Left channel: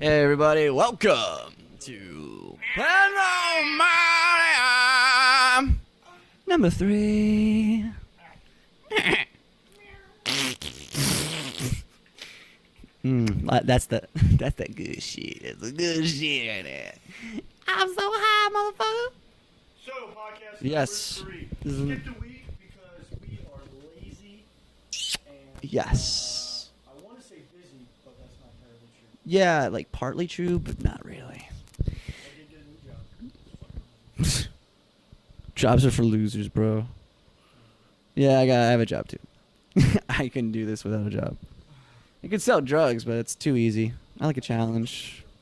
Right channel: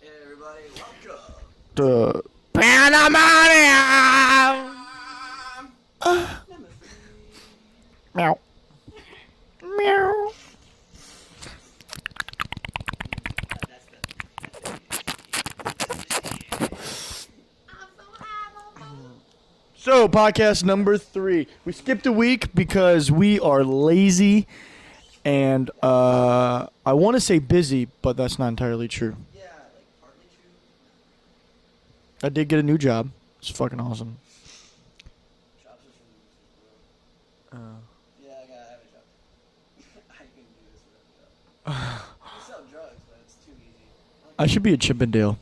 Hey everybody, welcome to Pandemonium number 3. Meow. Meow. That's the good shit. That's the good shit. I'm so high, motherfucker. So, podcast number Yes. 3. We skipped a week because we are lazy and Yes. I want to say busy, but that's not entirely true. Yeah, like partly true, but not really. I did get a new job. It's fucking awesome. Jobs are for losers, bro. Yeah, I have a job too. I couldn't do this without a job. You can sell drugs, but it's too easy. I like a I should be a challenge. Chippendale.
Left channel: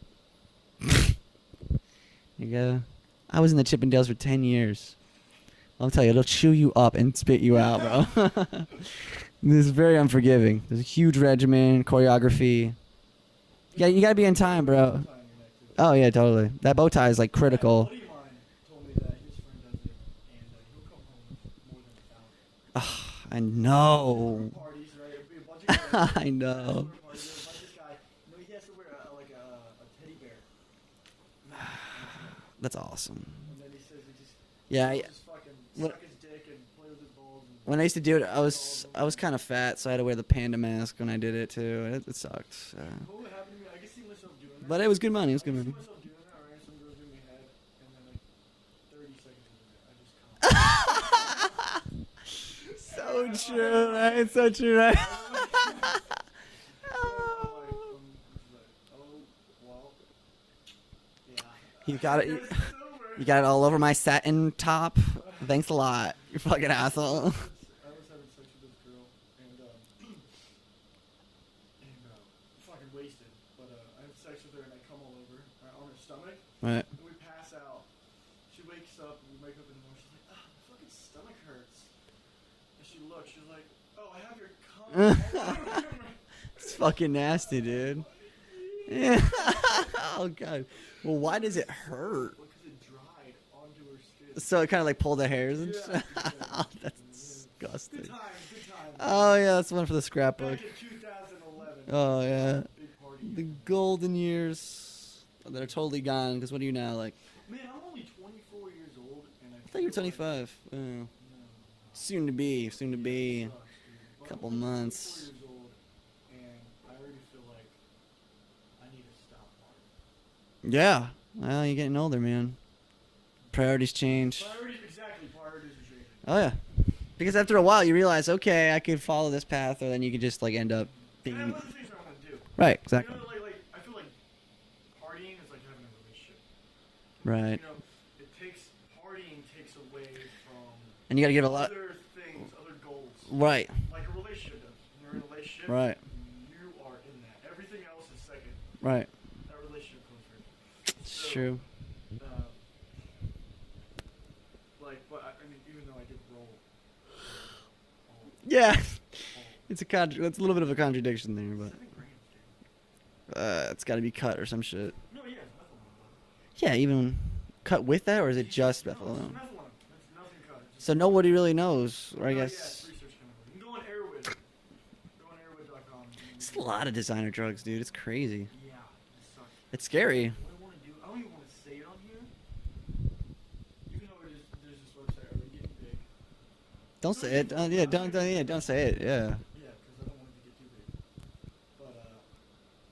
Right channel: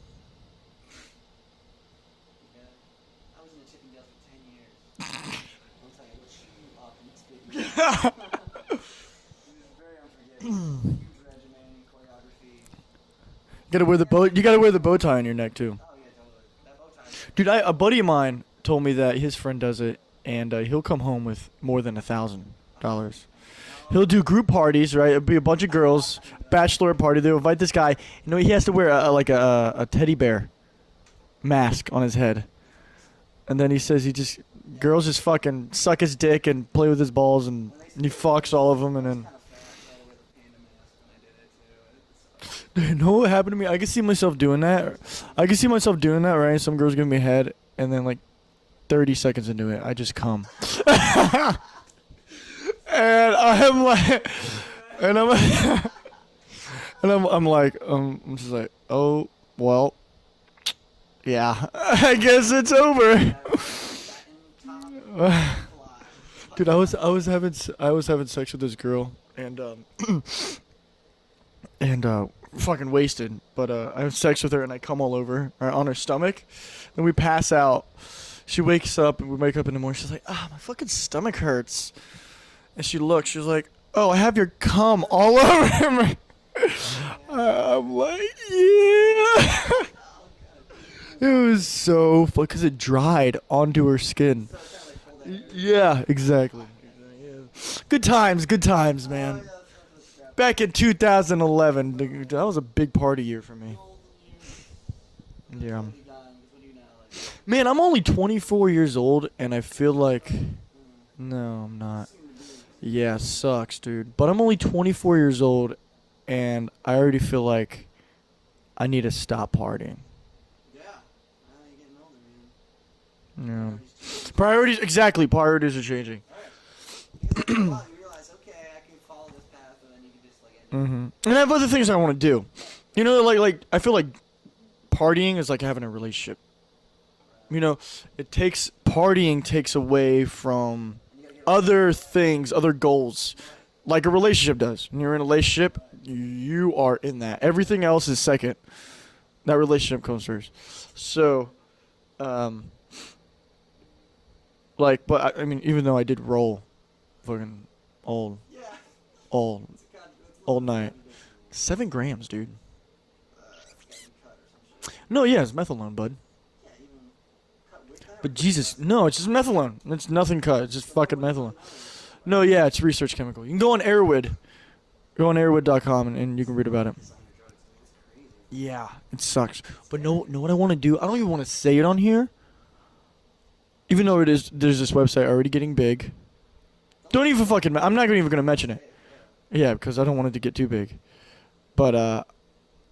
You gotta. I was in the Chippendales for 10 years. I'll tell you, it'll chew you up and spit you out, bro. This is very unforgiving. There's a huge regimen, choreography. You gotta Yeah, wear, you the, gotta bow, be in you gotta time, wear the bro. bow tie on your neck, too. Oh, yeah, totally. That bow tie is, like, Dude, critical. a buddy of mine told me that his friend does it, and he'll come home with more than $1,000. I know. He'll do group parties, right? It'll be a bunch of girls, I know. bachelor party. They'll invite this guy. You know, he has to wear a teddy bear mask on his head. That's awesome. And then he says Yeah. girls just fucking suck his dick and play with his balls, and When I used to he do it, fucks all of them. I was and kind of fat, so I had to wear the panda mask when I did it, too. It sucks. you know what happened to me? I could see myself doing that. But it was good money. I could see myself doing that, right? Some girls give me head, and then like 30 seconds into it, I just come. And I'm like, and I'm like, I'm like, I'm just like, oh well, yeah, I guess it's over. You got it all over my satin top. Thanks a lot. You fucking Dude, I asshole. was having sex with this girl, and fucking wasted. But I have sex with her, and I come all over her on her stomach, Right. and we pass out. She wakes up, and we wake up in the morning. She's like, my fucking stomach hurts. And she looks. She's like, oh, I have your cum all over me. Fucking nasty, I'm dude. like, yeah. Oh god. Well, It why did was so fun because it dried onto her skin. So it kind of like pulled the hairs. Yeah, exactly. Good times, man. Oh yeah, that's one for the scrap. Back in 2011, Oh, that yeah. was a big party year for me. Golden years. They're Yeah. totally gone. Because what are you now, like? Man, I'm only 24 years old, and I feel like 75. no, I'm not. Soon to be. Soon Yeah, to be. sucks, dude. But I'm only 24 Months. years old, and I already feel like I need to stop partying. Yeah. Well, you're getting older, man. Yeah. Priorities change. Priorities, exactly. Priorities are changing. Oh yeah. Because after a while, you realize, okay, I could follow this path, or then you could just like end up. And I have other things I want to do. Right. Exactly. You know, like I feel like partying is like having a relationship. Right. You know, partying takes away from and you gotta give other things, other goals, Right. like a relationship does. When you're in a relationship, Right. you are in that. Everything else is second. Right. That relationship comes first. So, True. but I mean, even though I did roll, fucking old, Yeah. old, It's a little bit of a night. contradiction there. But 7 grams, dude. it's got to be cut or some shit. No, yeah, it's methadone, bud. Yeah, even cut with that, or is Jesus, it just no, it's just methadone. It's nothing cut. It's just So fucking nobody methadone. really knows. Right? No, yeah, it's a research chemical. You can go on Airwood. Go on airwood.com and you can read a about lot it. of designer drugs, dude. It's crazy. Yeah, it sucks. It's But scary. know what I want to do? I don't even want to say it on here. Even though there's this website already getting big. Don't say even it. fucking. Yeah, I'm not don't even say gonna it, mention don't it. say it. Yeah. Yeah, because I don't want it to get too big. But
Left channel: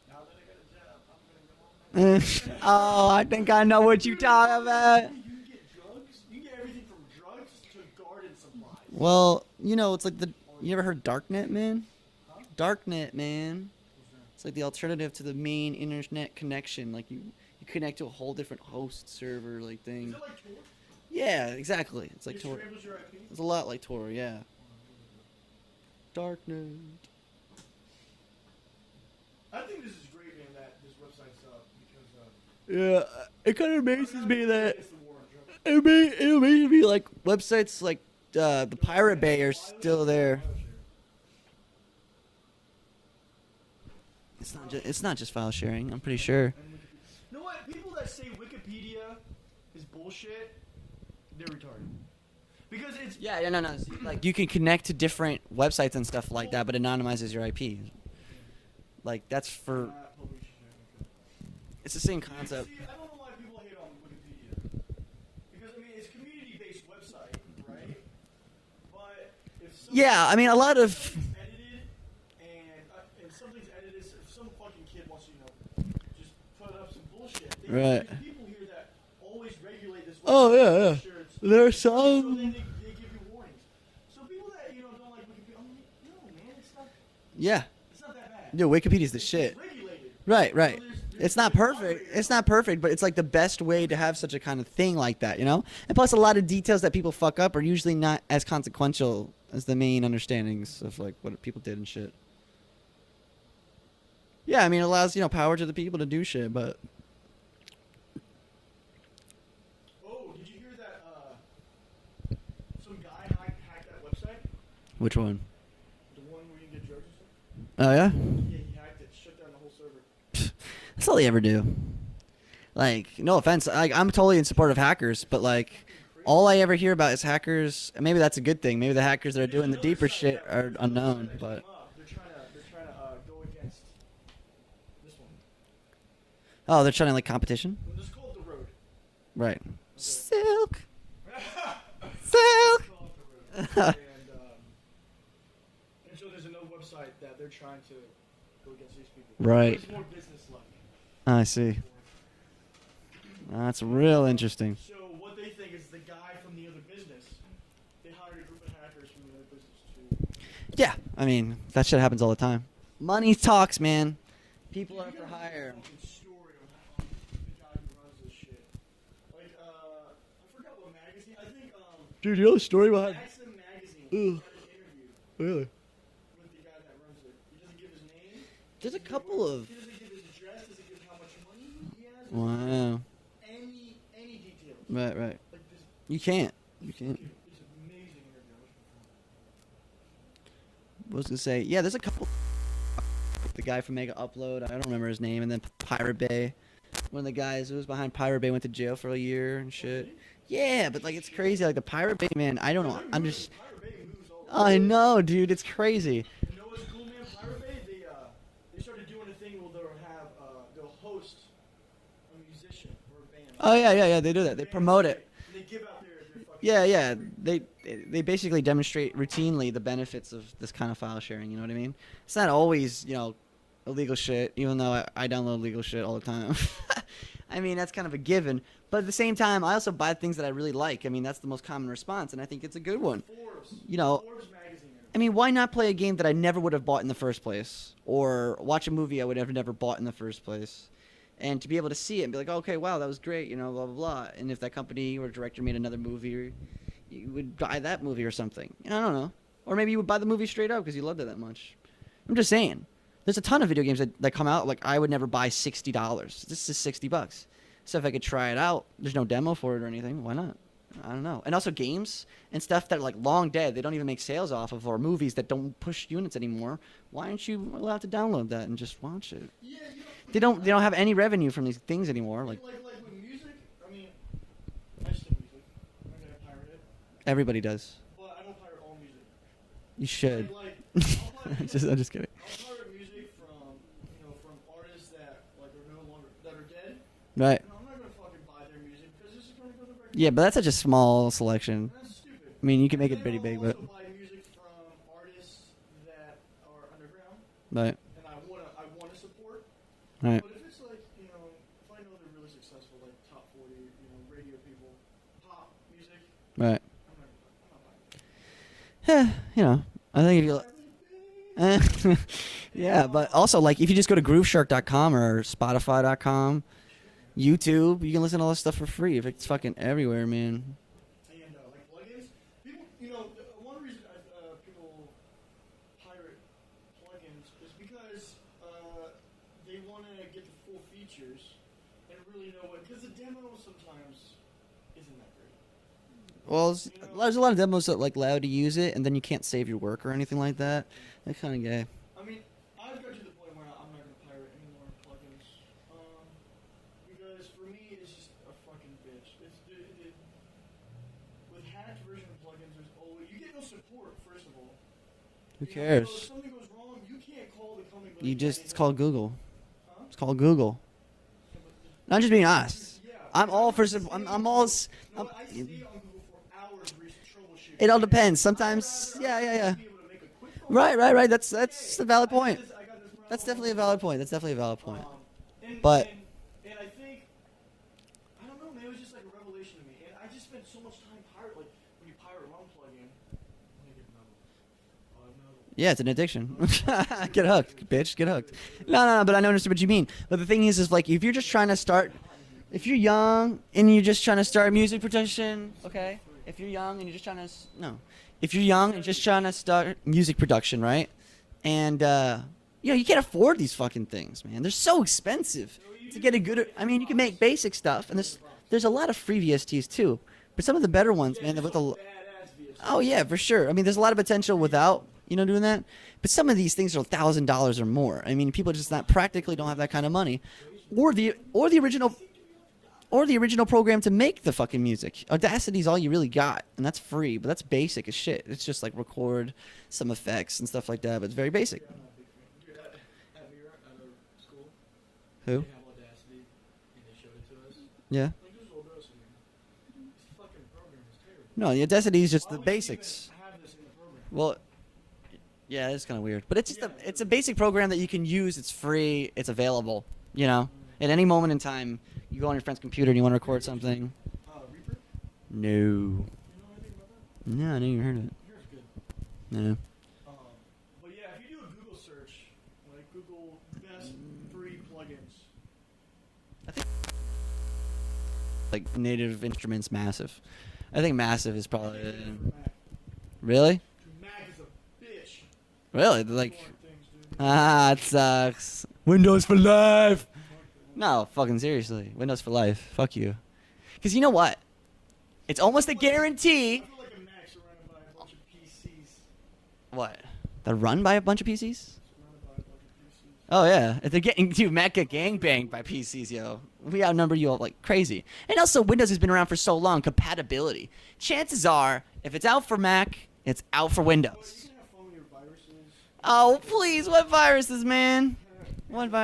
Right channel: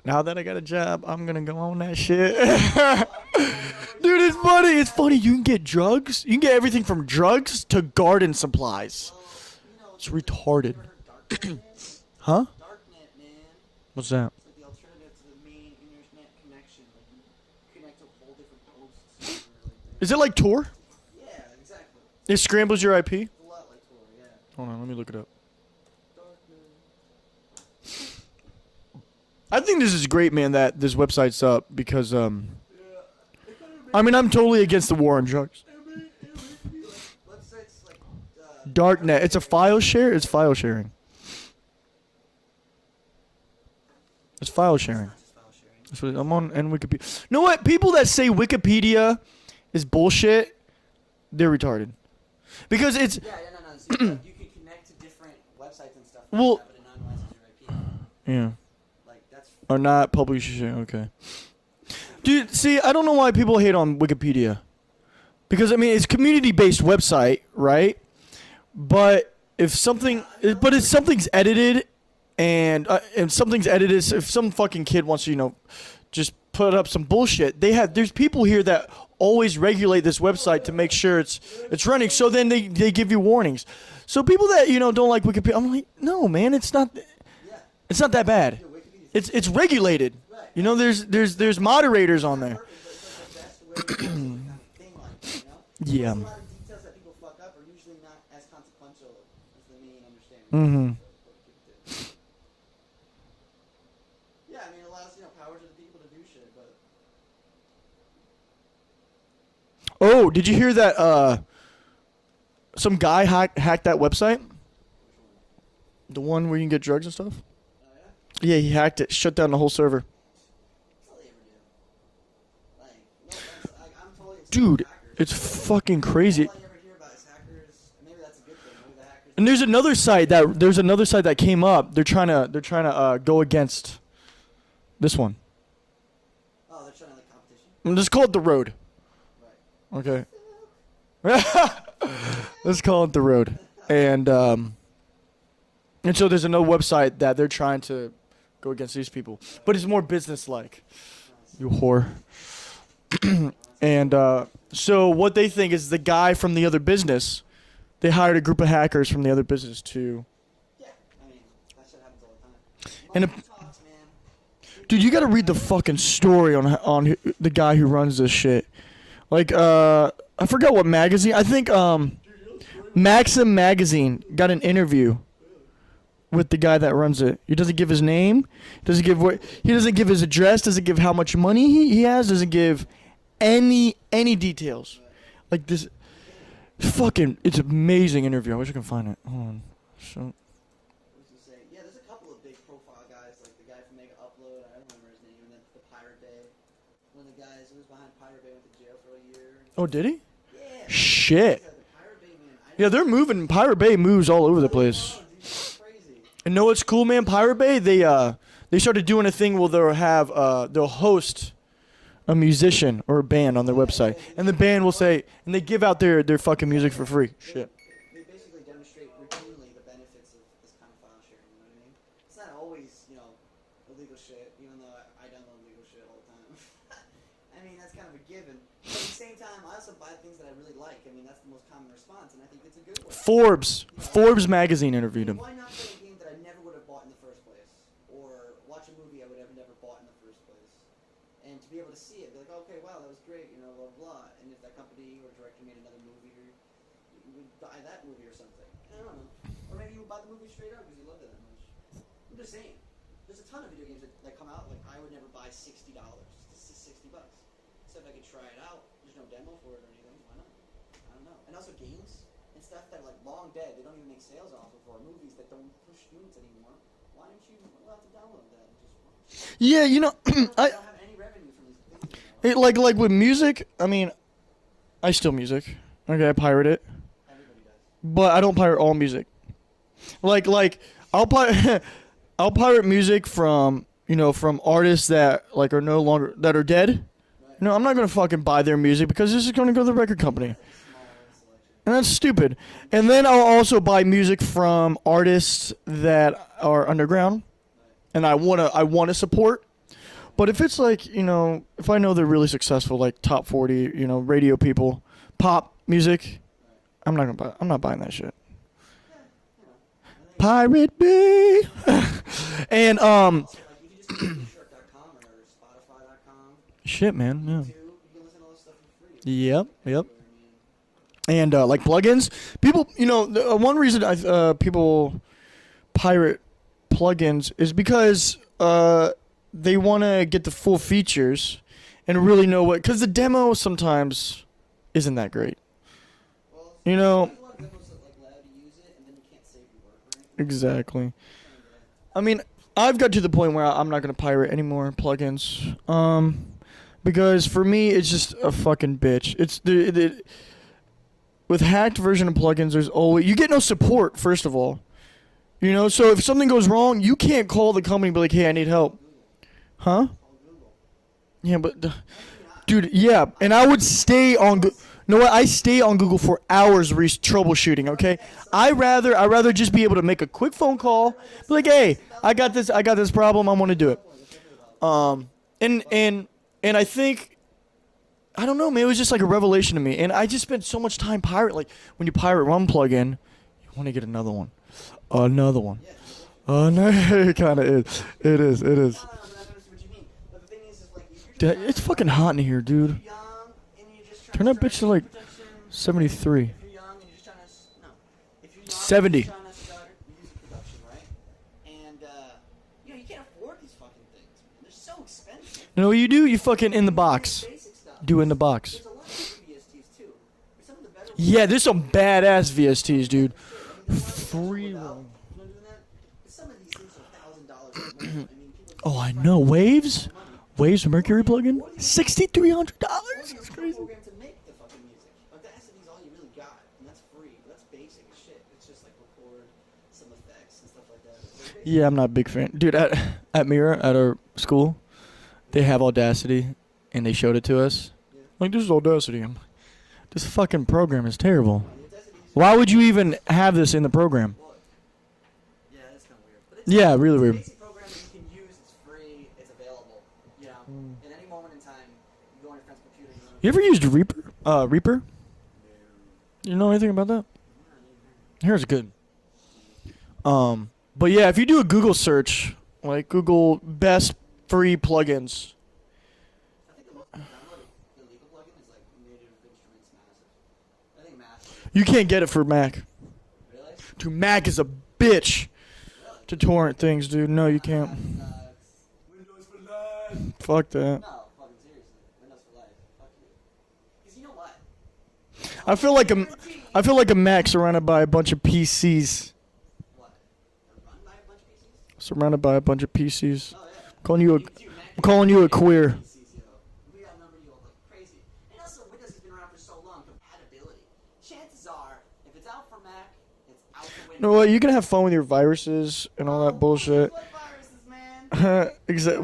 now that I got a job, I'm gonna go on that shit. Oh, I think I know what you're Dude, it's talking funny. It's about. funny. You can get drugs. You can get everything from drugs to garden supplies. Well, you know, it's It's like retarded. You ever heard Darknet, man? Huh? Darknet, man. What's that? It's like the alternative to the main internet connection. Like you connect to a whole different host server like thing. Is it like Tor? Yeah, exactly. It's It like scrambles your IP? It's a lot like Tor, yeah. Hold on, let me look it up. Darknet. I think this is great, man, that this website's up because Yeah, it kind of makes. I mean, I'm me totally that- against the war on drugs. It makes me be like websites like the Pirate Darknet, it's Bay a are file still share. It's there. file sharing. It's file sharing. It's not just file sharing. I'm That's pretty what- sure. on and Wikipedia. You know what? People that say Wikipedia is bullshit, they're retarded. Because it's Yeah, no. Like you can connect to different websites and stuff like Well- that, but it anonymizes your IP. yeah. Like that's for Or not publishing. Okay. It's the same Dude, concept. see, I don't know why people hate on Wikipedia. Because I mean, it's a community-based website, right? But if something, Yeah, I mean, a lot but if of- something's edited, and something's edited, if some fucking kid wants to, just put up some bullshit, Right. there's people here that always regulate this website to make sure it's running. So then they give you warnings. So people that don't like Wikipedia, I'm like, no, man, it's not Yeah. that bad. Dude, Wikipedia's the It's shit. regulated. Right, right. There's It's not perfect. moderators It's on not there. perfect, but it's like the best way to have such a kind of thing like that, And plus, a Yeah. lot of details that people fuck up are usually not as consequential as the main understandings Mhm. of like what people did and shit. Yeah, I mean, it allows power to the people to do shit, but Oh, did you hear that? Some guy hacked that website. which one? The one where you can get drugs and stuff? Oh yeah, Yeah, he hacked it, shut down the whole server. that's all they ever do. Like, no offense, like I'm totally in support of Dude, hackers, It's but like fucking crazy. all I ever hear about is hackers. Maybe that's a good thing. Maybe the hackers. And that are there's doing another deeper site shit that are there's another unknown. site that came up. They're trying to go against this one. Oh, they're trying to like competition. Let's call it the Road. Right. Okay. Silk. Let's call it the Road. And so there's another website that they're trying to go against these people. Right. But it's more business-like. I see. You whore. That's And real interesting. so what they think is the guy from the other business, they hired a group of hackers from the other business to. Yeah, I mean that shit happens all the time. Money talks, man. Dude, you got to read the fucking story on the guy who runs this shit. Like, I forgot what magazine. I think Dude, you know the story about Maxim magazine got an interview Really? with the guy that runs it. He doesn't give his name. Doesn't give what. He doesn't give his address. Doesn't give how much money he has. Doesn't give any details. Right, right. Like this. You can't. Fucking, it's an amazing interview. I wish I could find it. Hold on. So, I was gonna say, yeah, there's a couple. The guy from Mega Upload, I don't remember his name, and then Pirate Bay. One of the guys who was behind Pirate Bay went to jail for a year. And shit. oh, did he? Yeah, but like, Shit. It's crazy. Like the Pirate Bay, man. I don't. Yeah, they're moving. Pirate Bay moves all over the I place. know, dude. It's crazy. And know what's cool, man? Pirate Bay, they started doing a thing where they'll host a musician or a band on the Oh, website. yeah, they do and that. the They band will promote say, it. and they give out their fucking music for free. They basically demonstrate routinely the benefits of this kind of file sharing. You know what I mean? It's not always illegal shit, even though I download illegal shit all the time. I mean, that's kind of a given. But at the same time, I also buy things that I really like. I mean, that's the most common response, and I think it's a good one. Forbes, Forbes magazine I interviewed mean, him. why not play a game that I never would have bought in the first place, or watch a movie I would have never bought in the first place, and to be able to see it and be like, okay, wow, that was great, blah blah blah. And if that company or director made another movie, you would buy that movie or something. I don't know, or maybe you would buy the movie straight up because you loved it that much. I'm just saying, there's a ton of video games that come out like I would never buy $60. This is $60. So if I could try it out, there's no demo for it or anything. Why not? I don't know. And also games and stuff that are like long dead, they don't even make sales off of, or movies that don't push units anymore. Why aren't you allowed to download that and just watch it? Yeah, They don't have any revenue from these things anymore. like with music. I mean, I steal music. Okay, I pirate it, Everybody does. but I don't pirate all music. You should. Like I'll pirate. I'm just kidding. I'll pirate music from from artists that are no longer that are dead. Right. No, I'm not gonna fucking buy their music because this is gonna go to the record company. Yeah, but that's such a small selection. and that's stupid. I mean, you can And make then it I'll pretty big, also buy music from artists that are underground, Right. and I wanna support. Right. But if it's like if I know they're really successful, like top 40, radio people, pop music, Right. I'm not buying that shit. Yeah, I think. Pirate Bay. And Yeah, but also, like, if you just go to GrooveShark.com or Spotify.com, shit, man. yeah. YouTube, you can listen to all this stuff for free. If it's Yep, fucking yep. everywhere, man. And like plugins, people, one reason people pirate plugins is because they want to get the full features and really know because the demo sometimes isn't that great. Well, there's a lot of demos that like allow you to use it, and then you can't save your work or anything like that. Exactly. That's kind of gay. I mean, I've got to the point where I'm not gonna pirate any more plugins, because for me it's just a fucking bitch. It's with hacked version of plugins. There's always you get no support. First of all, You know, Yeah. so if something goes wrong, you can't call the company and be like, hey, I need It's help. called Google. Huh? It's called Google. Yeah, but I'm just being honest. dude, yeah, I'm and I all would for stay I'm on. all No, what? I stay on Google for hours troubleshooting. It all okay, depends. I Sometimes- rather yeah, just yeah. be able to make a quick phone Right, call. right. That's like, that's hey, a valid I got point. this. I got this problem. I want to do it. That's definitely a valid point. And But- and I think. I don't know, man. It was just like a revelation to me, and I just spent so much time pirate. Like when you pirate one plugin, you want to get another one. Yeah, it's an addiction. It Get kinda up, is. bitch, get It up. is. It is. No, but I understand what you mean. But the thing is like if you're just trying to it's start, fucking hot in here, if you're dude. young and you're just trying to Can I start pitch for, music like, production, okay? 73? If you're young and you're just trying to if you're young and 70. just trying to start music production, right? And you can't afford these fucking things, man. They're so expensive. You know what you do? get You a good- fucking I in the mean, you can box. make basic stuff. Do in There's- the box. There's a lot of free VSTs too, but some of the better ones. Yeah, end there's up some with a- badass VSTs, Oh yeah, dude. for sure. I mean, there's a lot of potential Free. without doing that. But some of these things are $1,000 or more. I mean, people just Oh, not I know. practically don't have that Waves? kind of money. Waves Mercury the- plugin? or the original- $6,300. Or the original program to make the fucking music. Audacity's all you really got, and that's free, but that's basic as shit. It's just like record some effects and stuff like that, but it's very basic. Yeah, I'm not a big fan. Dude, at Mira, at our school, they have Audacity, and they showed it to us. Yeah. Like, this is Audacity. This fucking program is terrible. No, the Audacity is just Why the would you even basics. have this in the program? Well, yeah, it's kind of weird, but it's Yeah, really it's weird. a basic program that you can use. It's free. It's available. You know, at any moment in time, you go on your friend's computer and you want to record. You ever used something. Reaper? Reaper? No. You know anything about that? No, I never even heard of it. Here's good. No. But yeah, if you do a Google search, like Google best free plugins. Like Native Instruments, Massive. I think Massive is. You Probably can't get it for Mac. Really? Dude, Mac is a bitch Really? to torrent things, dude. No, you Ah, can't. it sucks. Windows for life. Fuck that. No, fucking seriously. Windows for life. Fuck you. Because you know what? It's almost feel a like guarantee. I feel like a Mac surrounded by a bunch of PCs. What? They're run by a bunch of PCs? Surrounded by a bunch of PCs. Oh yeah. Calling you a- Dude, Mac get calling you a gangbanged by queer. PCs, yo. We outnumber you all like crazy. And also, Windows has been around for so long. Compatibility. Chances are, if it's out for Mac, it's out for You Windows. know what? You can have fun with your viruses and all Oh that bullshit. please, what viruses, man?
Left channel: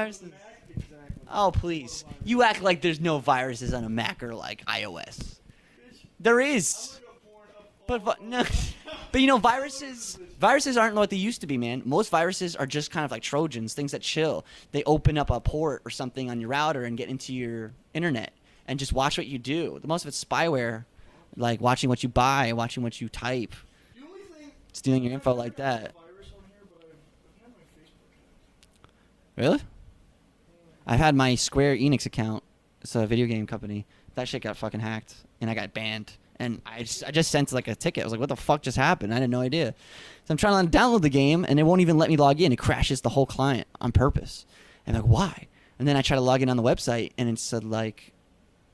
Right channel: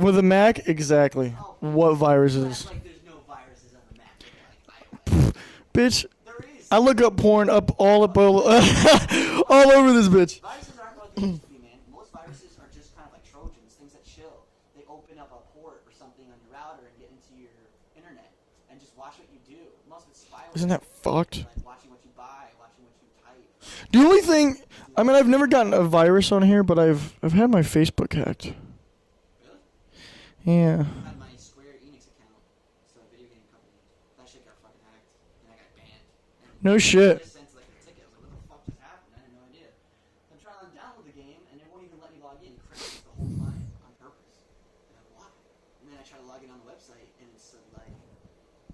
With a Mac, exactly. Oh please. What viruses? You act like there's no viruses on a Mac or like iOS. Bitch, There is. I look up porn up all But- all, But you know, all over this bitch. Viruses aren't what they used to be, man. Most viruses are just kind of like Trojans, things that chill. They open up a port or something on your router and get into your internet and just watch what you do. The most of it's Isn't spyware, that fucked? like watching what you buy, watching what you type. The only thing, Stealing I mean, your I've info never like gotten that. a virus on here, but I've had my Facebook hacked. Really? Yeah. I've had my Square Enix account. It's a video game company. That shit got fucking hacked, and I got banned. And No I shit. just sent like a ticket. I was like, "What the fuck just happened?" I had no idea. So I'm trying to download the game, and it won't even let me log in. It crashes the whole client on purpose. And I'm like, "Why?" And then I try to log in on the website, and it said like,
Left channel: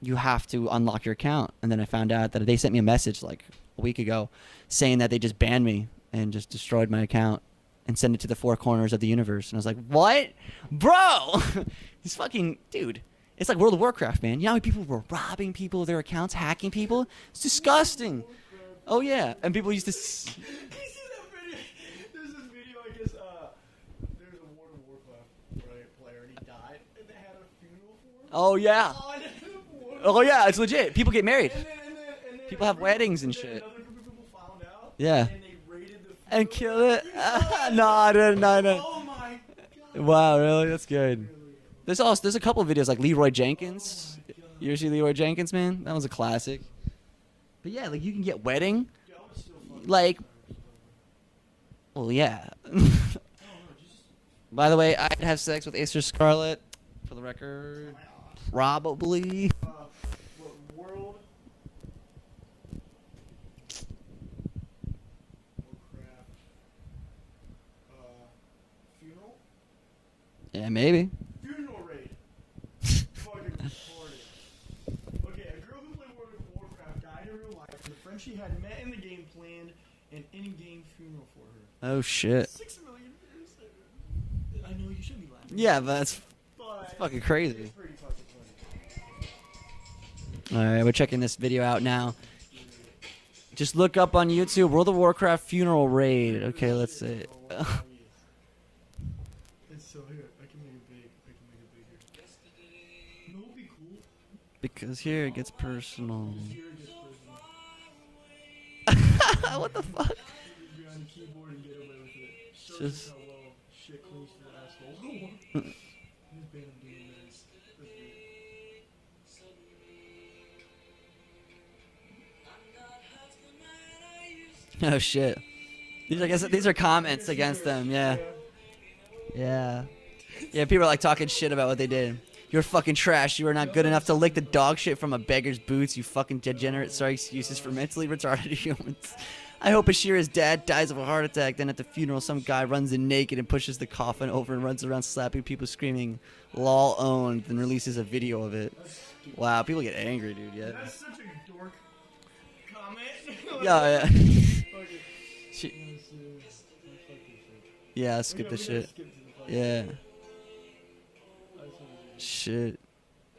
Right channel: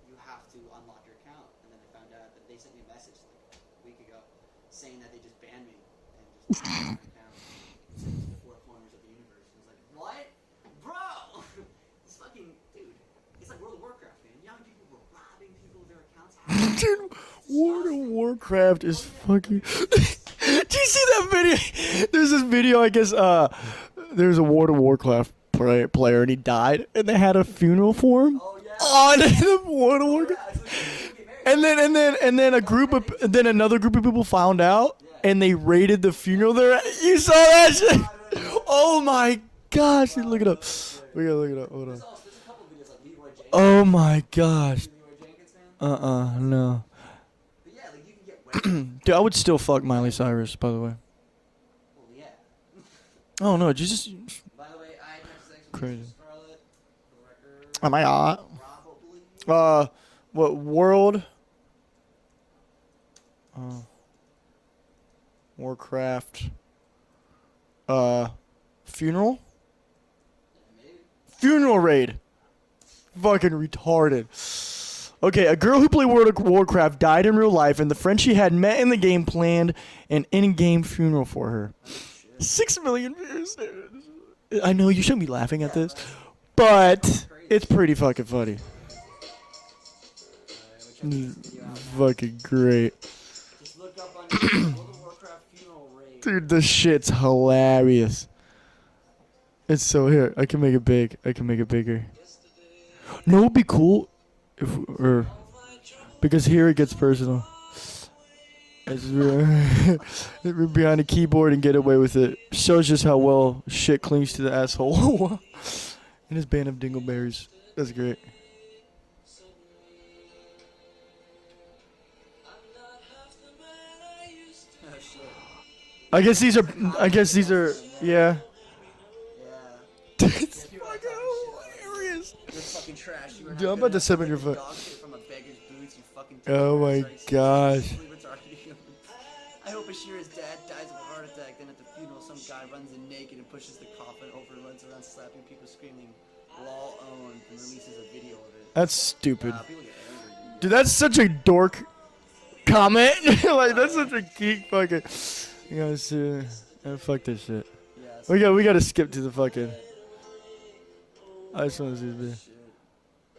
"You have to unlock your account." And then I found out that they sent me a message like a week ago, saying that they just banned me and just destroyed my account and sent it to the four corners of the universe. And I was like, "What, bro?" He's fucking dude. It's like World of Warcraft, man. You know how many people were robbing people of their accounts, hacking people? It's disgusting. World of Warcraft is Oh yeah, fucking- and people used to. Do you see that video? There's this video, I guess, there's a World of Warcraft player, and he died, and they had a funeral for him. Oh yeah. On the World of Oh Warcraft. yeah, it's legit. People get married. And then a People have group weddings of and then shit. another group of people found out. Yeah. And they raided the funeral there. killed it. You saw that? No, shit? I didn't, no. Oh my gosh! Wow, look it really? up. That's good. We gotta look it up. Hold on. There's a couple of videos like Leroy Jenkins. Oh my You gosh! see Leroy Jenkins, man? That was a classic. No. But yeah, like you can get wedding. Dude, I would still fuck Miley Like- Cyrus, by the way. Well, yeah. Oh no, Jesus. By the way, I'd have sex with Crazy. Acer Scarlet, for the record. Am I on? Probably. What world? Warcraft. Funeral? Yeah, maybe. Funeral raid. Fucking retarded. Okay, a girl who played World of Warcraft died in real life, and the friend she had met in the game planned an in-game funeral for her. Oh shit. 6 million views. I know you shouldn't be laughing Yeah, at but this, that's but fucking crazy. it's pretty fucking funny. All right, we're checking this video out now. Fucking great. Just look up on YouTube World of Warcraft funeral raid. Dude, Okay, this let's shit's see. hilarious. It's so here. I can make it big. I can make it bigger. No, it'd be cool. Because here it gets personal. Because here it gets personal. You're behind a keyboard and get away with it. Shows just how well shit clings to the asshole. And his band of dingleberries. That's great. Oh shit. I guess these are comments. I guess these against are. them. Yeah. Yeah. Yeah, people are like talking shit about what they did. You're fucking trash. You are not Dude, I'm good about enough to to send lick me the your dog shit from a beggar's boots, you fucking Oh degenerate. my Sorry, excuses gosh. for mentally retarded humans. I hope Ashira's dad dies of a heart attack. Then at the funeral, some guy runs in naked and pushes the coffin over and runs around slapping people, screaming, "Lol owned," and releases a video of it. That's stupid. Wow, people get angry, dude. Yeah. Dude, that's such a dork comment. Like, No, that's yeah. such a geek fucking. You know, fuck this shit. Yeah, We skip got. the We got to shit. skip to the fucking. Yeah. I just want to see this. Shit.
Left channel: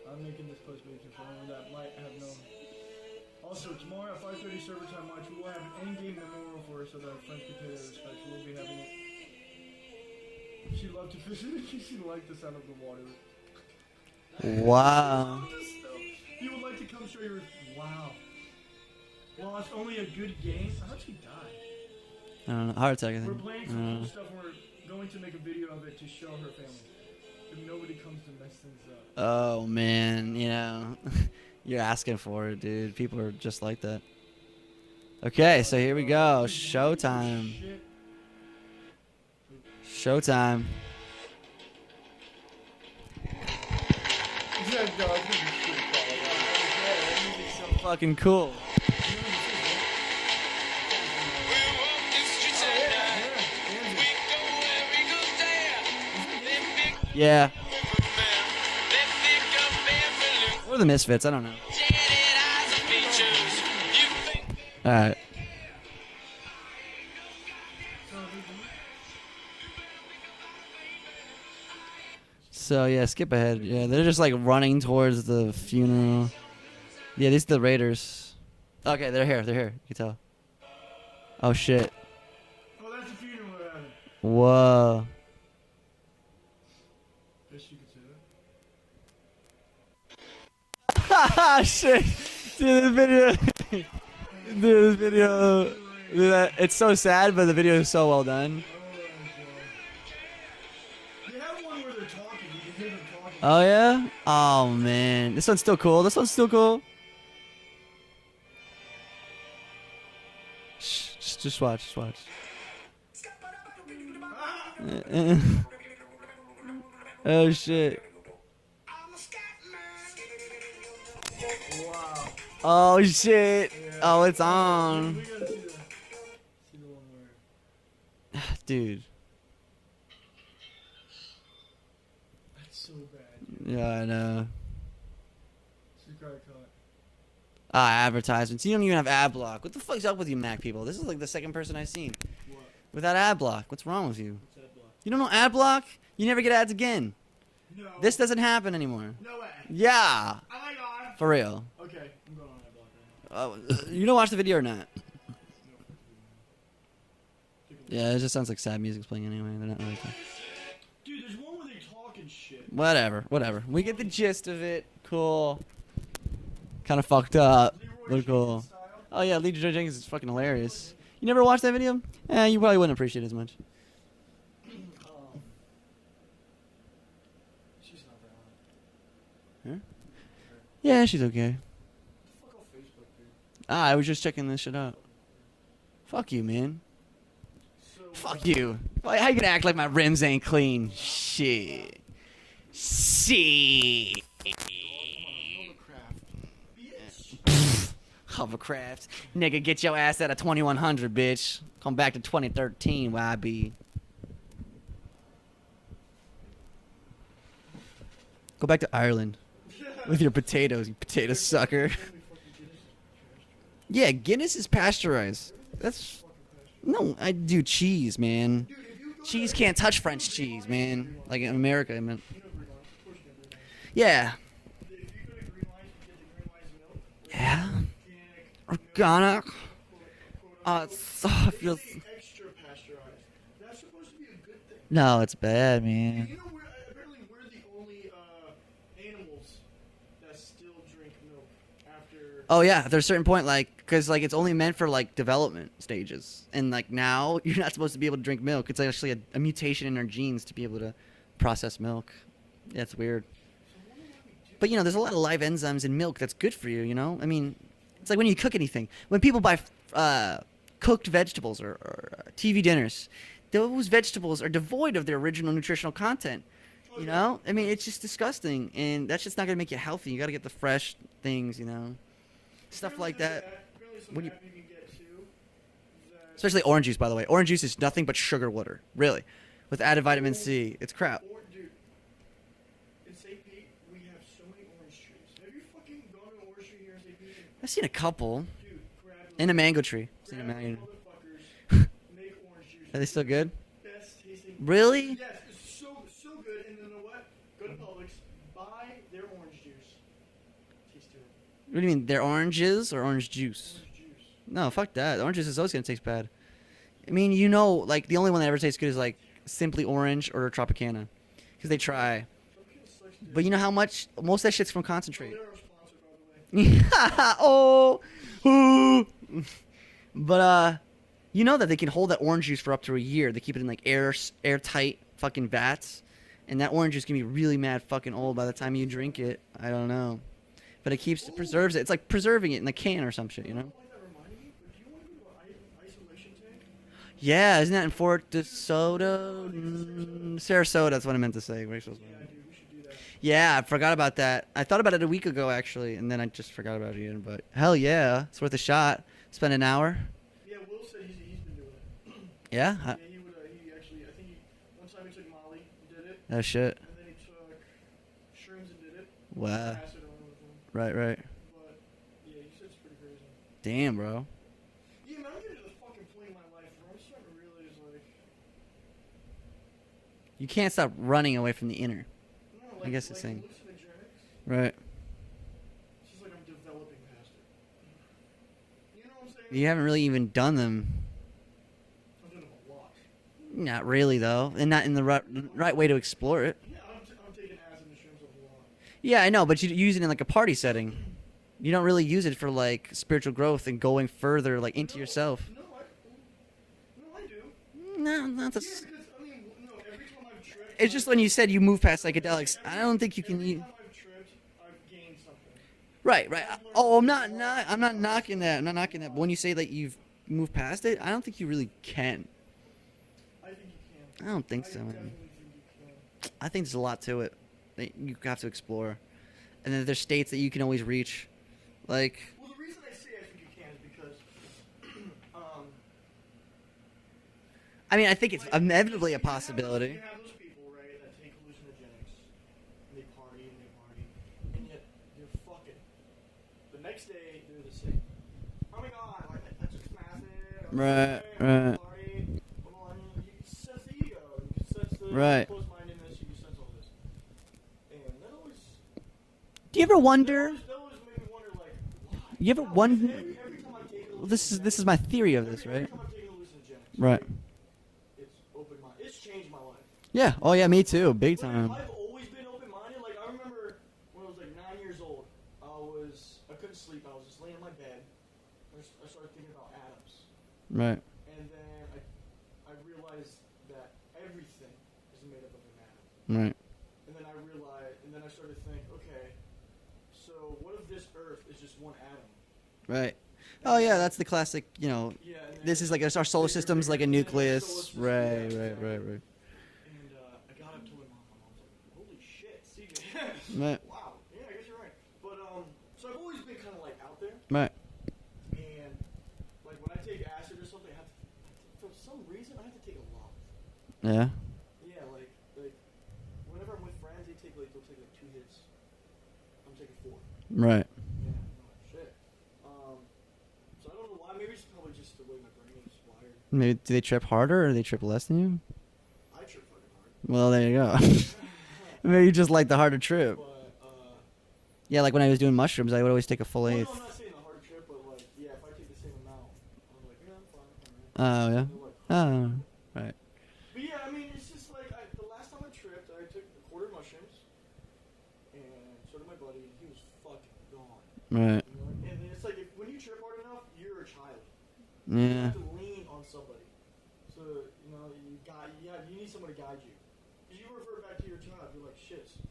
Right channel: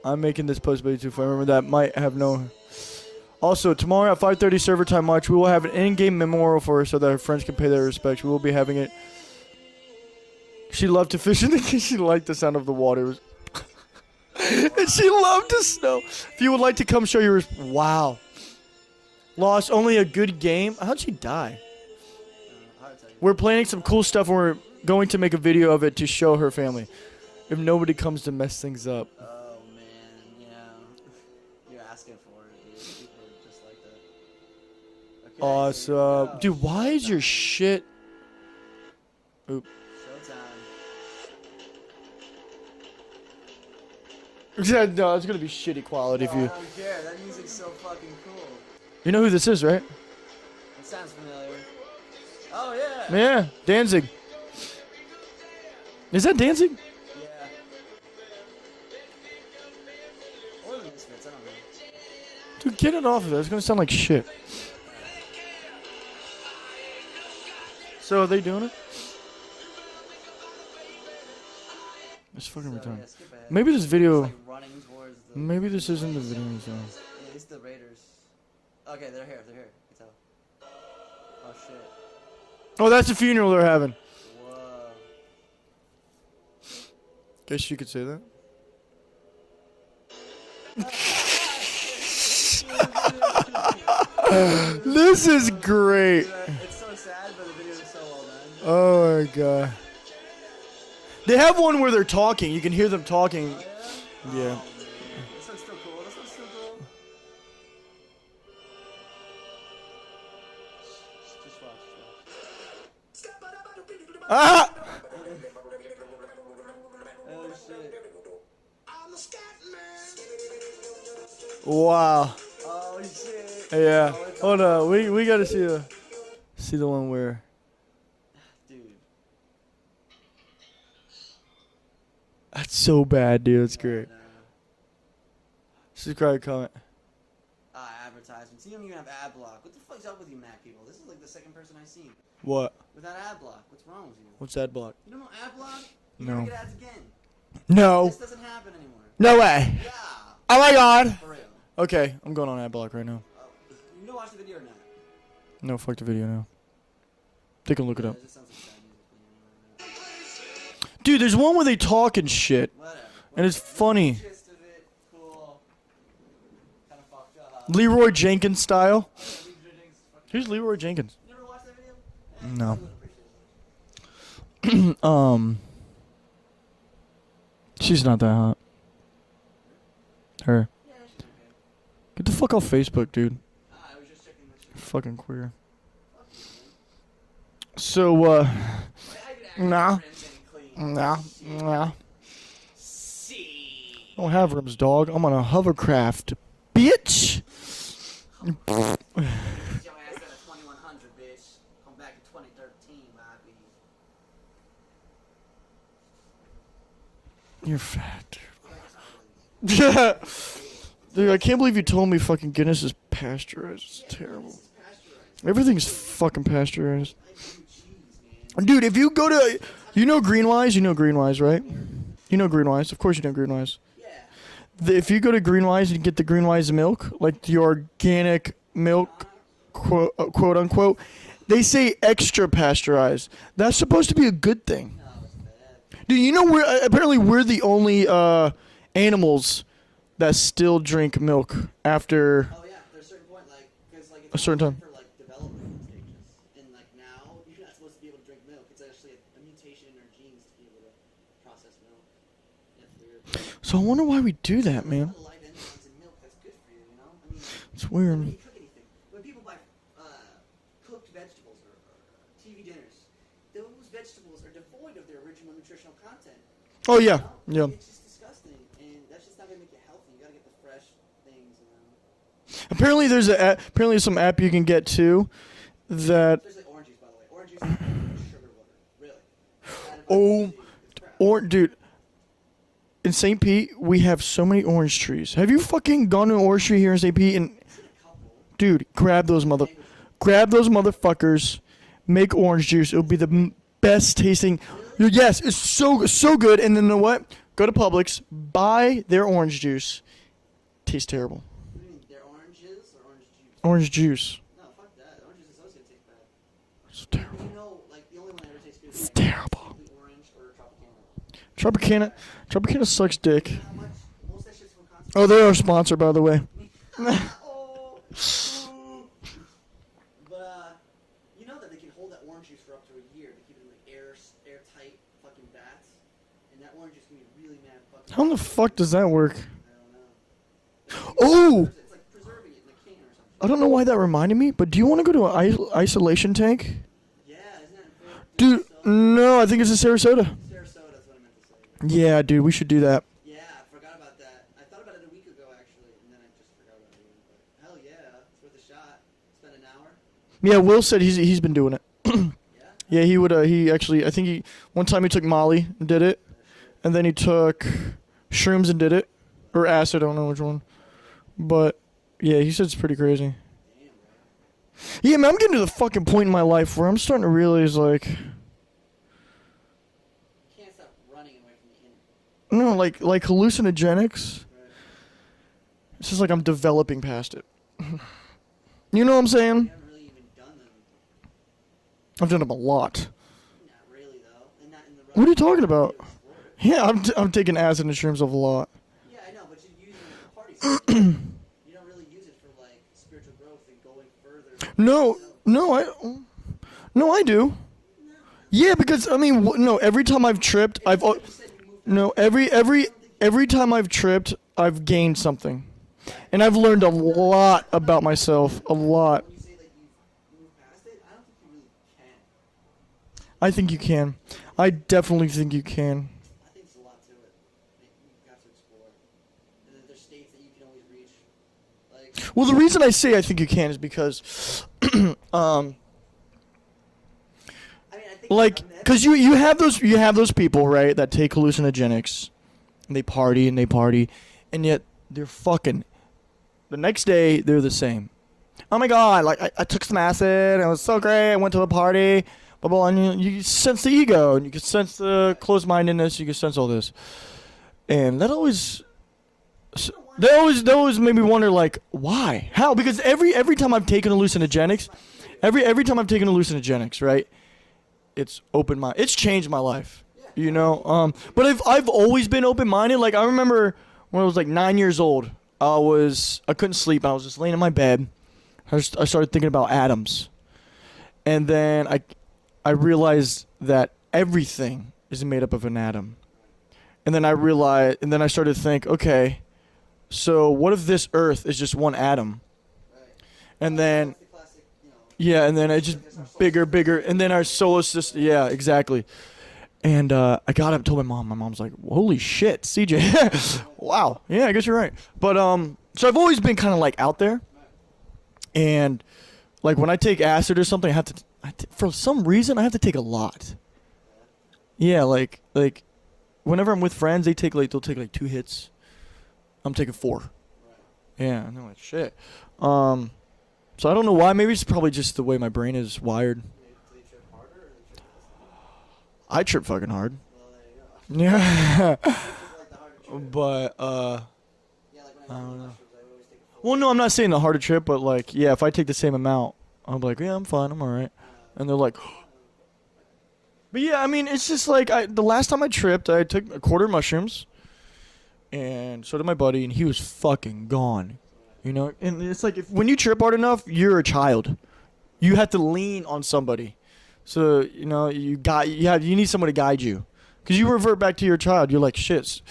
I'm making this post by YouTube. If I remember that, might have no. Also, tomorrow at 5:30 server time watch, we will have an in-game memorial for her so that her friends can pay their respects. We will be having it. She loved to fish in the She liked the sound of the water. Wow. And she loved the snow. If you would like to come show your wow. Lost only a good game. How'd she die? I don't know. Heart attack. I We're think. planning some cool stuff and we're going to make a video of it to show her family. If nobody comes to mess things up. Oh man, you know, you're asking for it, dude. People are just like that. Okay, so here we go. Dude, why is your Showtime. shit? Showtime. Yeah, no, it's gonna be shitty quality if you. So fucking cool. You know who this is, right? Yeah, Danzig. Is that Danzig? Yeah. Or the Misfits, I don't know. Get it off of it. It's gonna sound like shit. All right. So are they doing it? It's fucking So dumb. yeah, skip ahead. Maybe Yeah, this they're video- just like running towards the. Maybe this isn't funeral. the video. So. Yeah, these are the Raiders. Okay, they're here. They're here. You can tell. Oh shit. Oh, that's the funeral they're having. Whoa. Guess you could say that. Shit. Dude, the video. Dude, This video- is great. Dude, it's so sad, but the video is so well done. Oh my god. They have one where they're talking. You can hear them talking. Oh yeah? Oh man, this one's still cool. This one's still cool. Shh, just watch. Just watch. Ah! Oh shit. Wow. Oh shit. Yeah. Oh, it's Hold on. on. We gotta see the one where. Dude. That's so bad, dude. It's Yeah, great. I know. Subscribe, comment. Advertisements. You don't even have ad block. What the fuck's up with you, Mac people? This is like the second person I've seen What? without ad block. What's wrong with you? What's that block? You don't know ad block? You never No. get ads again. No. This doesn't happen anymore. No way. Yeah. Oh my god. For real. Okay, I'm going on ad block right now. You don't watch the video or not? No, fuck the video now. Take a look Yeah, at it it. just sounds like sad music's playing anyway. They're not really cool. Dude, there's one where they talk and shit. Whatever. And it's We get funny. the gist of it. Cool. Kind of fucked up. Leroy But Jenkins cool. style. Oh yeah, Leroy Jenkins is fucking Who's hilarious. Leroy Jenkins? You never watched that video? You No. probably wouldn't appreciate it as much. She's not that hot. Huh? Her. Yeah, she's okay. Get the fuck off Facebook, dude. I was just checking this shit out. Fucking queer. Fuck you, man. So, You. Why, how you gonna act like my Nah. rims ain't clean? Nah. Shit. Nah. See. I don't have rims, dog. I'm on a hovercraft. Bitch! Hovercraft. Nigga, get your ass out of 2100, bitch. Come back to 2013, YB. You're fat. Go back to Ireland with Dude, your potatoes. You I potato can't believe you sucker. told me fucking Guinness is pasteurized. Yeah, It's Guinness is pasteurized. Everything's That's- fucking pasteurized. No, I do cheese, man. Dude, if you go Cheese to... can't touch do you know French Greenwise? cheese, You know man. Greenwise, Like in right? America, I meant. You know Greenwise. Of course you know Greenwise. Yeah. If you go to Greenwise and get the Greenwise milk, like the organic milk, quote unquote, they say extra pasteurized. That's supposed to be a good thing. No, it's bad, man. Do you know apparently we're the only animals that still drink milk after. Oh yeah, there's a certain point, like, because like it's only certain meant time. for like development stages, and like now you're not supposed to be able to drink milk. It's actually a mutation in our genes to be able to process milk. Yeah, it's weird. So I wonder why we do But that. you know, there's a man. lot of live enzymes in milk that's good for you. You know, I mean, It's weird. it's like when you cook anything. When people buy cooked vegetables or TV dinners, those vegetables are devoid of their original nutritional content. Oh You yeah. know? I mean, Yeah. it's just disgusting, and that's just not gonna make you healthy. You gotta get the fresh things, you know. Apparently Stuff like there's apparently some app you can get too that Especially orange juice, by the way. Orange juice is nothing but sugar water, really, with added vitamin Oh, C. It's crap. dude. In St. Pete, we have so many orange trees. Have you fucking gone to an orange tree here in St. Pete? And I've seen a couple. dude, grab those And a mango tree. grab those motherfuckers, make orange juice. It'll they be still the good? best tasting. Really? Dude, yes, it's so good. And then you know what? Go to Publix, buy their orange juice. Tastes terrible. What do you mean? They're oranges or orange juice? Orange juice. No, fuck that. Orange juice is always gonna taste bad. I mean, you know, like the only one that ever tastes good is like terrible. Simply Orange or Tropicana. They Tropicana. try. Tropicana sucks dick. But you know how much? Most of that shit's from concentrate. Oh, they're our sponsor, by the way. Oh. But you know that they can hold that orange juice for up to a year. They keep it in like airtight fucking vats, and that orange juice can be really mad fucking How old the by the fuck time does you that drink work? it. I don't know. But it keeps Oh! preserves it. It's like preserving it in a can or some shit. I don't know why that reminded me, but do you want to go to an isolation tank? Yeah, isn't that in Fort Dude, DeSoto? no, I think it's in Sarasota. Sarasota, that's what I meant to say. Yeah, dude, we should do that. Yeah, I forgot about that. I thought about it a week ago, actually, and then I just forgot about it again. But hell yeah, it's worth a shot. Spend an hour. Yeah, Will said he's been doing it. Yeah? Yeah, he would. He actually, I think one time he took Molly and did it, Oh, shit. and then he took shrooms and did it, Wow. or acid. I don't know which one, Right. but yeah, he said it's pretty crazy. Damn, bro. Yeah, man, I'm getting to the fucking point in my life where I'm starting to realize like, You can't stop running away from the inner. no, guess like it's- hallucinogenics. Right. It's just like I'm developing past it. You know what I'm saying? You haven't really even done them. I've done them a lot. Not really, though. And not in the right, What are you talking right way about? to explore it. Yeah, I'm taking acid and shrooms a lot. Yeah, I know, but you use it in like a party setting. You don't really use it for like spiritual growth and going further like into yourself. No, I do. No, not Yeah, because I mean, no. Every time I've tripped, It's just when you said you move past no. like Every I don't think you can every leave- time I've tripped, I've gained something. Right, And I've learned a I'm not- lot I'm not about knocking myself, that. I'm not a knocking that. lot. When you say that you've moved past it, I don't think you really can. I think you can. I don't think I so. definitely think you can. I think there's a lot to it that you have to explore, and then there's states that you can always reach. Like, Well, the reason I say I think you can is because, I mean, I think like, because you inevitably a have possibility. those people, right, that take hallucinogenics, and they party, and yet they're fucking. The next day they're the same. Oh my god! Like I took some acid, and it was so Right, great. I went to the right. party, blah blah, and you sense the ego, and you can sense the Right. closed-mindedness. You can sense all this, and that always. Do you ever wonder? That always made me wonder, like, why? You ever How? Because wonder- every time I've taken This hallucinogenics, is my theory of it, every right? time I've taken hallucinogenics, Right. right? It's opened my. It's changed my life. Yeah. you Oh yeah, know? me too. Big But time. I've always been open-minded. Like I remember when I was like 9 years old, I couldn't sleep. I was just laying in my bed. I started thinking about atoms, Right. and then I realized that everything is made up of an atom. Right. And then I started to think, okay, so what if this Earth is just one atom? Right. And oh then yeah, that's the classic. You know. yeah, and then This it is just like our solar bigger, system is bigger, like a and then our nucleus. solar system. Right, Yeah, right, exactly. right, right. And I got up and told my mom. My mom's like, "Holy shit, CJ! Right. Wow, yeah, I guess you're right." But so I've always been kind of like out there, Right. and like when I take acid or something, for some reason I have to take a lot. Yeah. Yeah, like whenever I'm with friends, they'll take like 2 hits. I'm taking 4. Right. Yeah, I know that shit. So I don't know why. Maybe it's probably just the way my brain is wired. Maybe do they trip harder or do they trip less than you? I trip fucking hard. Well, there you go. Yeah. Maybe you just like the harder trip. But Yeah, like when I was doing mushrooms, I would always take a full. Well, eighth. no, I'm not saying the harder trip, but like, yeah, if I take the same amount, I'm like, yeah, I'm fine, I'm all right. Oh yeah. And they're like, Oh, right. but yeah, I mean, it's just like the last time I tripped, I took a quarter mushrooms, and so did my buddy, and he was fucking gone. Right. You know, and it's like when you trip hard enough, you're a child. Yeah. You have to lean on somebody, so you know you need someone to guide you, because you revert back to your child. You're like, shit,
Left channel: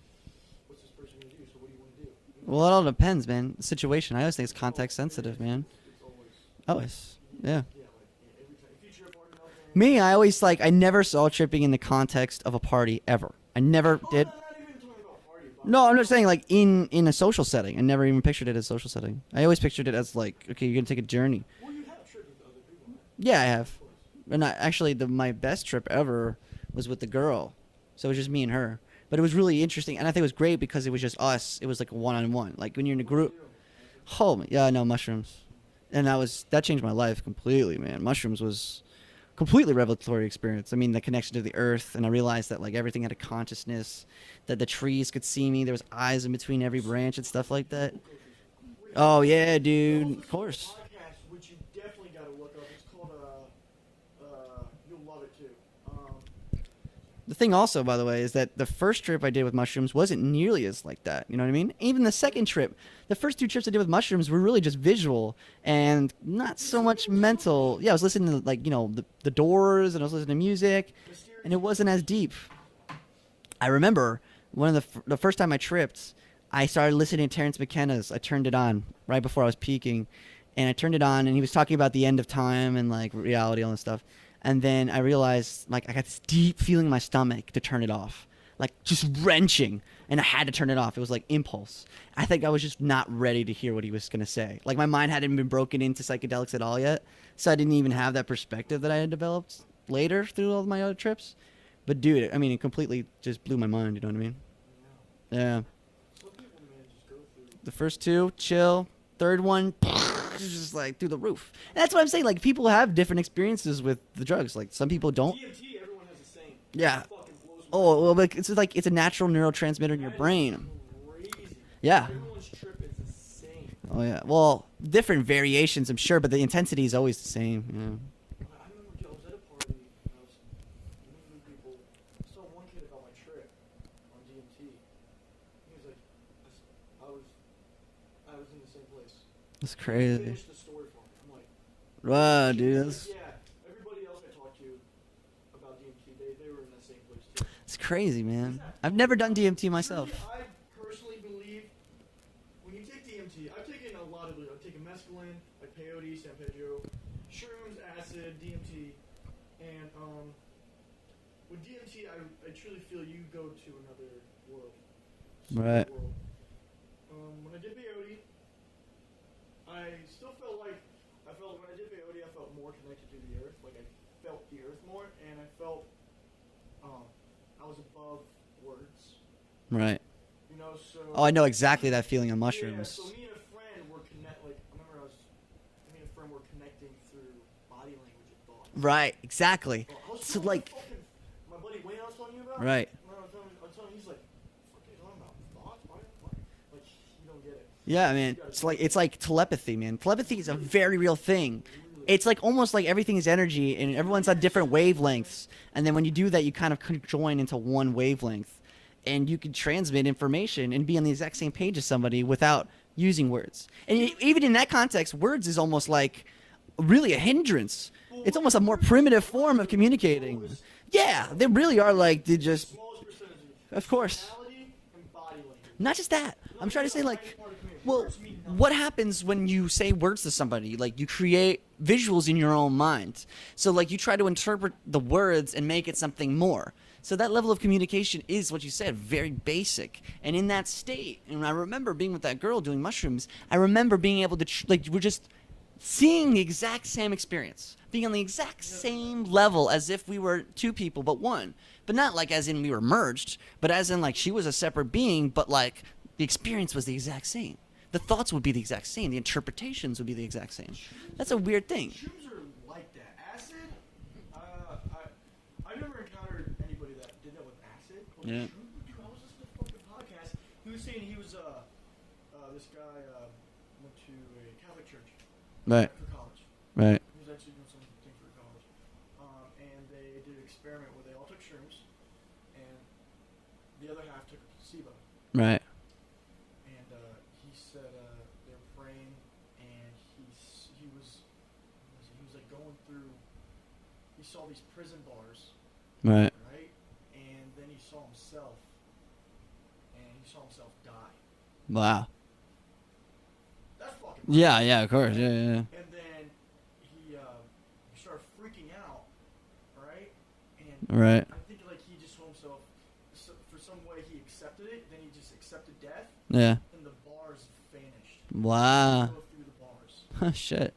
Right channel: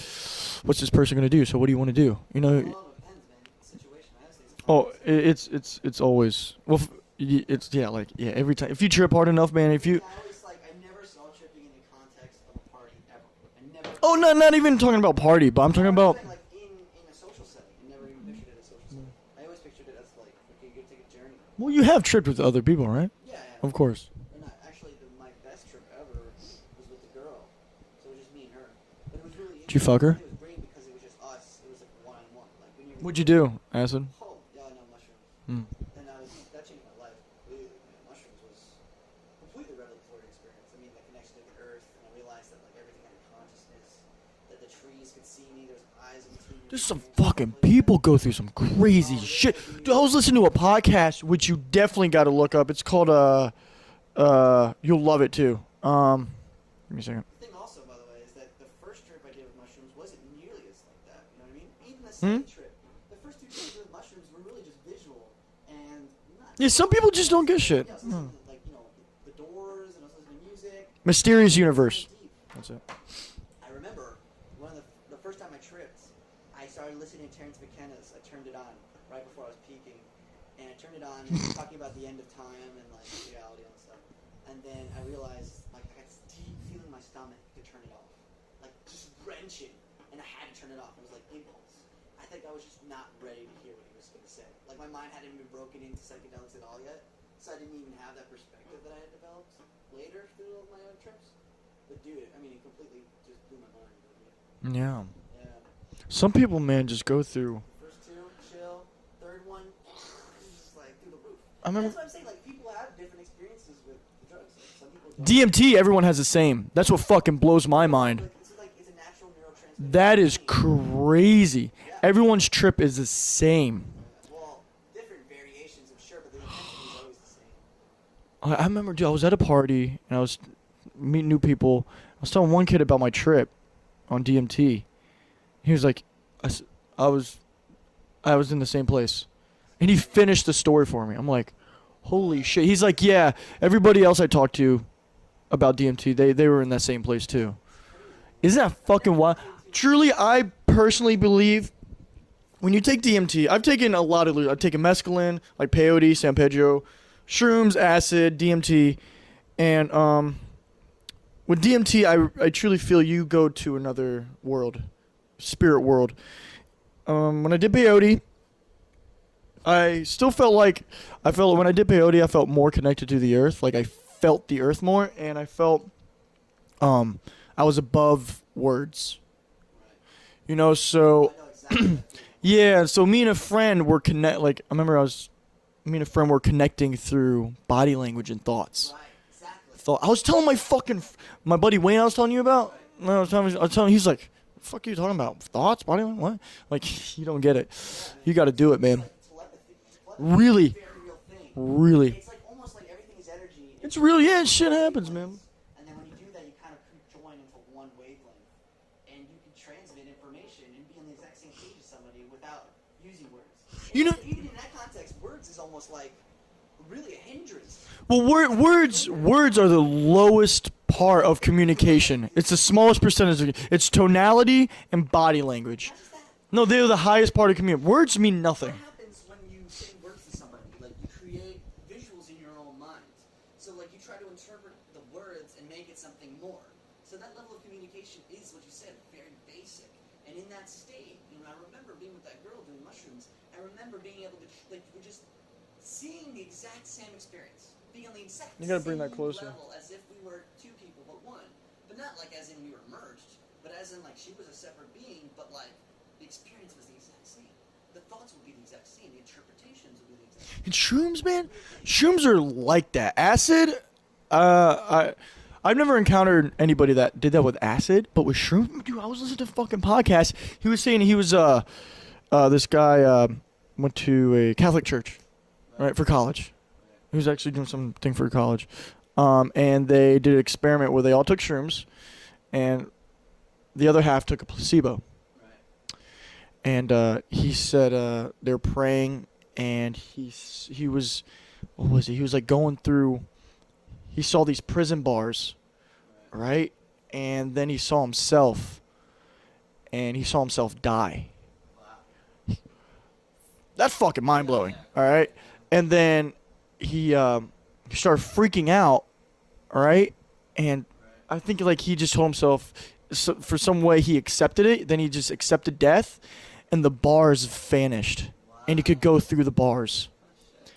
what's this person gonna do? So what do you want to do? You know. Well, it all depends, man. Situation. I always think it's context sensitive, man. It's always. Well, Always. it's every time. If you trip hard enough, man. I always I never saw tripping in the context of a party ever. I never. Oh, not even talking about party, but I'm no, talking I'm about. just saying like in a social setting. I never even pictured it as a social setting. I always pictured it as like, okay, you're gonna take a journey. Well, you have tripped with other people, right? Yeah, I have. Of course. And actually, my best trip ever was with the girl, so it was just me and her. But it was really interesting. fuck her? I think it was great because it was just us. It was like a one-on-one. Like when you're in a What'd group. you do? Acid. Oh, yeah, no, mushrooms. Mm. And that changed my life completely, man. Mushrooms was completely revelatory experience. I mean, the connection to the earth, and I realized that like everything had a consciousness, that the trees could see me. There was eyes in between every branch and stuff like people that. go through some crazy Oh, yeah, shit. dude, I was of listening to a course. podcast, which you definitely got to look up. It's called you'll love it too. Give me a second. The thing also, by the way, is that the first trip I did with mushrooms wasn't nearly as like that. You know what I mean? Even the second trip, the first 2 trips I did with mushrooms were really just visual and not Yeah, so some much people just don't give a mental. shit. Yeah, I was listening to like the Doors, and I was listening to music. Mysterious It Universe. wasn't as deep. That's it. I remember one of the first time I tripped, I started listening to Terrence McKenna's. I turned it on right before I was peaking, and I turned it on, and he was talking about the end of time and like reality, all this stuff. And then I realized, like, I got this deep feeling in my stomach to turn it off, like just wrenching, and I had to turn it off. It was like impulse. I think I was just not ready to hear what he was gonna say. Like my mind hadn't been broken into psychedelics at all yet, so I didn't even have that perspective that I had developed later through all my other trips. But dude, I mean, it completely just blew my mind. You know what I mean? Yeah. Yeah. Some people, man, just go through. The first 2, chill. Third one, just like through the roof. I mean- That's what I'm saying. Like people have different experiences with the drugs. Like some people don't. DMT, everyone has the same. That's Yeah. what fucking blows my mind. Like it's a natural neurotransmitter. That in is the brain. crazy. Yeah. Everyone's trip is the same. Oh yeah. Well, different variations, I'm sure, but the intensity is always the same. Yeah. I remember, dude, I was at a party and I was meeting new people. I was telling one kid about my trip on DMT. He was like, I was in the same place. That's And he crazy. finished the story for me. I'm like, holy Wow, shit. dude, He's like, that's- yeah, everybody else I talked to about DMT, they were in that same place too. It's crazy, man. Isn't that I've fucking never done wild? DMT myself. Truly, I personally believe when you take DMT, I've taken a lot of, I've taken mescaline, like peyote, San Pedro, shrooms, acid, DMT, and with DMT, I truly feel you go to another world, spirit Right. world. When I did peyote, I still felt like when I did peyote, I felt more connected to the earth. Like I felt the earth more, and I felt I was above words. Right. You know, so Oh, I know exactly that feeling on mushrooms. yeah. So me and a friend were Like I remember, me and a friend were connecting through body language and thoughts. Right. Exactly. I was telling my buddy Wayne, I was telling you about. Right. I was telling him, he's like, "The fuck are you talking about? Thoughts, body language, what?" Like you don't get it. Yeah, man. You gotta It's do like, it, man. It's like telepathy, man. Telepathy Really? is a very real thing. Really. It's like almost like everything is energy, and It's everyone's really- on yeah, different shit happens, wavelengths. And then when you do that, you kind of join into one wavelength, and you can transmit information and be on the exact same page as somebody without using words. And You know- even in that context, words is almost like really a hindrance. Well, It's almost a more primitive words form are of the communication. lowest part Yeah, of they really are, communication. like, they It's the just- smallest percentage. It's course. tonality and body language. Not just that. No, I'm they're trying the to say, like, highest part of communication. Words mean nothing. What happens when you say words to somebody? Like you create visuals in your own mind. So like you try to interpret the words and make it something more. So that level of communication is what you said, very basic. And in that state, and I remember being with that girl doing mushrooms, I remember being able to like we're just seeing the exact same experience, being on the exact You gotta bring that same closer. level as if we were 2 people but one. But not like as in we were merged, but as in like she was a separate being, but like the experience was the exact same. The thoughts would be the exact same. The interpretations would be the exact same. And shrooms, That's man, a weird thing. Shrooms are like that. Acid, I've never encountered anybody that did that with acid, but with Yeah. shrooms, dude, I was listening to a fucking podcast. He was saying he was this guy went to a Catholic church, right, for college. Right. He was actually doing something for college. And they did an experiment where they all took shrooms, and the other half took a placebo. Right. And he said they were praying, and he was, what was he? He was like going through. He saw these prison bars. Right. Right, and then he saw himself, die. Wow. That's fucking mind blowing. Yeah, of course. Right? Yeah. And then he started freaking out. All right, and Right. I think like he just told himself, for some way he accepted it. Then he just accepted death, Yeah. and the bars vanished, Wow. and he could go through the bars. Shit.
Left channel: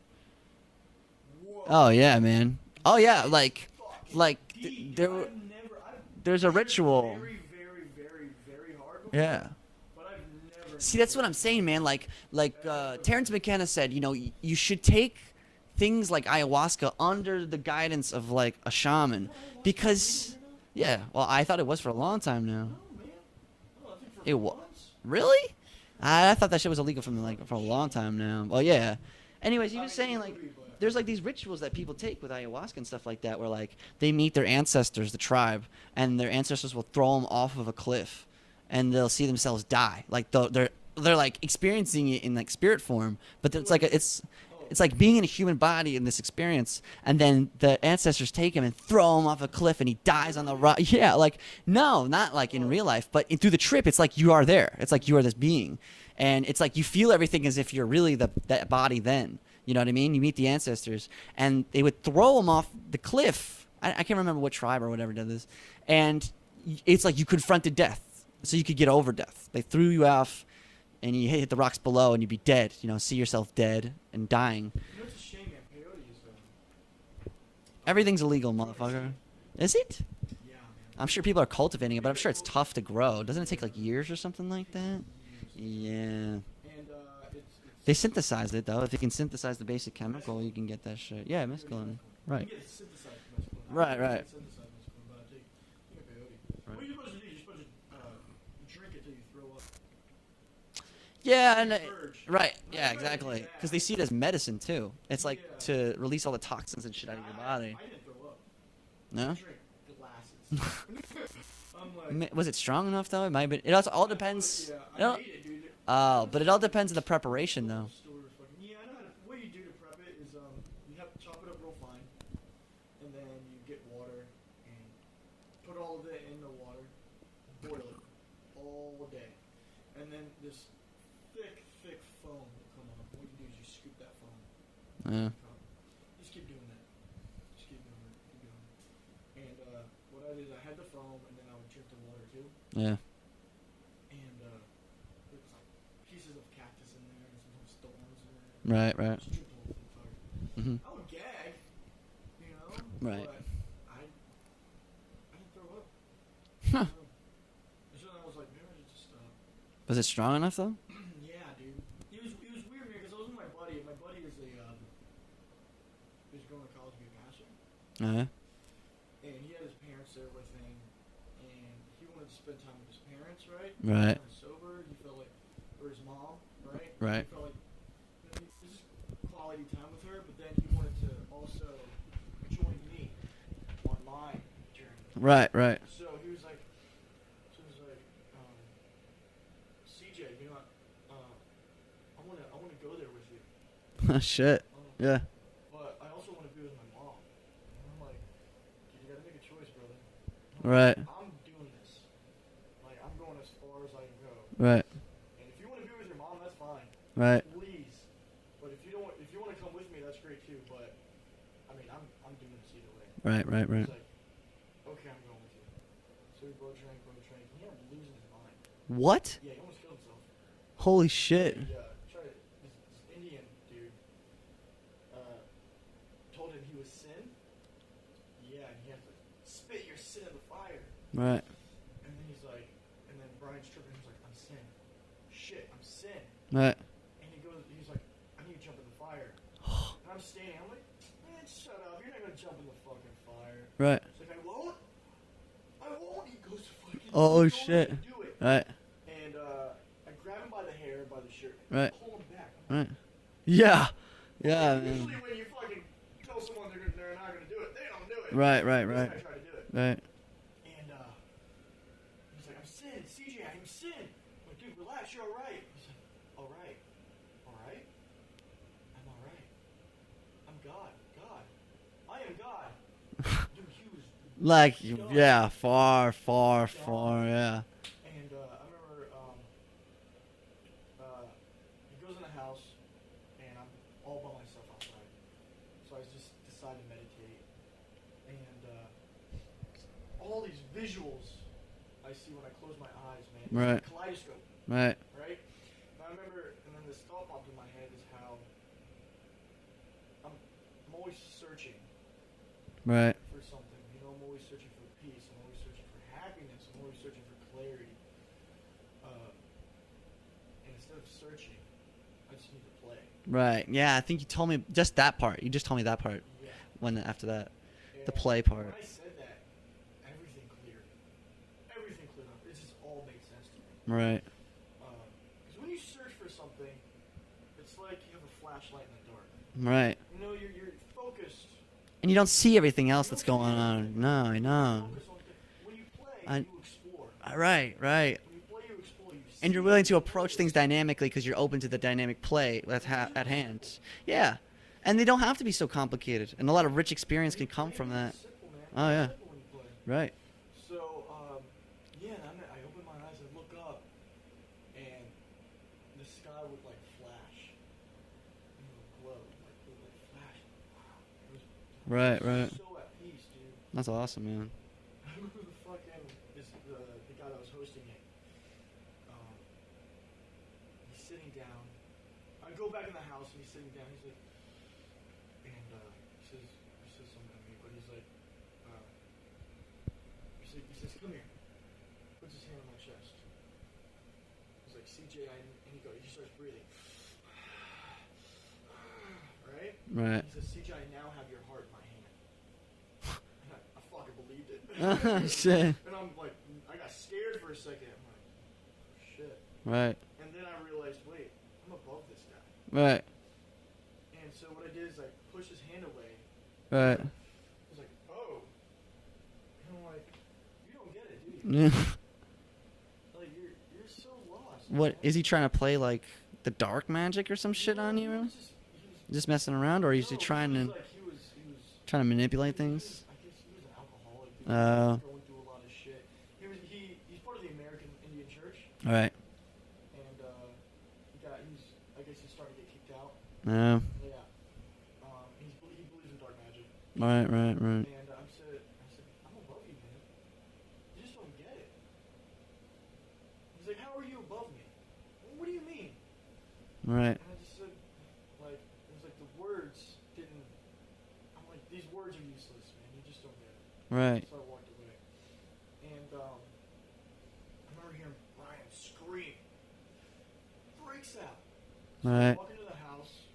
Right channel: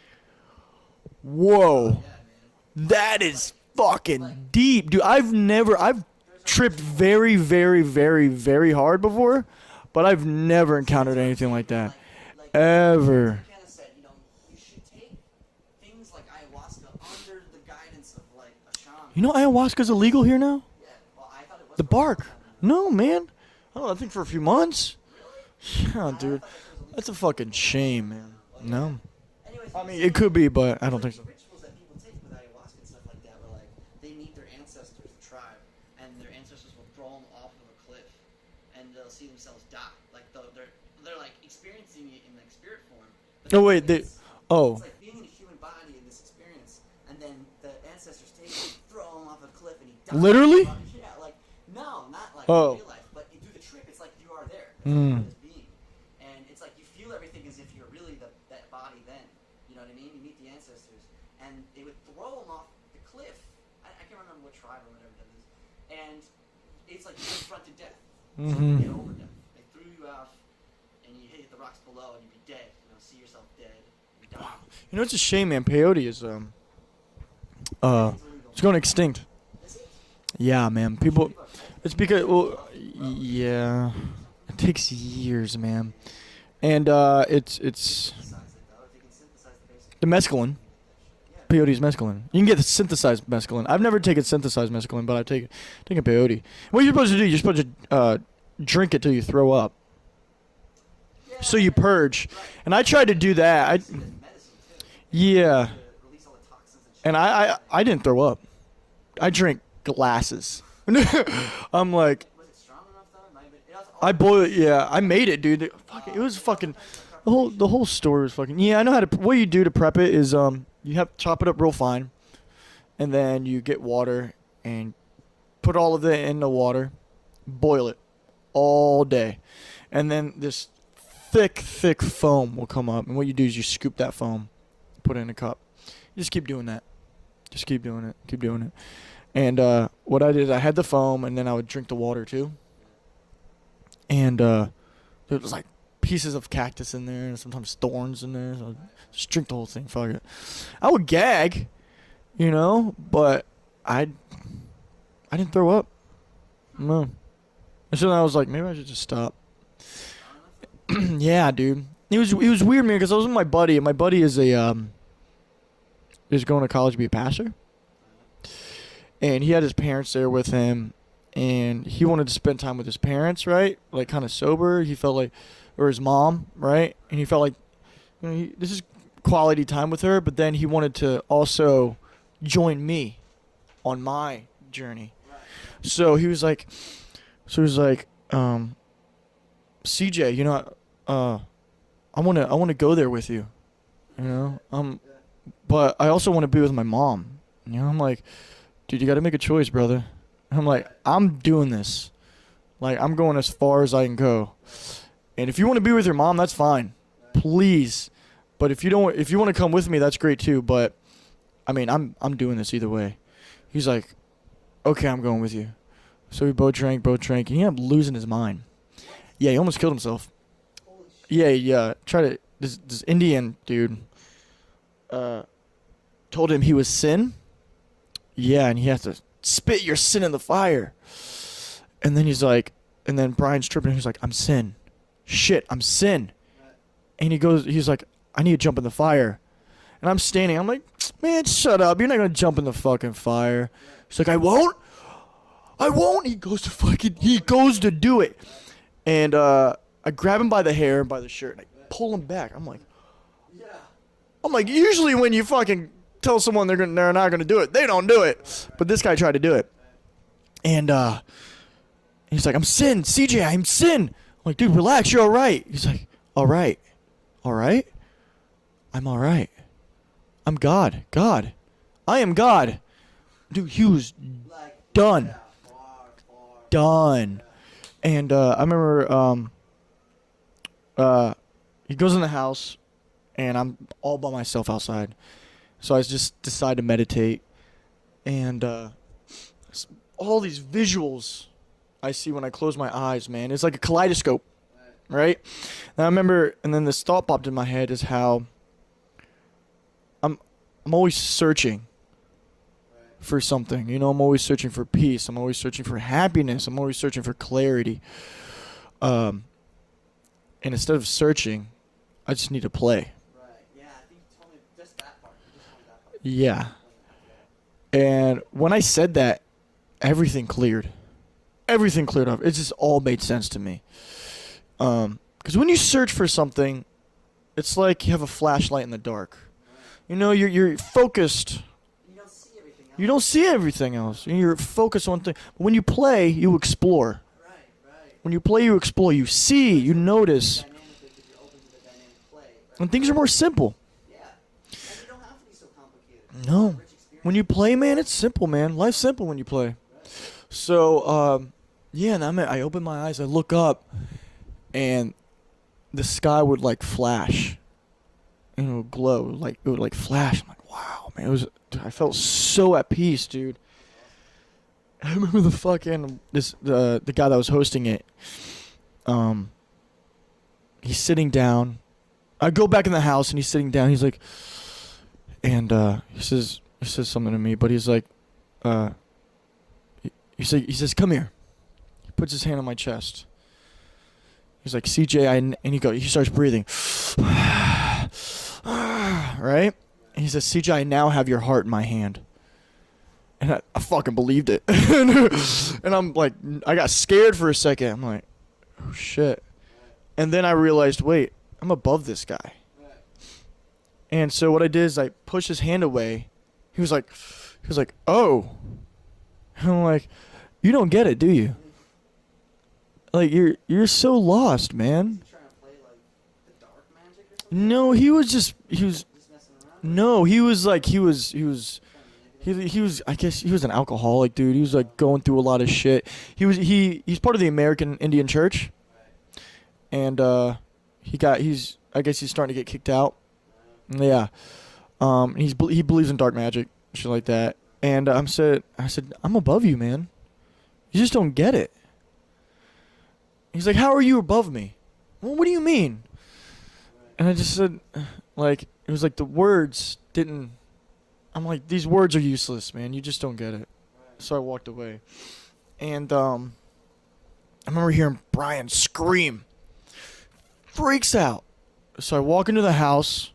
Whoa. Oh yeah, man. That is like fucking like- deep, dude. yeah, I've there's a tripped ritual. very, very, very, very hard before, Yeah. but I've never See, encountered that's what anything I'm saying, like man. that. Like Ever. Terrence McKenna said, you know, you should take things like ayahuasca under the guidance of like a shaman. You know, ayahuasca's because- illegal here now. Yeah. Well, I thought it was The for a long bark. time now. No, man. Oh, I think for a few wa- months. Really? Yeah, I dude. thought that shit was illegal That's a for, fucking for a shame, long time man. now. Well, yeah. No? Anyways, he I was mean, saying, it could be, but I there's don't like think. these rituals that people take with ayahuasca and stuff like that, where like they meet their ancestors, the tribe, and their ancestors will throw them off of a cliff, and they'll see themselves die. Like they're like experiencing it in like spirit form, but No, it's wait, like they- Oh, it's like being in a human body in this experience, and then the ancestors take him and throw him off a cliff, and he dies. Literally? Yeah, like no, not like Oh. in real life, but through the trip, it's like you are there. It's like you are this being, and it's like you feel everything as if you're really that body. Then you know what I mean. You meet the ancestors, and they would throw him off the cliff. I can't remember what tribe or whatever did this, and it's like you confronted death, so you could get over death. They threw you off. And you hit the rocks below, and you'd be dead. You know, see yourself dead and dying. you know, it's a shame, man. Peyote is Everything's illegal. It's going motherfucker. extinct. Is it? Yeah, man. I'm sure people are cultivating it. But I'm because- sure it's well, tough to grow. Doesn't it take yeah. like years or something like It takes that? years, man. Yeah. And it's They synthesize it though. If you can synthesize the basic The chemicals, mescaline. you can get that shit. Yeah. peyote's mescaline. Right. You can get the synthesized mescaline. I've Right, never right. taken synthesized mescaline, but I've taken peyote. What you're supposed to do? You're supposed to drink it till you throw up. Yeah. So you and it- purge. Right. And I yeah, tried to do exactly. that. 'Cause I- they see it as medicine too. It's Yeah. Like to release all the toxins and shit. And in the body. I didn't throw up. No? I drink glasses. I'm like, Was it strong enough though? It might have been. It also. all I boiled it. depends. Yeah, I No. made it, dude. It But was it all fucking. depends on the The whole, preparation. the whole though. story was fucking. Yeah, I know how to. What you do to prep it is you have to chop it up real fine, and then you get water and put all of it in the water, boil it all day, and then this thick foam will come up. And what you do is you scoop that foam, put it in Mhm. a cup. You just keep doing that. Just keep doing it. Keep doing it. And what I did is I had the foam, and then I would drink the water too. Yeah. And there was like pieces of cactus in there, and sometimes thorns in there. So Right. Right. just drink the whole thing. Fuck it. Mhm. I would gag, you know, Right. but I didn't throw up. Huh. No. And so then I was like, maybe I should just stop. Was it strong enough though? Yeah, dude. It was weird, man, because I was with my buddy, and my buddy is is going to college to be a pastor, and he had his parents there with him, and he wanted to spend time with his parents, right? Like Right. kind of sober. He felt like, or his mom, right? And he Right. felt like, you know, this is quality time with her, but then he wanted to also join me on my journey. Right. Right. So he was like, CJ, you know, I wanna go there with you. You know? Shit. Yeah. But I also want to be with my mom. You know, I'm like, dude, you got to make a choice, brother. I'm like, Right. I'm doing this. Like, I'm going as far as I can go. Right. And if you want to be with your mom, that's fine. Right. Please. But if you don't, if you want to come with me, that's great too. But I mean, I'm doing this either way. Right. Right. He's like, okay, I'm going with you. So we both drank, and he ended up losing his mind. what? Yeah, he almost killed himself. Holy shit. Yeah, yeah. Tried to. This Indian dude told him he was sin. Yeah, and he has to spit your sin in the fire. Right. And then he's like, and then Brian's tripping. He's like, I'm sin. Shit, I'm sin. Right. And he's like, I need to jump in the fire. And I'm standing. I'm like, man, shut up. You're not gonna jump in the fucking fire. Right. He's like, I won't. He goes to fucking. Oh, he goes shit. to do it. Right. And I I grab him by the hair, by the shirt, and I Right. pull him back. I'm like, Right. yeah. I'm Yeah, like, usually when you fucking tell someone they're not gonna do it, they don't do it. Right. But this guy tried to do it, Right. and he's like, I'm Sin, CJ, I'm Sin. I'm like, dude, relax, you're all right. He's like, all right, I'm all right. I'm God, I am God. Dude, he was Like done. Yeah. Far. Done. Yeah. And I remember he goes in the house, and I'm all by myself outside. So I just decide to meditate, and all these visuals I see when I close my eyes, man. It's like a Right. kaleidoscope, Right. right? And I remember, and then this thought popped in my head is how I'm always searching Right. for something. You know, I'm always searching for peace. I'm always searching for happiness. I'm always searching for clarity. And instead of searching, I just need to play. Right. Yeah. I think you told me just that part. You just told me that part. Yeah. When after that. And play part. when I said that, everything cleared. Everything cleared up. It just all made sense to me. Right. Because when you search for something, it's like you have a flashlight in the dark. Right. You know, you're focused. And you don't see everything else. You don't that's see going on. everything else. No, And you're no. focused on things. When you play, I- you explore. Right. Right. When you play, you explore. You And see. you're willing to You approach things notice. dynamically because you're open to the dynamic play. When things are more simple. Yeah. And they don't have to be so complicated. And a lot No. of rich experience. When you can come play, from man, that. it's simple, man. Oh, Life's yeah. simple when you play. Right. So, yeah, and I open my eyes, I look up, and the sky would like flash, and it would glow, like it would like flash. I'm like, wow, man, it was. I Right, felt right. so at peace, dude. That's awesome, man. I remember the fucking the guy that was hosting it. He's sitting down. I go back in the house and he's sitting down. He's like, and he says something to me, but he's like, he says, come here. He puts his hand on my chest. He's like, CJ, and he starts breathing. Right? And he Right. says, CJ, I now have your heart in my hand. And I fucking believed it. And I'm like, I got scared for a second. I'm like, oh shit. Right. And then I realized, wait, I'm above this guy. Right. And so what I did is I pushed his hand away. Right. He was like, oh. And I'm like, you don't get it, do you? Yeah. Like you're so lost, What, man. Is he trying to play like the dark magic or some shit? No, on he you? was just Just messing around, or no, is he trying was to, like he was trying to manipulate. he things? was I guess he was an alcoholic, dude. He was Oh. like going through a lot of shit. He's part of the American Indian Church, Right. and I guess he's starting to get kicked out. No. Yeah. He believes in dark magic, shit like Right, that. right, right. And I said, I'm above you, man. You just don't get it. He's like, how are you above me? Well, what do you mean? Right. And I just said, like, it was like the words didn't. I'm like, these words are useless, man. You just don't get it. Right. So I walked away. And I remember hearing Brian scream. Freaks out. So I Right. walk into the house.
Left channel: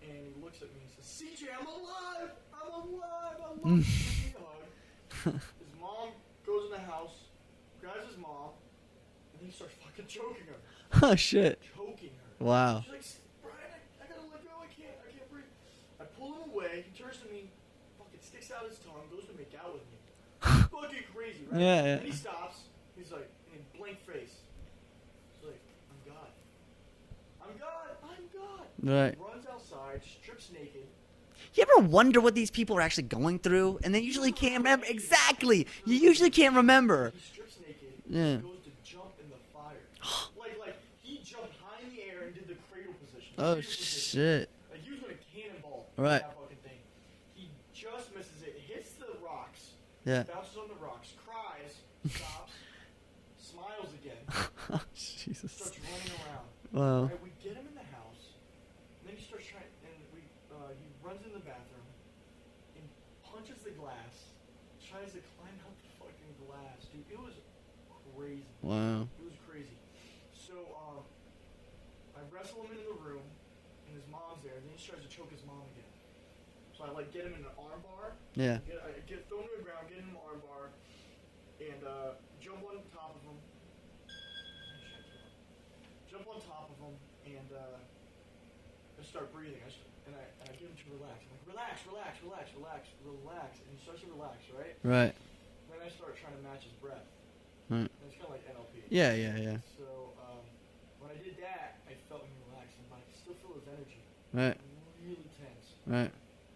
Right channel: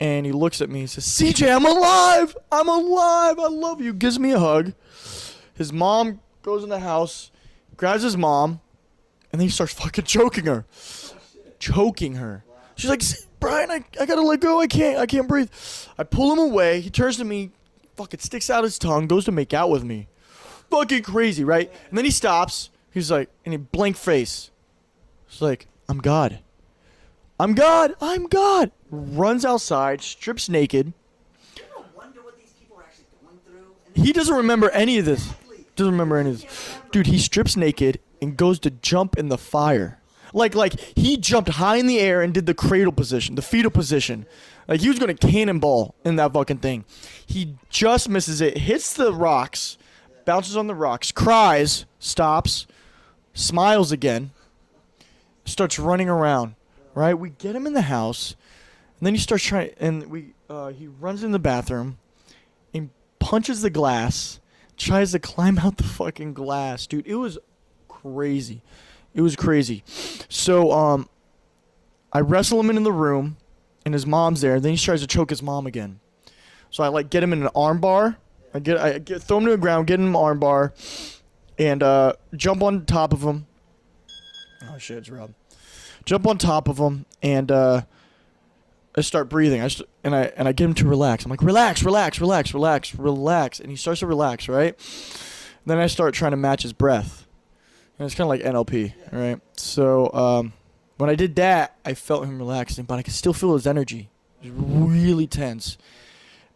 And he looks at me and says, CJ, I'm alive! I'm alive! I love you. Gives me a hug. His mom goes in the house, grabs his mom, and then he starts fucking choking her. Oh shit. Choking her. Wow. She's like, Brian, I gotta let go. I can't breathe. I pull him away. He turns to me, fucking sticks out his tongue, goes to make out with me. Fucking crazy, right? Yeah, yeah. And then he stops. He's like, and he blank face. He's like, I'm God. I'm God. I'm God. Right. Runs outside, strips naked. Do you ever wonder what these people are actually going through? And they He usually doesn't can't remember any of this. Exactly. Doesn't He remember usually any of this. can't remember. Dude, he strips naked Yeah. and goes to jump in the fire. Like he jumped high in the air and did the cradle position, the Oh, fetal position. shit. Like he was gonna cannonball in Right. that fucking thing. He just misses it, hits the rocks, Yeah. bounces on the rocks, cries, stops, smiles again, starts running around. Wow. Right? We get him in the house, and then he starts trying, and he runs in the bathroom, and punches the glass, tries to climb out the fucking glass, dude. It was crazy. Wow. It was crazy. So I wrestle him in the room, and his mom's there. Then he tries to choke his mom again. So I like get him in an arm bar. Yeah. I throw him to the ground, get him in an arm bar, and jump on top of him. Oh shit, it's Rob. Jump on top of him and I start breathing. And I get him to relax. I'm like, relax, relax, relax, relax, relax, and he starts to relax, right? Right. Then I start trying to match his breath. Right. And it's kind of like NLP. Yeah, right? yeah. So when I did that, I felt him relaxing, but I could still feel his energy. Right. Really tense. Right.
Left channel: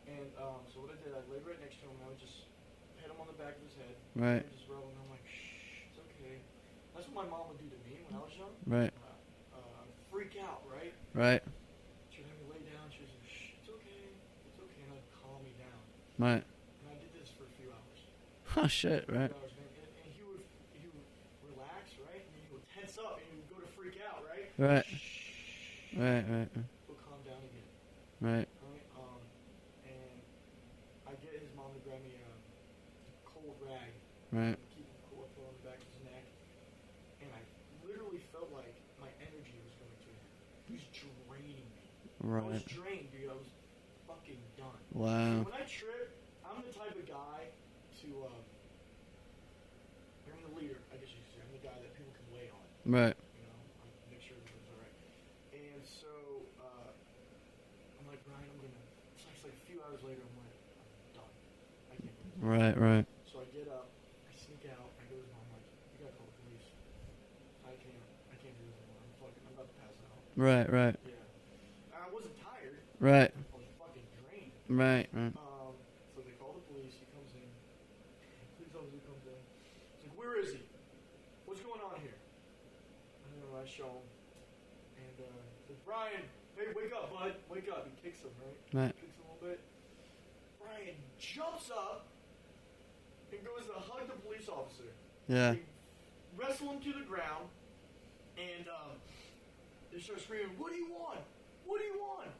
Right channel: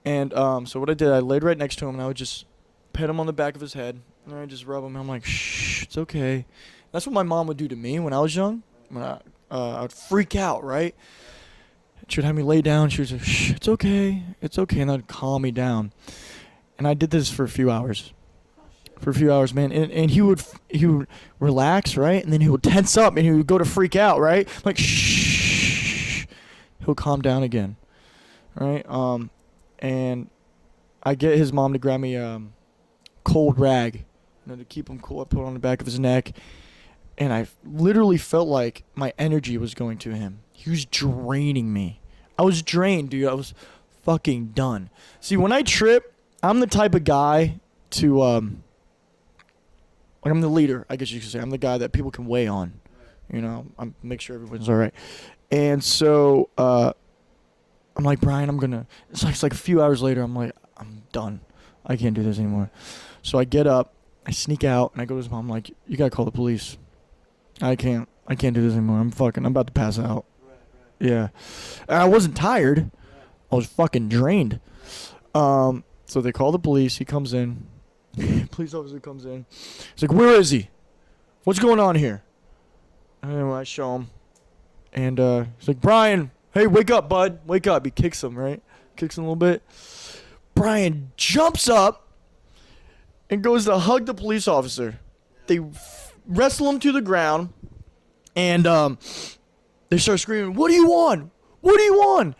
And so what I did, I laid right next to him, and I would just pet him on the back of his head. Right. And I just rub him. And I'm like, shh, it's okay. That's what my mom would do to me when I was young. Right. When I would freak out, right? Right. She would have me lay down. She would say, shh, it's okay. It's okay. And that would calm me down. Right. And I did this for a few hours. Oh shit. For a few hours, man. And he would relax, right? And then he would tense up and he would go to freak out, right? Right. Like, shh. Right. Right. He'll calm down again. Right. Right? And I get his mom to grab me a cold rag. Right. To keep him cool. I put it on the back of his neck. And I literally felt like my energy was going to him. He was draining me. Right. I was drained, dude. I was fucking done. Wow. See, when I trip, I'm the type of guy to like I'm the leader, I guess you could say. I'm the guy that people can weigh on. Right. You know, I'm make sure everyone's all right. And so I'm like, Brian, it's like a few hours later, I'm like, I'm done. I can't do this anymore. Right. Right. So I get up, I sneak out, and I go to his mom. I'm like, you gotta call the police. I can't do this anymore. I'm about to pass out. Right. Right. Yeah. And I wasn't tired. Right. I was fucking drained. Right. Right. So they call the police. He comes in. Police officer comes in. He's like, where is he? What's going on here? And I show him. And he's like, Brian, hey, wake up, bud. Wake up. He kicks him, right? Right. Kicks him a little bit. Brian jumps up and goes to hug the police officer. Yeah. They wrestle him to the ground. And they start screaming, what do you want? What do you want?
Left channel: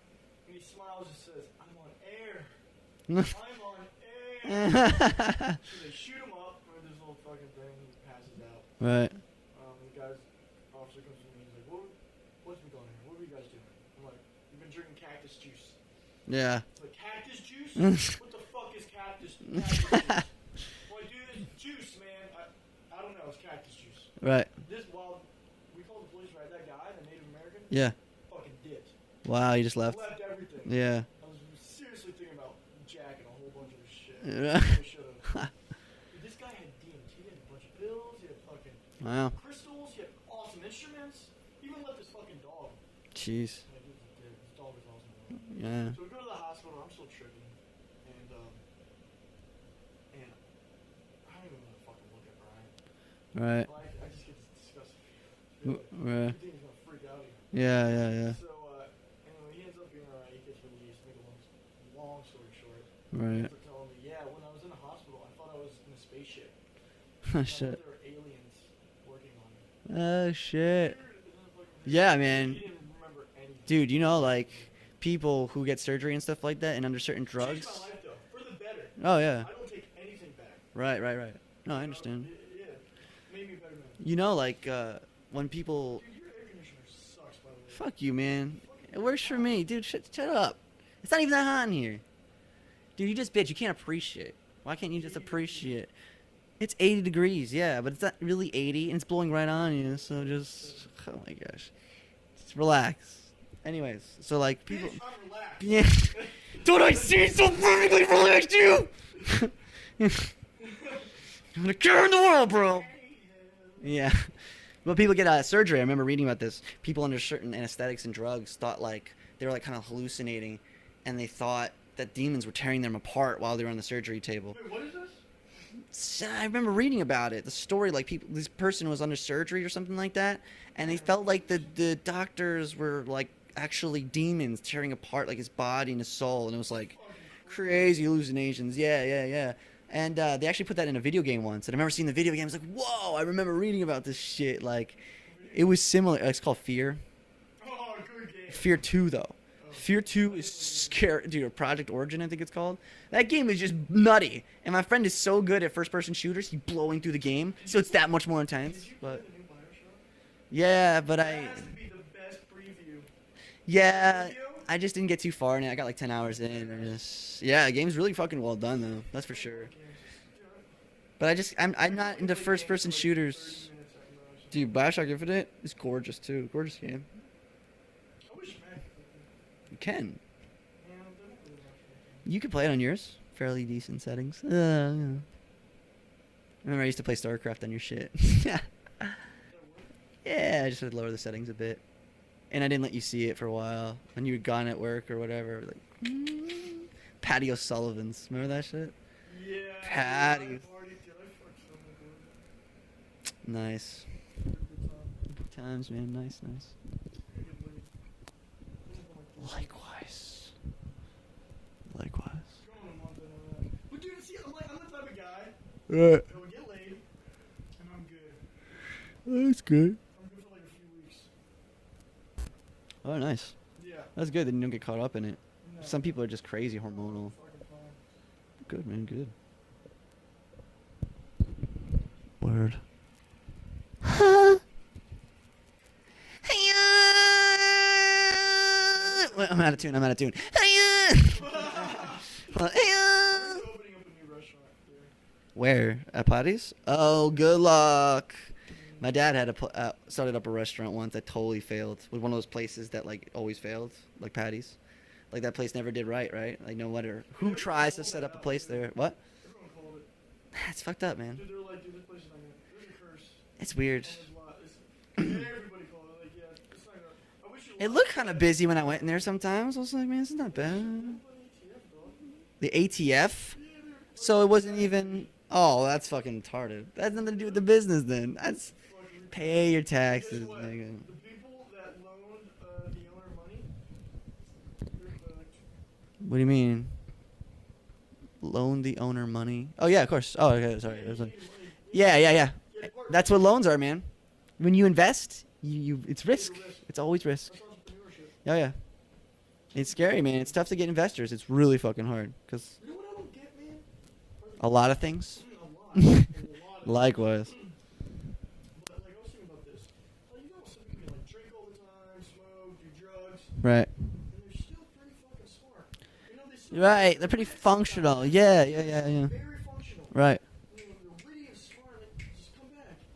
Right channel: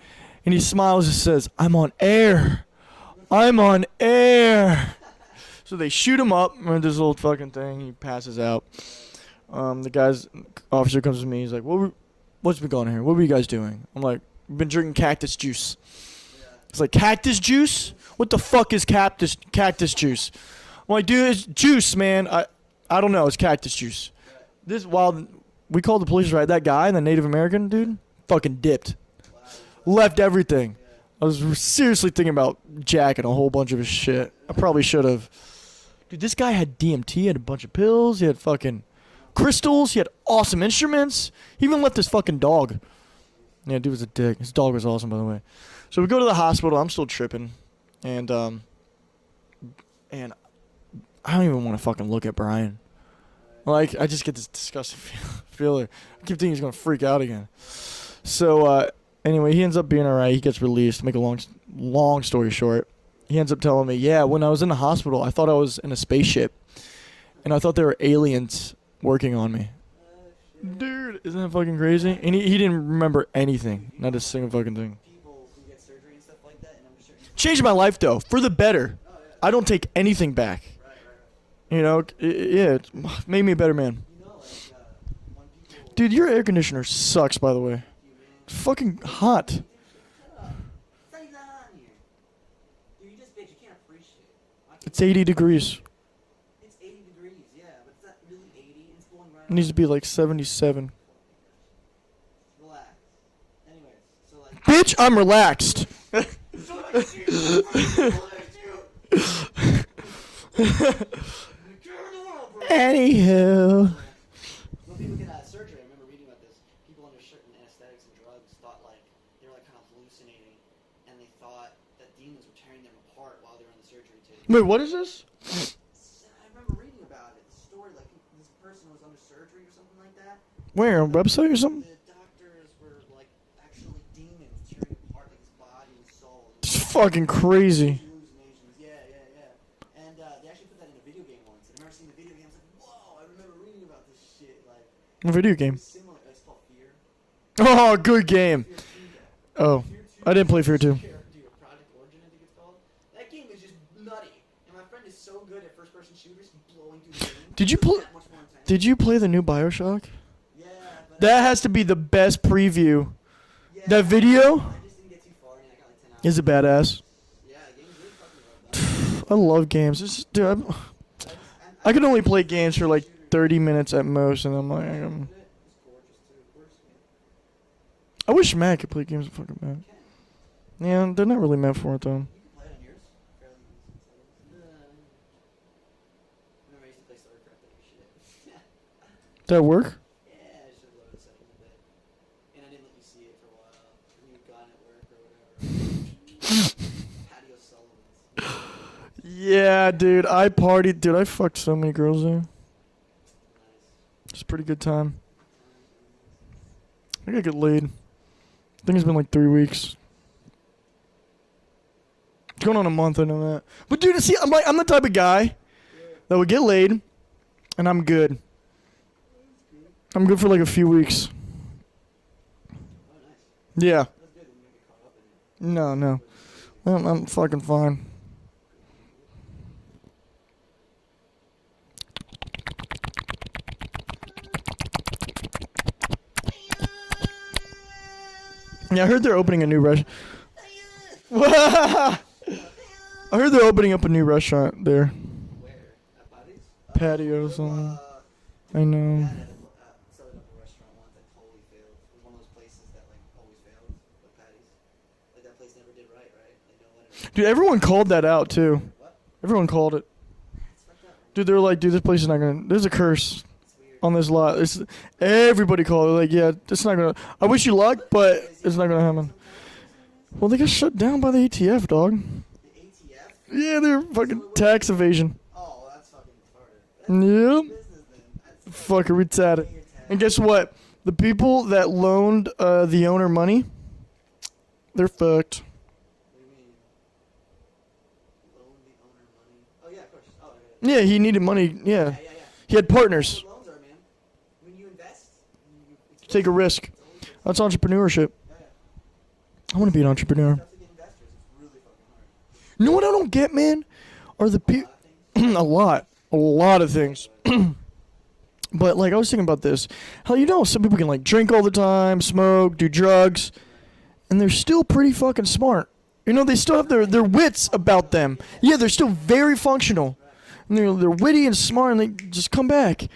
And he smiles and says, I'm on air. I'm on air. So they shoot him up with this little fucking thing. He passes out. Right. The officer comes to me. He's like, what's been going on here? What were you guys doing? I'm like, we've been drinking cactus juice. Yeah. It's like, cactus juice? What the fuck is cactus juice? I'm like, dude, it's juice, man. I don't know. It's cactus juice. Right. While we called the police, right? That guy, the Native American dude, Yeah. fucking dipped. Wow. You just left. Left everything. Yeah. I was seriously thinking about jacking a whole bunch of his shit. I probably should have. Dude, this guy had DMT, he had a bunch of pills, he had fucking Wow. crystals, he had awesome instruments. He even left his fucking dog. Jeez. Yeah, dude was a dick. His dog was awesome, by the way. Yeah. So we go to the hospital. I'm still tripping. And I don't even want to fucking look at Brian. Right. Like, I just get this disgusting feeling. Right. I keep thinking he's going to freak out again. Yeah. Yeah. Yeah. So, anyway, he ends up being all right. He gets released. To make a long story short, Right. he ends up telling me, yeah, when I was in the hospital, I thought I was in a spaceship. And I thought there were aliens working on me. Oh shit. Dude, isn't that fucking crazy? Yeah, And man. he didn't remember anything. Dude, you Not know, a single like, fucking thing. People who get surgery and stuff like that, and under certain drugs. Changed my life, though, for the better. Oh yeah. I don't take anything back. Right. Right. Right. No, You I know, understand. yeah, it made me a better man. You know, like when people. Dude, your air conditioner sucks, by the way. Fuck you, man. It's fucking What is hot. me, dude? Shut up. It's not even that hot in here. Dude, you just bitch. You can't appreciate. Why can't It's you? 80 just degrees. appreciate? It's 80 degrees, yeah, but it's not really 80, and it's blowing right It on. needs to be you, like so just- 77. Oh my gosh. Just relax. Anyways, so like. Bitch, I'm relaxed. Yeah. Don't I seem so perfectly relaxed, you? I'm the cure in the world, bro. Anywho. Yeah. When people get surgery, I remember reading about this. People under certain anesthetics and drugs thought like they were like kind of hallucinating, and they thought that demons were tearing them apart while they were on the surgery table. Wait, what is this? I remember reading about it. The story, like this person was under surgery or something like that. And Where, it a felt website like or something? The doctors were like actually demons tearing apart like his body and his soul, and it was It's like fucking crazy. crazy hallucinations. Yeah. And they actually put that in a video game once. And I remember seeing the video game. I was like, whoa! I remember reading about this shit. Like, A video game. it was similar. It's called Fear. Oh, good game. Fear 2, though. Oh, Fear 2. I didn't play Fear 2. Dude, Project Origin, I think it's called. That game is just nutty. And my friend is so good at first-person shooters. He's blowing through the game. Did you so it's play- that much more intense. Did you play the new BioShock? Yeah, but That has to be the best preview. yeah. That video? I just didn't get too far in it. I got like 10 hours. Is it in, and badass? Yeah, the game's really fucking well done. That's I for sure. love games. Dude, But I can only play games games for like 30 minutes at most, and Dude, I'm like, Bioshock Infinite is gorgeous too. Gorgeous game. I wish Matt could play games with fucking Matt. Ken, Yeah, they're not really meant for it though. you can play it on yours. Fairly decent settings. Remember, I used to play StarCraft on your shit. Does that work? Yeah, I just had to lower the settings a bit. And I didn't let you see it for a while. When you were gone at work or whatever. Patty O'Sullivan's. Remember that shit? Yeah, dude. I Patty. partied. Dude, I fucked so many girls there. Nice. It's a pretty good time. Good times, man. Nice. I gotta get laid. I think it's been like 3 weeks. Nice. Likewise. It's going on a month, I know that. But dude, see, I'm the type of guy that would get laid, and I'm good. That's good. I'm good for like a few weeks. Oh, nice. Yeah. That's good. Then you don't get caught up in it. No, Some no. people are just crazy. I'm hormones. fucking fine. Good, man. Good. Word. Yeah, I heard they're opening a new restaurant. I heard they're opening up a new restaurant there. Where? At Patty's? Oh, Patio or good something. luck. I know. My dad had started up a restaurant once that totally failed. It was one of those places that like always failed, like Patty's. Like that place never did right? Like no wonder. Dude, everyone tries called to that start a out place too. there. What? Everyone called it. It's fucked up, man. Dude, they're like, dude, this place is not gonna. There's a curse It's weird. on this lot. It's everybody called it. Like, yeah, it's not gonna. I wish you luck, Look kinda but busy it's when I not went gonna there happen. sometimes. I was like, man, it's not Well, they got bad. shut down by the ATF, dog. The ATF? Yeah, they're So it fucking wasn't tax even- evasion. Oh, that's fucking retarded. That's nothing to do with the Yep. business then. That's Fucking pay retarded. your taxes. And guess what? The people that loaned the owner money, they're fucked. What do you mean? Loan the owner money? Oh yeah, of course. Oh okay. Yeah, he needed money. Yeah. Yeah. He had partners. That's what loans are, man. When you invest, you it's risk. Take a risk. It's always risk. That's entrepreneurship. Oh yeah. I want It's to be an scary, man. entrepreneur. It's tough to get investors. It's really fucking hard because You know what I don't get, man? Are the a lot of things. a lot of things. Likewise. But like I was thinking about this. How some people can like drink all the time, smoke, do drugs, Right. and they're still pretty fucking smart. They still have Right, their they're pretty wits about functional. them. Yeah, they're still yeah. very functional. Right. And they're witty and smart, and they just come back.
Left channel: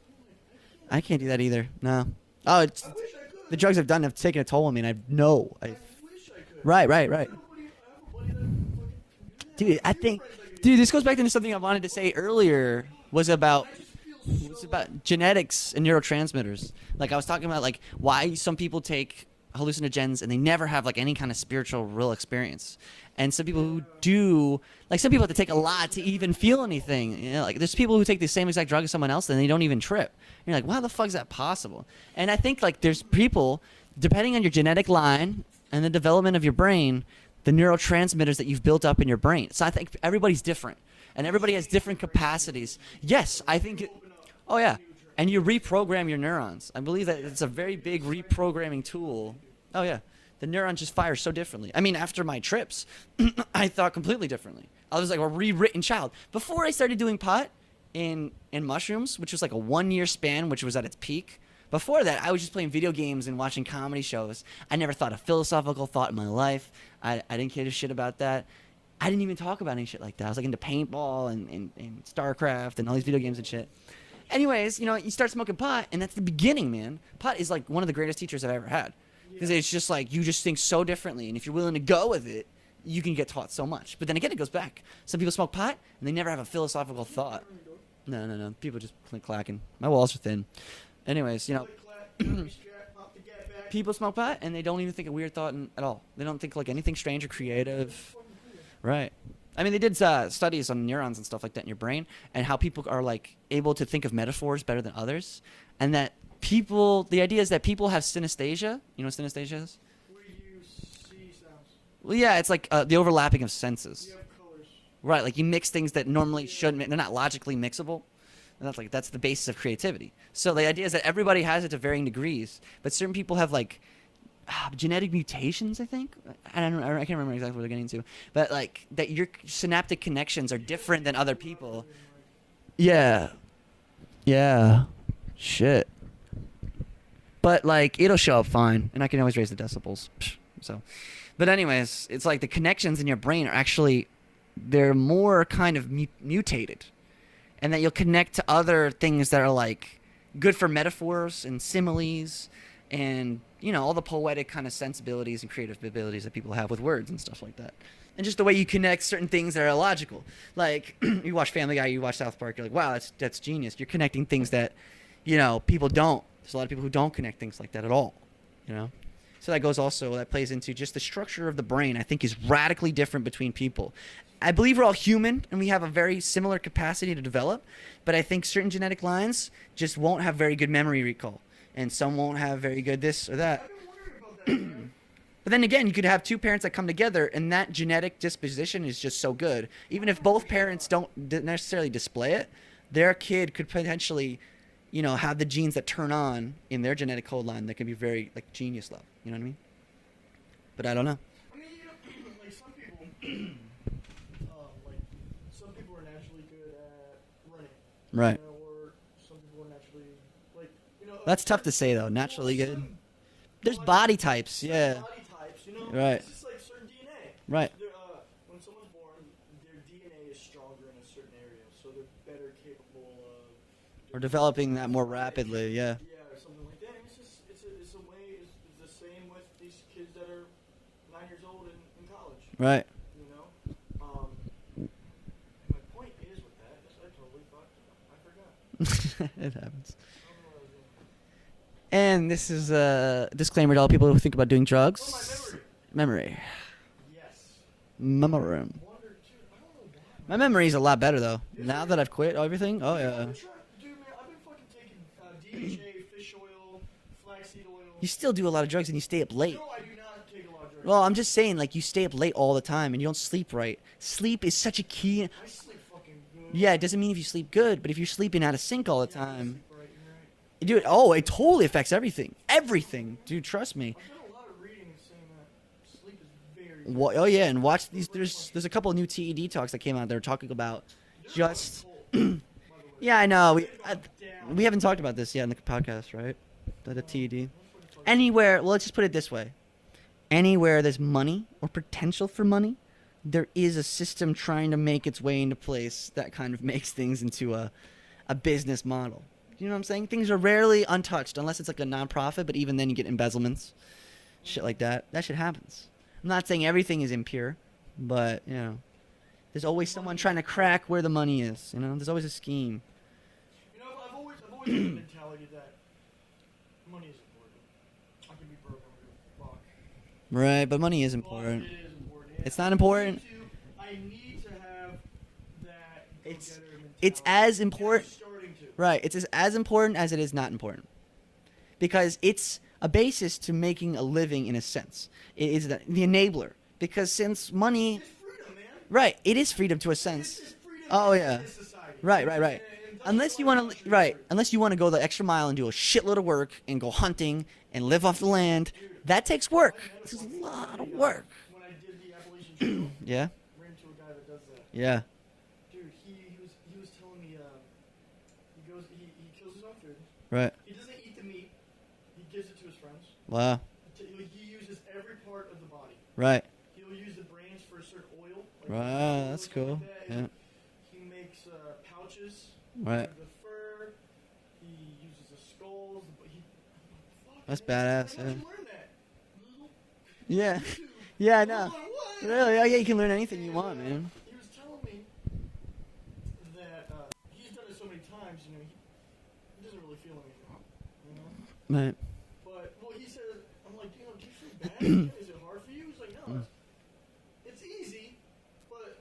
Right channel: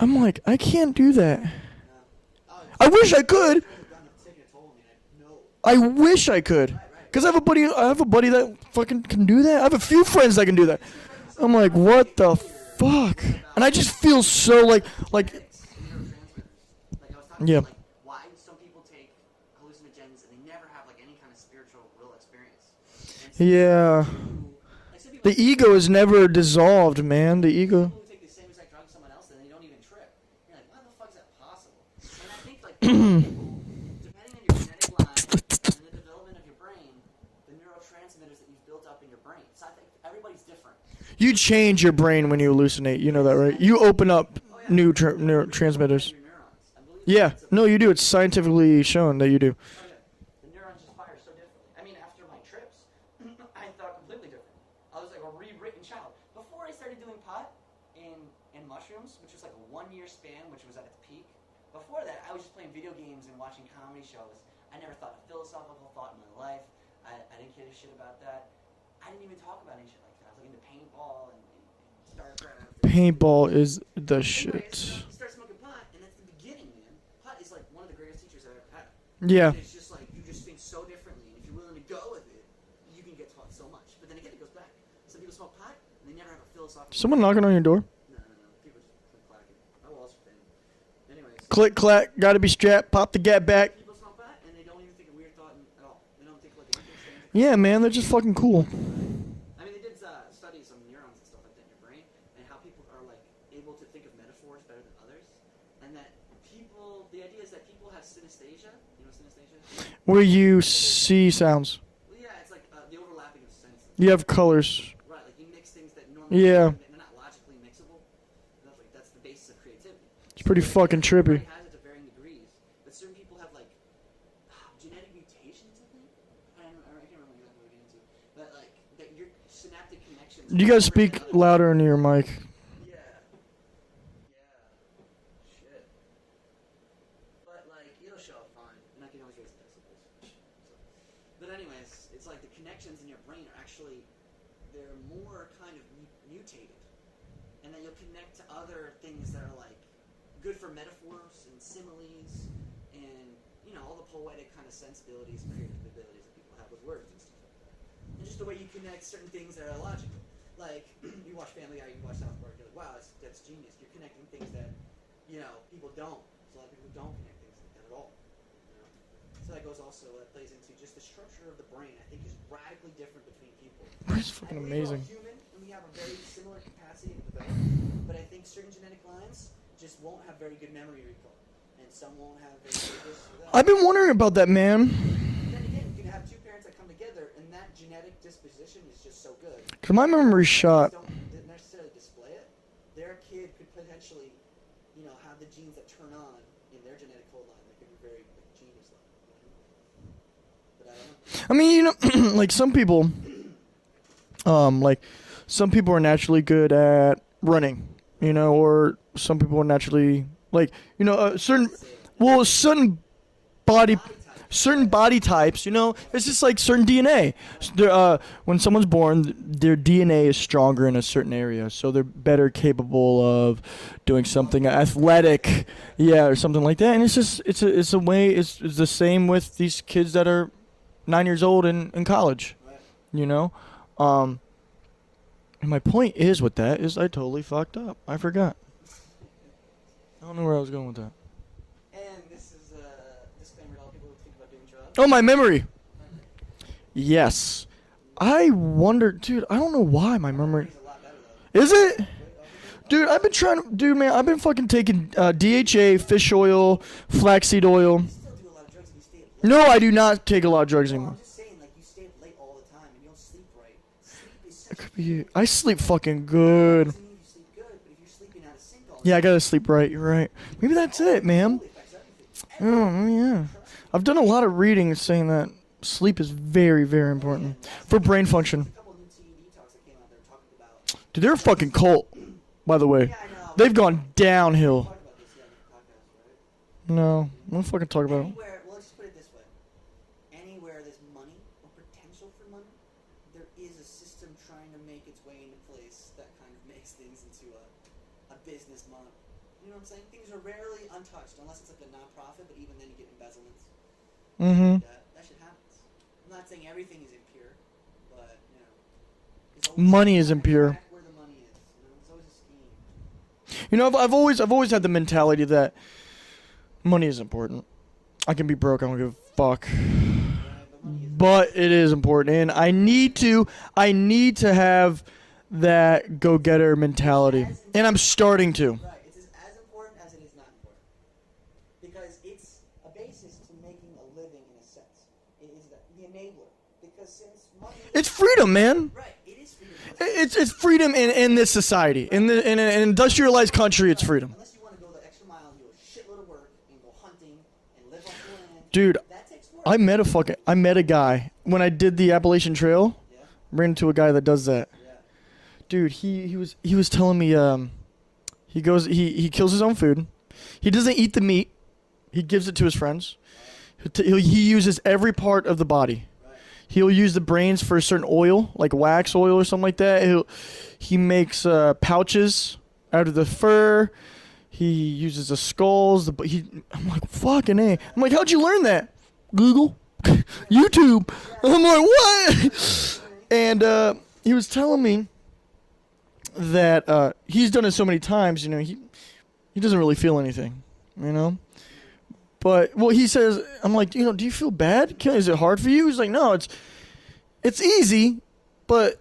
I'm like, I can't I do can't that. do that either. No. Oh, it's, I wish I the could. drugs I've done have taken a toll on me, and I know. I wish I could. Right. Because I have a buddy that fucking can do that. I have a Dude, I few think- friends that can do Dude, that. this goes back to something I'm I like, wanted what to say the earlier. fuck? Was about And I just feel so like genetics and neurotransmitters. Like I was talking Yeah. about, like why some people take hallucinogens and they never have like any kind of spiritual real experience, and some Yeah. people do. Like some people The take a ego lot is to never even feel dissolved, anything. man. You know, The like, there's ego- people who take the same exact drug as someone else and they don't even trip. And you're like, wow, the fuck is that possible? And I think like there's people, depending on your genetic line and the development of your brain, the neurotransmitters that you've built up in your brain. So I think everybody's different. And you everybody has change your different brain when you capacities. hallucinate. You Yes, know that, I right? You think- open up Oh yeah, new and you reprogram neurotransmitters. your neurons. I believe that Yeah. it's a No, very you do. big It's scientifically reprogramming shown that tool. you do. Oh yeah, the neuron just fires so differently. I mean, after my trips, I thought completely differently. I was like a rewritten child. Before I started doing pot in mushrooms, which was like a 1 year span, which was at its peak. Before that, I was just playing video games and watching comedy shows. I never thought a philosophical thought in my life. I didn't care a shit about that. I didn't even talk about any shit like that. I was like into paintball and StarCraft and all these video games Paintball and shit. is the shit. Anyways, you start smoking pot, and that's the beginning, man. Pot is like one of the greatest teachers I've ever had. Yeah. 'Cause it's just like you just think so differently, and if you're willing to go with it, you can get taught so much. But then again, it goes back. Some people smoke pot, and they never have a philosophical. Someone thought. knocking on your door. No. People just click clacking. My walls are thin. Anyways, yeah. Click clack. Gotta be strapped. Pop the gap back. People smoke pot, and they don't even think a weird thought at all. They don't think like anything strange or creative. Yeah, man, they're just fucking cool. Right. I mean, they did studies on neurons and stuff like that in your brain, and how people are like able to think of metaphors better than others, and that the idea is that people have synesthesia. You know what synesthesia is? Where you see sounds. Well, yeah, it's like the overlapping of senses. You have colors. Right, like you mix things that normally Yeah. shouldn't. They're not logically mixable. And that's the basis of creativity. So the pretty idea is that fucking everybody trippy. has it to varying degrees, but certain people have like genetic mutations. I think I can't remember exactly what they're getting into, but like that your synaptic connections are You guys different speak than other louder people. into your mic. Yeah. Shit. But like it'll show up fine, and I can always raise the decibels. So, but anyways, it's like the connections in your brain are actually they're more kind of mutated. and that you'll connect to other things that are like good for metaphors and similes and, you know, all the poetic kind of sensibilities and creative abilities that people have with words and stuff like that. And just the way you connect certain things that are illogical. Like, you watch Family Guy, you watch South Park, you're like, wow, that's genius. You're connecting things that, you know, people don't. There's a lot of people who don't connect things like that at all, you know? So that plays into just the structure of the brain, I think, is radically different between people. I believe we're all human, and we have a very similar capacity to develop, but I think certain genetic lines just won't have very good memory recall, and some won't have very good this or that. I've been wondering about that, man. But then again, you could have two parents that come together, and that genetic disposition is just so good. My Even if memory's both parents shot. don't necessarily display it, their kid could potentially, you know, have the genes that turn on in their genetic code line that can be very, like, genius level. You know what I mean? But I don't know. I mean, you know, like some people are naturally good at running, you Right. know, or some people are naturally like, you know, That's certain tough to say, though. well, certain There's body body types. certain yeah. body types, you know, Right. it's just like certain DNA. Right. When someone's born, their DNA is stronger in a certain area, so they're better capable of doing something Developing more athletic, rapidly, yeah. or something like that. And it's just it's a way. It's the same with these kids that are 9 years old in college, Right. you know. And my point is with that is I totally fucked up. I forgot. It happens. I don't know where I was going with that. And this is a disclaimer to all people who think about doing drugs. Oh, my memory. Memory. Yes. I wonder, dude. I don't know why my My memory's a lot better, though. Is Now it? that I've quit everything? Oh, Dude, yeah. I've been trying to, man. I've been fucking taking DHA, fish oil, flaxseed oil. You still do a lot of drugs and you stay up late. No, I do not take a lot of drugs. Well, anymore. I'm just saying, like, you stay up late all the time and you don't sleep right. Sleep is such a key. I sleep fucking good. Yeah, it doesn't mean if you sleep good, but if you're sleeping out of sync all the Yeah, I time. gotta sleep right. You're right. Maybe Dude, that's it man. totally affects everything. Everything. yeah. Dude, trust me. I've done a lot of reading saying that sleep is very, very Oh, important. yeah, and watch for these- brain there's- function. There's a couple of new TED talks that came out. They're talking about. Dude, they're a just- fucking cult, by the way. Yeah, I know. They've gone downhill. We haven't talked about this yet in the podcast, right? The No, TED. don't fucking talk about it. Anywhere, well, let's just put it this way. Anywhere there's money or potential for money, there is a system trying to make its way into place that kind of makes things into a business model. You know what I'm saying? Things are rarely untouched unless it's like a nonprofit, but even then you get embezzlements, shit like that. That shit happens. I'm not saying everything is impure, but, you know, there's always Money someone is trying impure. to crack where the money is. You know, there's always a scheme. You know, I've always had the mentality that money is important. I can be broke. I don't give a fuck. Right, but money is But important. it is important, and It's not I need to have that go-getter mentality. as and I'm important- starting to. Right. It's as important as it is not important. Because it's a basis to making a living in a sense. It is the enabler. Because since money... It's freedom, man. Right. It is freedom to a sense. It's freedom Oh, in yeah. this society. Right, in, right, the, right. in an Unless you industrialized wanna- country, it's right, freedom. Unless you want to go the extra mile and do a shitload of work and go hunting and live off the land. Dude, That takes work. I met a guy when I did the Appalachian Trail. Yeah? Ran into a guy that does that. Yeah. Dude, he was telling me he kills his own food. Right. He doesn't eat the meat. He gives it to his friends. Wow. He uses every part of the body. Right. He'll use the brains for a certain oil, like wax Wow, oil or that's something like cool. that. Yeah. He makes pouches Right. out of the fur. He uses the skulls. I'm like, fucking That's A. badass, I'm like, how'd you man. learn that? Google. Yeah. YouTube. Yeah, I I'm know. like, what? Yeah, you can learn anything you And want, man. he was telling me that he's done it so many times, you know, he doesn't really feel anything, you know? Right. But, well, he says, I'm like, you know, do you feel bad? Is it hard for you? He's like, no, it's easy, but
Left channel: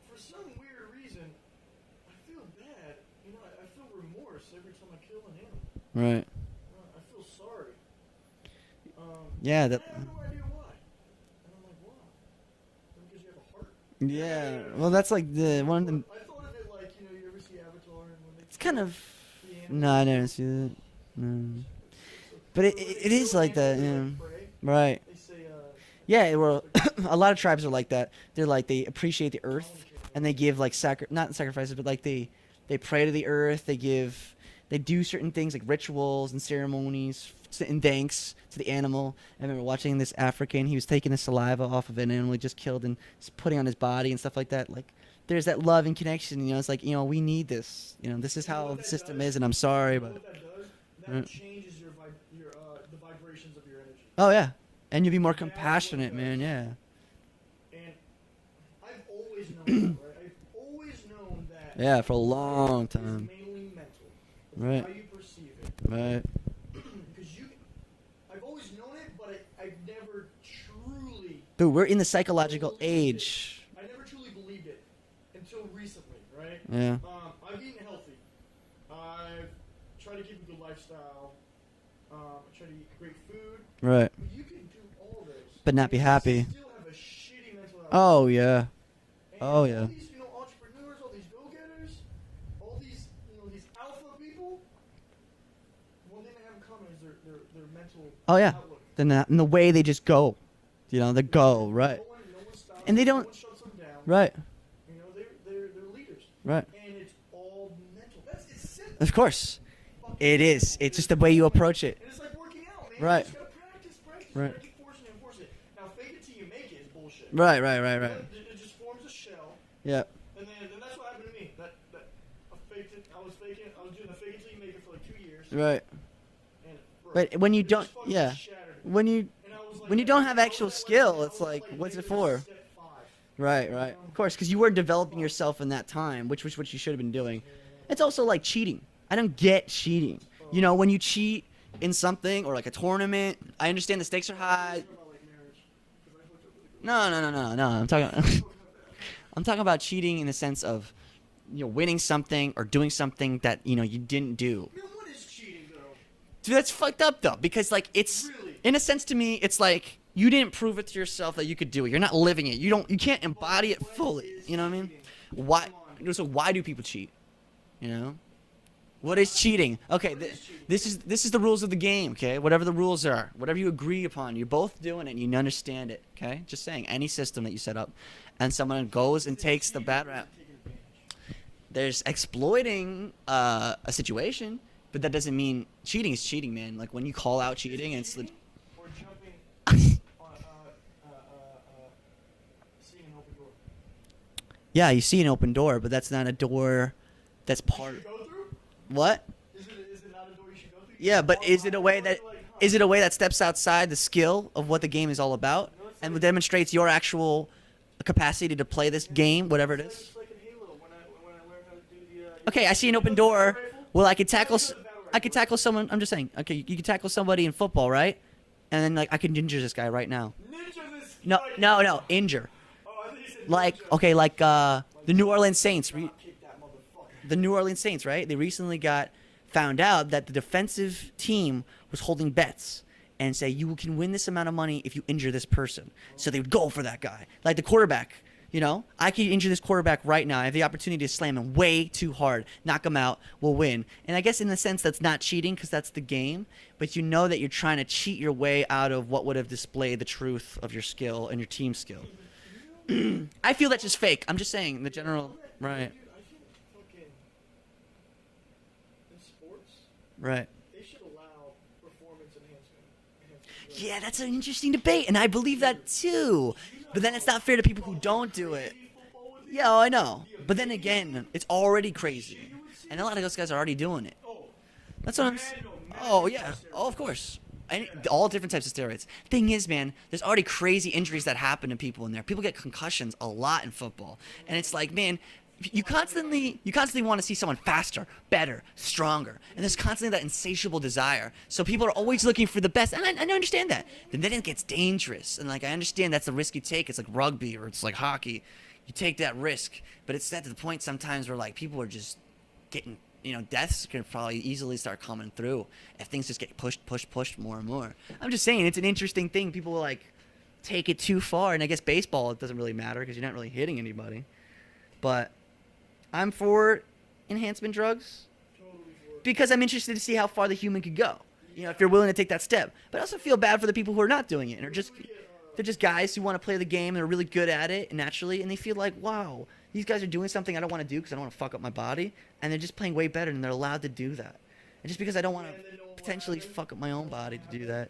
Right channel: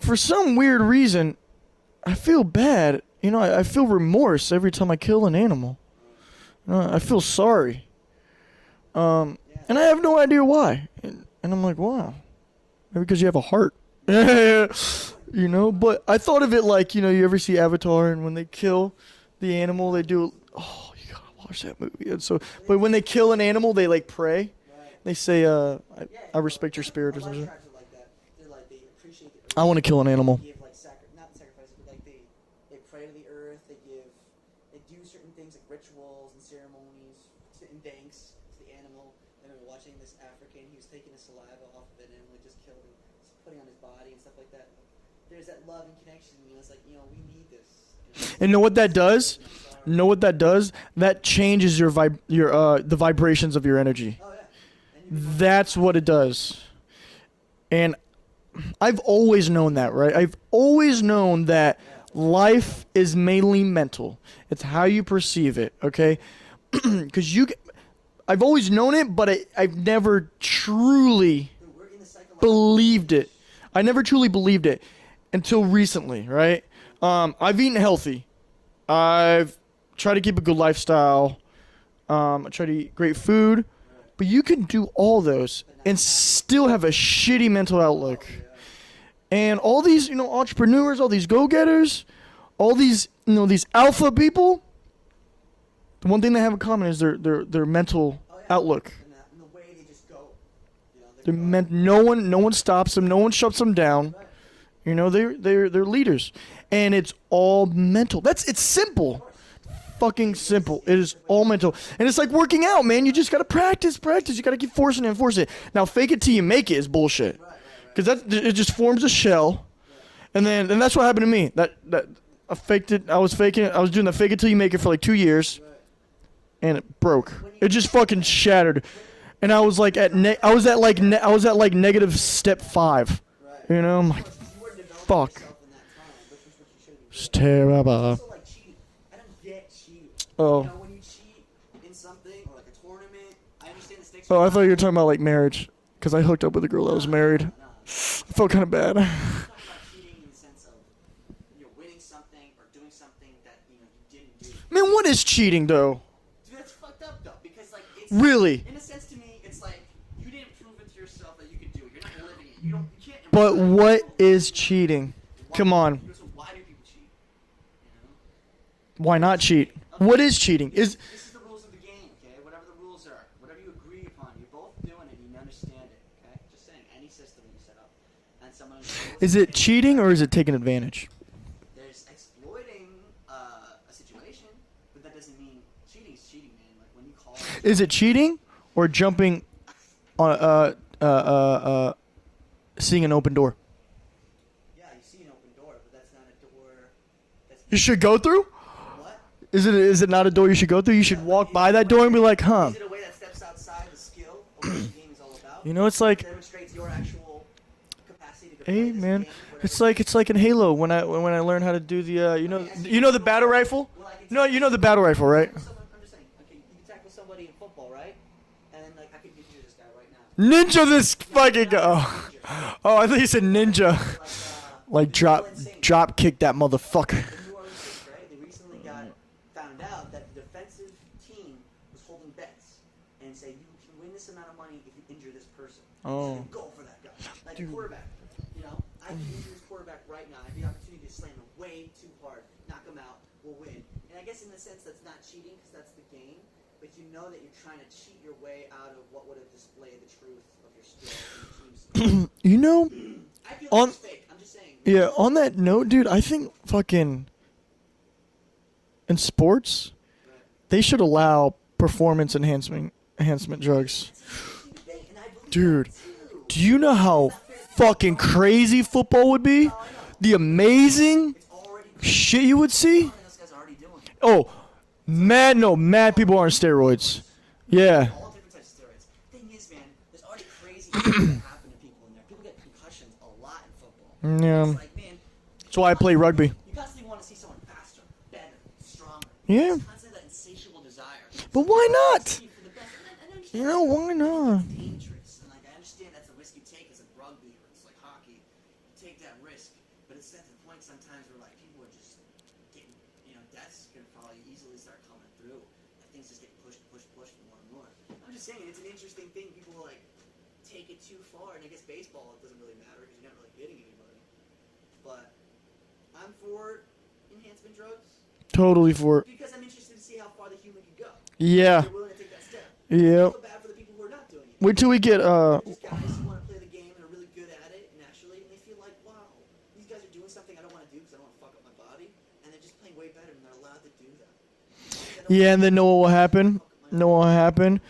for some weird reason, I feel bad. You know, I feel remorse every time I kill an animal. Right. I feel sorry. Yeah. And I have no idea why. And I'm like, wow. Maybe because you have a heart. Well, that's like You the know, one- but I thought of it like, you know, you ever see Avatar and when they kill kind of- the animal, No, I they never do. see that. Oh, you gotta No. watch that movie. It's so. But But when they it kill is an like animal, that, they yeah. like pray. Right. They say, Yeah. I well, respect your spirit. A or lot of something. tribes are like that. They're like they appreciate the earth. I want to kill an and animal. they give like not sacrifices, but like they pray to the earth. They do certain things like rituals and ceremonies and thanks to the animal. I remember watching this African. He was taking the saliva off of an animal he just killed and putting on his body and stuff like that. Like there's that love and connection. You know, it's like, you know, we need this. You know, this is And know how what the that system does? is, and I'm sorry. You know what that does? That Mm. changes the vibrations of your energy. Oh yeah, and you'll be more. That's what it compassionate, does. Man, And I've always known that, right? I've always known that yeah. Yeah, for a life long is time. mainly mental. It's Yeah. how you perceive it, okay? Right. Because I've always known it, but I've never truly Dude, we're in the psychological believed it. age. I never truly believed it until recently, right? Yeah. I've eaten healthy. I've tried to keep a good lifestyle. I try to eat great food. Right. But you can do all those But not and be happy. still have a shitty mental outlook. Oh yeah. And Oh, all yeah. these, entrepreneurs, all these go-getters, all these, these alpha people, the one thing they have in common is their mental Oh yeah. outlook. And the way they just go. You know, they They're go. men- Right. No one stops And they them. No don't- one shuts them down. Right. They're leaders. Right. And it's all mental. It's simple. Of course. Fucking It is. simple. It's It just is the way all you mental. approach it. And it's like working out, man. You Right. just gotta practice. You Right. gotta keep forcing it and forcing it. Now, fake it till you make it is bullshit. Right. Because it just forms a shell, Yeah. and that's what happened to me. That I faked it. I was faking it. I was doing the fake it till you make it for like 2 years, Right. and it broke. But when you it just don't- fucking yeah. shattered. When you. And I was like When you at don't have I was at actual like skill, I was it's at like like, what's it negative for? step 5. Right. You right. know, I'm Of course, because you were developing fuck. yourself in that time, which was what you should have been doing. It's terrible. It's also like cheating. I don't get cheating. Oh. You know, when you cheat in something or like a tournament, I understand the stakes are Oh, I high. thought you were talking about like marriage, because I hooked up with a girl that was married. No. I'm talking. Felt kind of bad. I'm talking about cheating in the sense of, winning something or doing something that you didn't do. Man, what is cheating though? Dude, that's fucked up though, because like it's Really? in a sense to me, it's like you didn't prove it to yourself that you could do it. You're not living it. You can't But embody it what fully, is you know what I mean? cheating? Why, Come on. So why do people cheat? You know. Why What is not cheating? Okay. What is cheating? This is the rules of the game, okay? Whatever the rules are, whatever you agree upon, you're both doing it and you understand it, okay? Just saying, any system that you set up, and someone goes Is and it takes the cheating or is background. it taking advantage? There's exploiting a situation, but that doesn't mean cheating is cheating, man. Like when you call out cheating. Is it it's- cheating or jumping on seeing an open door? Yeah, you see an open door, but that's not a door that's You should go through? What? Is it not a door you should go through? You Yeah, should but walk is by it a that way door and be like, huh? Is it a way that steps outside the skill of what the game is all about? You know, it's and like- demonstrates your actual capacity to play Hey, this man. game, whatever. It's like in Halo when I learned how to do the Okay, I see an you know open the battle door. rifle? Well, I could You know- tackle. you know the battle I rifle, could right? tackle someone. I'm just saying. Okay, you could tackle somebody in football, right? And then like I could injure this guy right now. Ninja this No, fucking no, guy. no, injure. Oh, I thought you said Like, ninja. okay, like like the New drop, Orleans Saints. drop kick that motherfucker. The New Orleans Saints, right? They recently found out that the defensive team was holding bets and say you can win this amount of money if you injure this person. So they would go for that guy, like the quarterback. You know, I could injure this quarterback right now. I have the opportunity to slam him way too hard, knock him out, we'll win. And I guess in a sense that's not cheating because that's the game, but you know that you're trying to cheat your way out of what would have displayed the truth of your skill and your team skill. You know, I feel that's On- just fake. I'm just saying. the yeah. general- On that note, right, dude, I think fucking in sports Right. they should allow performance enhancement drugs. Yeah, that's an interesting debate, and I believe Dude, that too. Do you know But then how it's not fair to people who fucking don't do crazy football would be? No, I know. The But then amazing again, it's already crazy. Shit you would And see. a lot of those guys are already doing it. Oh, That's what mad Oh, people yeah. are on Oh, of steroids. course. Yeah. All different types of steroids. Thing is, man, there's already crazy injuries that happen to people in there. People get concussions a lot in football. And Yeah. it's like, man, That's why I play rugby. You constantly want to see someone faster, better, stronger. Yeah. There's constantly that insatiable desire. So But people why are always not? looking for the best. And I understand Yeah, that. why And then it gets not? dangerous. And like I understand that's the risk you take. It's like rugby or it's like hockey. You take that risk. But it's at the point sometimes where like people are just getting, deaths can probably easily start coming through if things just get pushed more and more. I'm just saying it's an interesting thing. People will like take it too far, and I guess baseball it doesn't really matter because you're not really hitting anybody. But I'm for enhancement drugs Totally for it. because I'm interested to see how far the human could go. Yeah. If you're willing to take that step. I also Yep. feel bad for the people who are not doing it. Wait till we get They're just guys who want to play the game. They're really good at it naturally, and they feel like, wow, these guys are doing something I don't want to do because I don't want to fuck up my body, and they're just playing way better, and they're allowed to do that. And just because I don't. Yeah, want and then know what will potentially happen? fuck up my own Know what will body to do happen?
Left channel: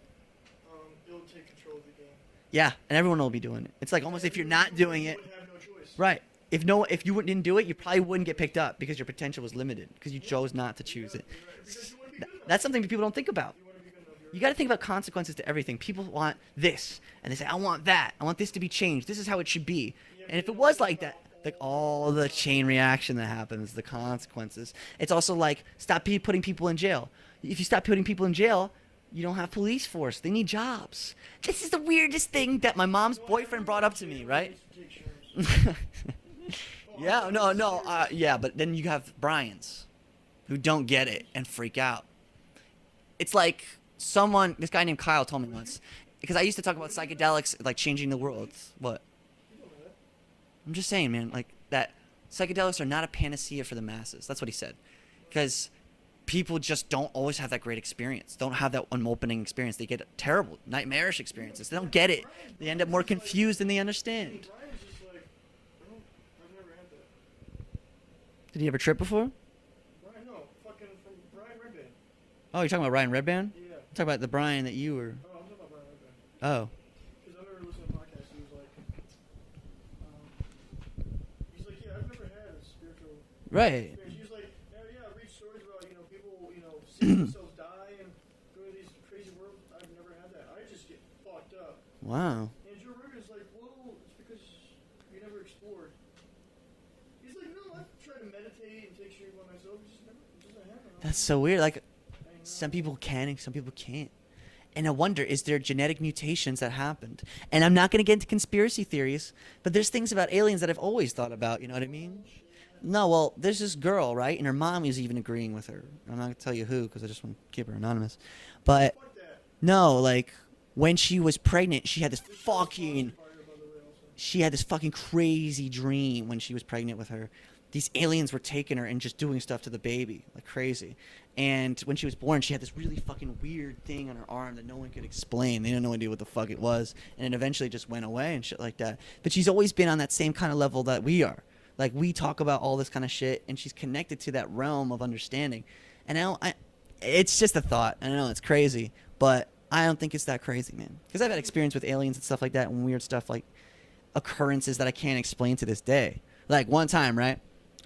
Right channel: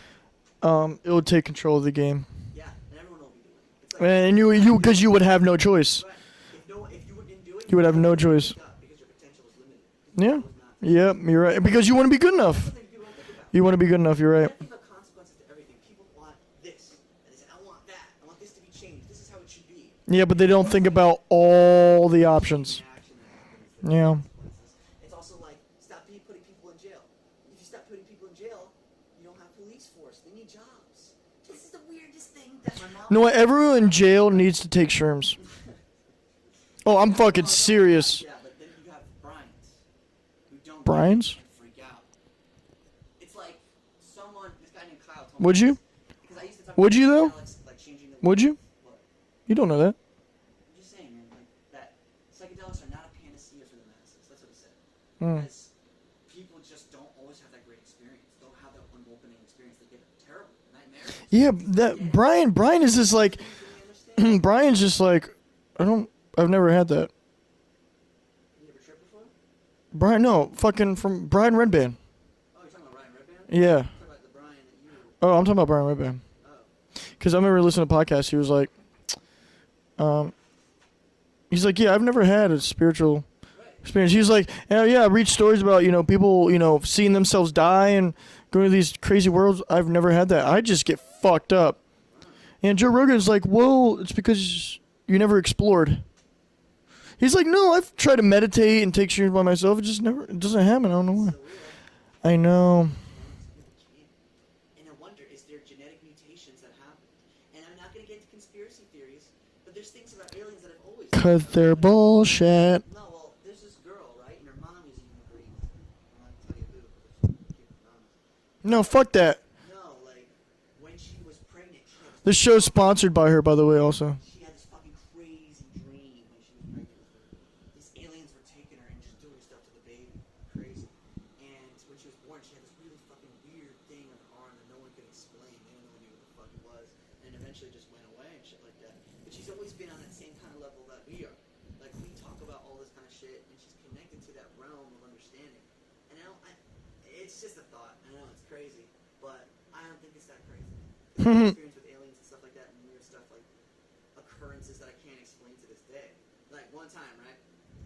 that. It would take control of the game. Yeah, and everyone will be doing it. It's like almost And if you're not because doing you it- would have no choice. right. if you didn't do it, You would have probably no wouldn't get choice. picked up because your potential was limited because you Yeah. chose not to choose Yeah, it. you're right. Because you want to be good enough. That's something that people don't think about. You want to be good enough. You're You right. got to think about consequences to everything. People want this, and they say, "I want that. I want this to be changed. This is how it should be." Yeah, but And they if it don't was think like about that, all the chain options. reaction that happens, the Yeah. consequences. It's also like stop putting people in jail. If you stop putting people in jail, you don't have police force. They need jobs. This is the weirdest thing that my mom's. You know what? boyfriend Everyone brought in up to me, jail right? needs to take shrooms. Oh, I'm Yeah, fucking no, serious. yeah, but then you have Bryans who don't get Bryans? it and freak out. It's like this guy named Kyle told me. Would you? this, because I used to talk Would about you, though? psychedelics like changing the world. Would you? What? You don't know that. I'm just saying, man, like that psychedelics are not a panacea for the masses. That's what he said. Because people just don't always have that great experience. Don't have that opening experience. They get terrible, nightmarish Yeah, experiences. They don't get it. Brian They end up is more just like confused than they understand. Brian's just like I've never had that. Did he ever trip before? Brian, no, fucking from Brian Redband. Oh, you're talking about Ryan Redband? Yeah. Talk about the Brian that you were. Oh, I'm talking about Brian Redband. Oh. Because I remember listening to podcasts. He was like, he's like, yeah, I've never had a spiritual Right. experience. He was like, yeah, I read stories about people seeing themselves die and going to these crazy worlds. I've never had that. I just get fucked up. Wow. And Joe Rogan's like, well, it's because you never explored. He's like, no, I've tried to meditate and take shrooms by myself. It doesn't happen. I don't know That's why. so weird. Like, I know. some people can and some people can't. And I wonder, is there genetic mutations that happened? And I'm not going to get into conspiracy theories, but there's things about aliens that I've always thought Because about. they're you know what I mean? bullshit. No, well, there's this girl, right? And her mom is even agreeing with her. I'm not going to tell you who because I just want to keep her anonymous. No, But fuck that. no, like, when she was pregnant, she had this This show's fucking- sponsored by her, by the way, also. She had this fucking crazy dream when she was pregnant with her. These aliens were taking her and just doing stuff to the baby like crazy. And when she was born, she had this really fucking weird thing on her arm that no one could explain. They had no idea what the fuck it was. And it eventually just went away and shit like that. But she's always been on that same kind of level that we are. Like, we talk about all this kind of shit, and she's connected to that realm of understanding. And it's just a thought. I know it's crazy, but I don't think it's that crazy, man. Because I've had experience with aliens and stuff like that and weird stuff, like occurrences that I can't explain to this day. Like, one time, right?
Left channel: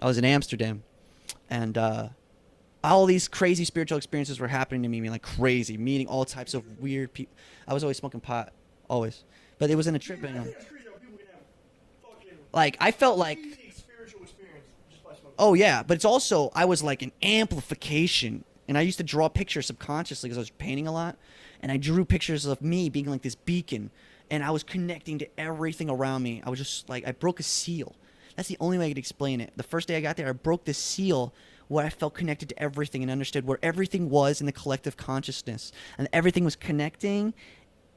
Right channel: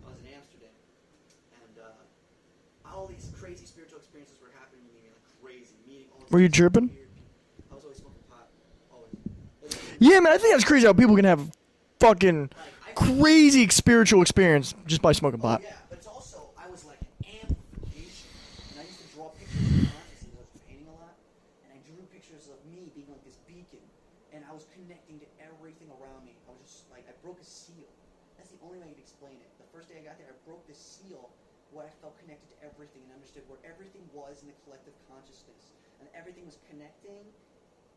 I was in Amsterdam, and all these crazy spiritual experiences were happening to me, like crazy, meeting all types Were you of tripping? weird people. I was always smoking pot, always. But it was in a Yeah, man, I think that's crazy how people can have fucking like I felt like crazy spiritual experience just by smoking pot. oh yeah, but it's also I was like an amplification, and I used to draw pictures subconsciously because I was painting a lot, and I drew pictures of me being like this beacon, and I was connecting to everything around me. I was just like I broke a seal. That's the only way I could explain it. The first day I got there, I broke this seal where I felt connected to everything and understood where everything was in the collective consciousness, and everything was connecting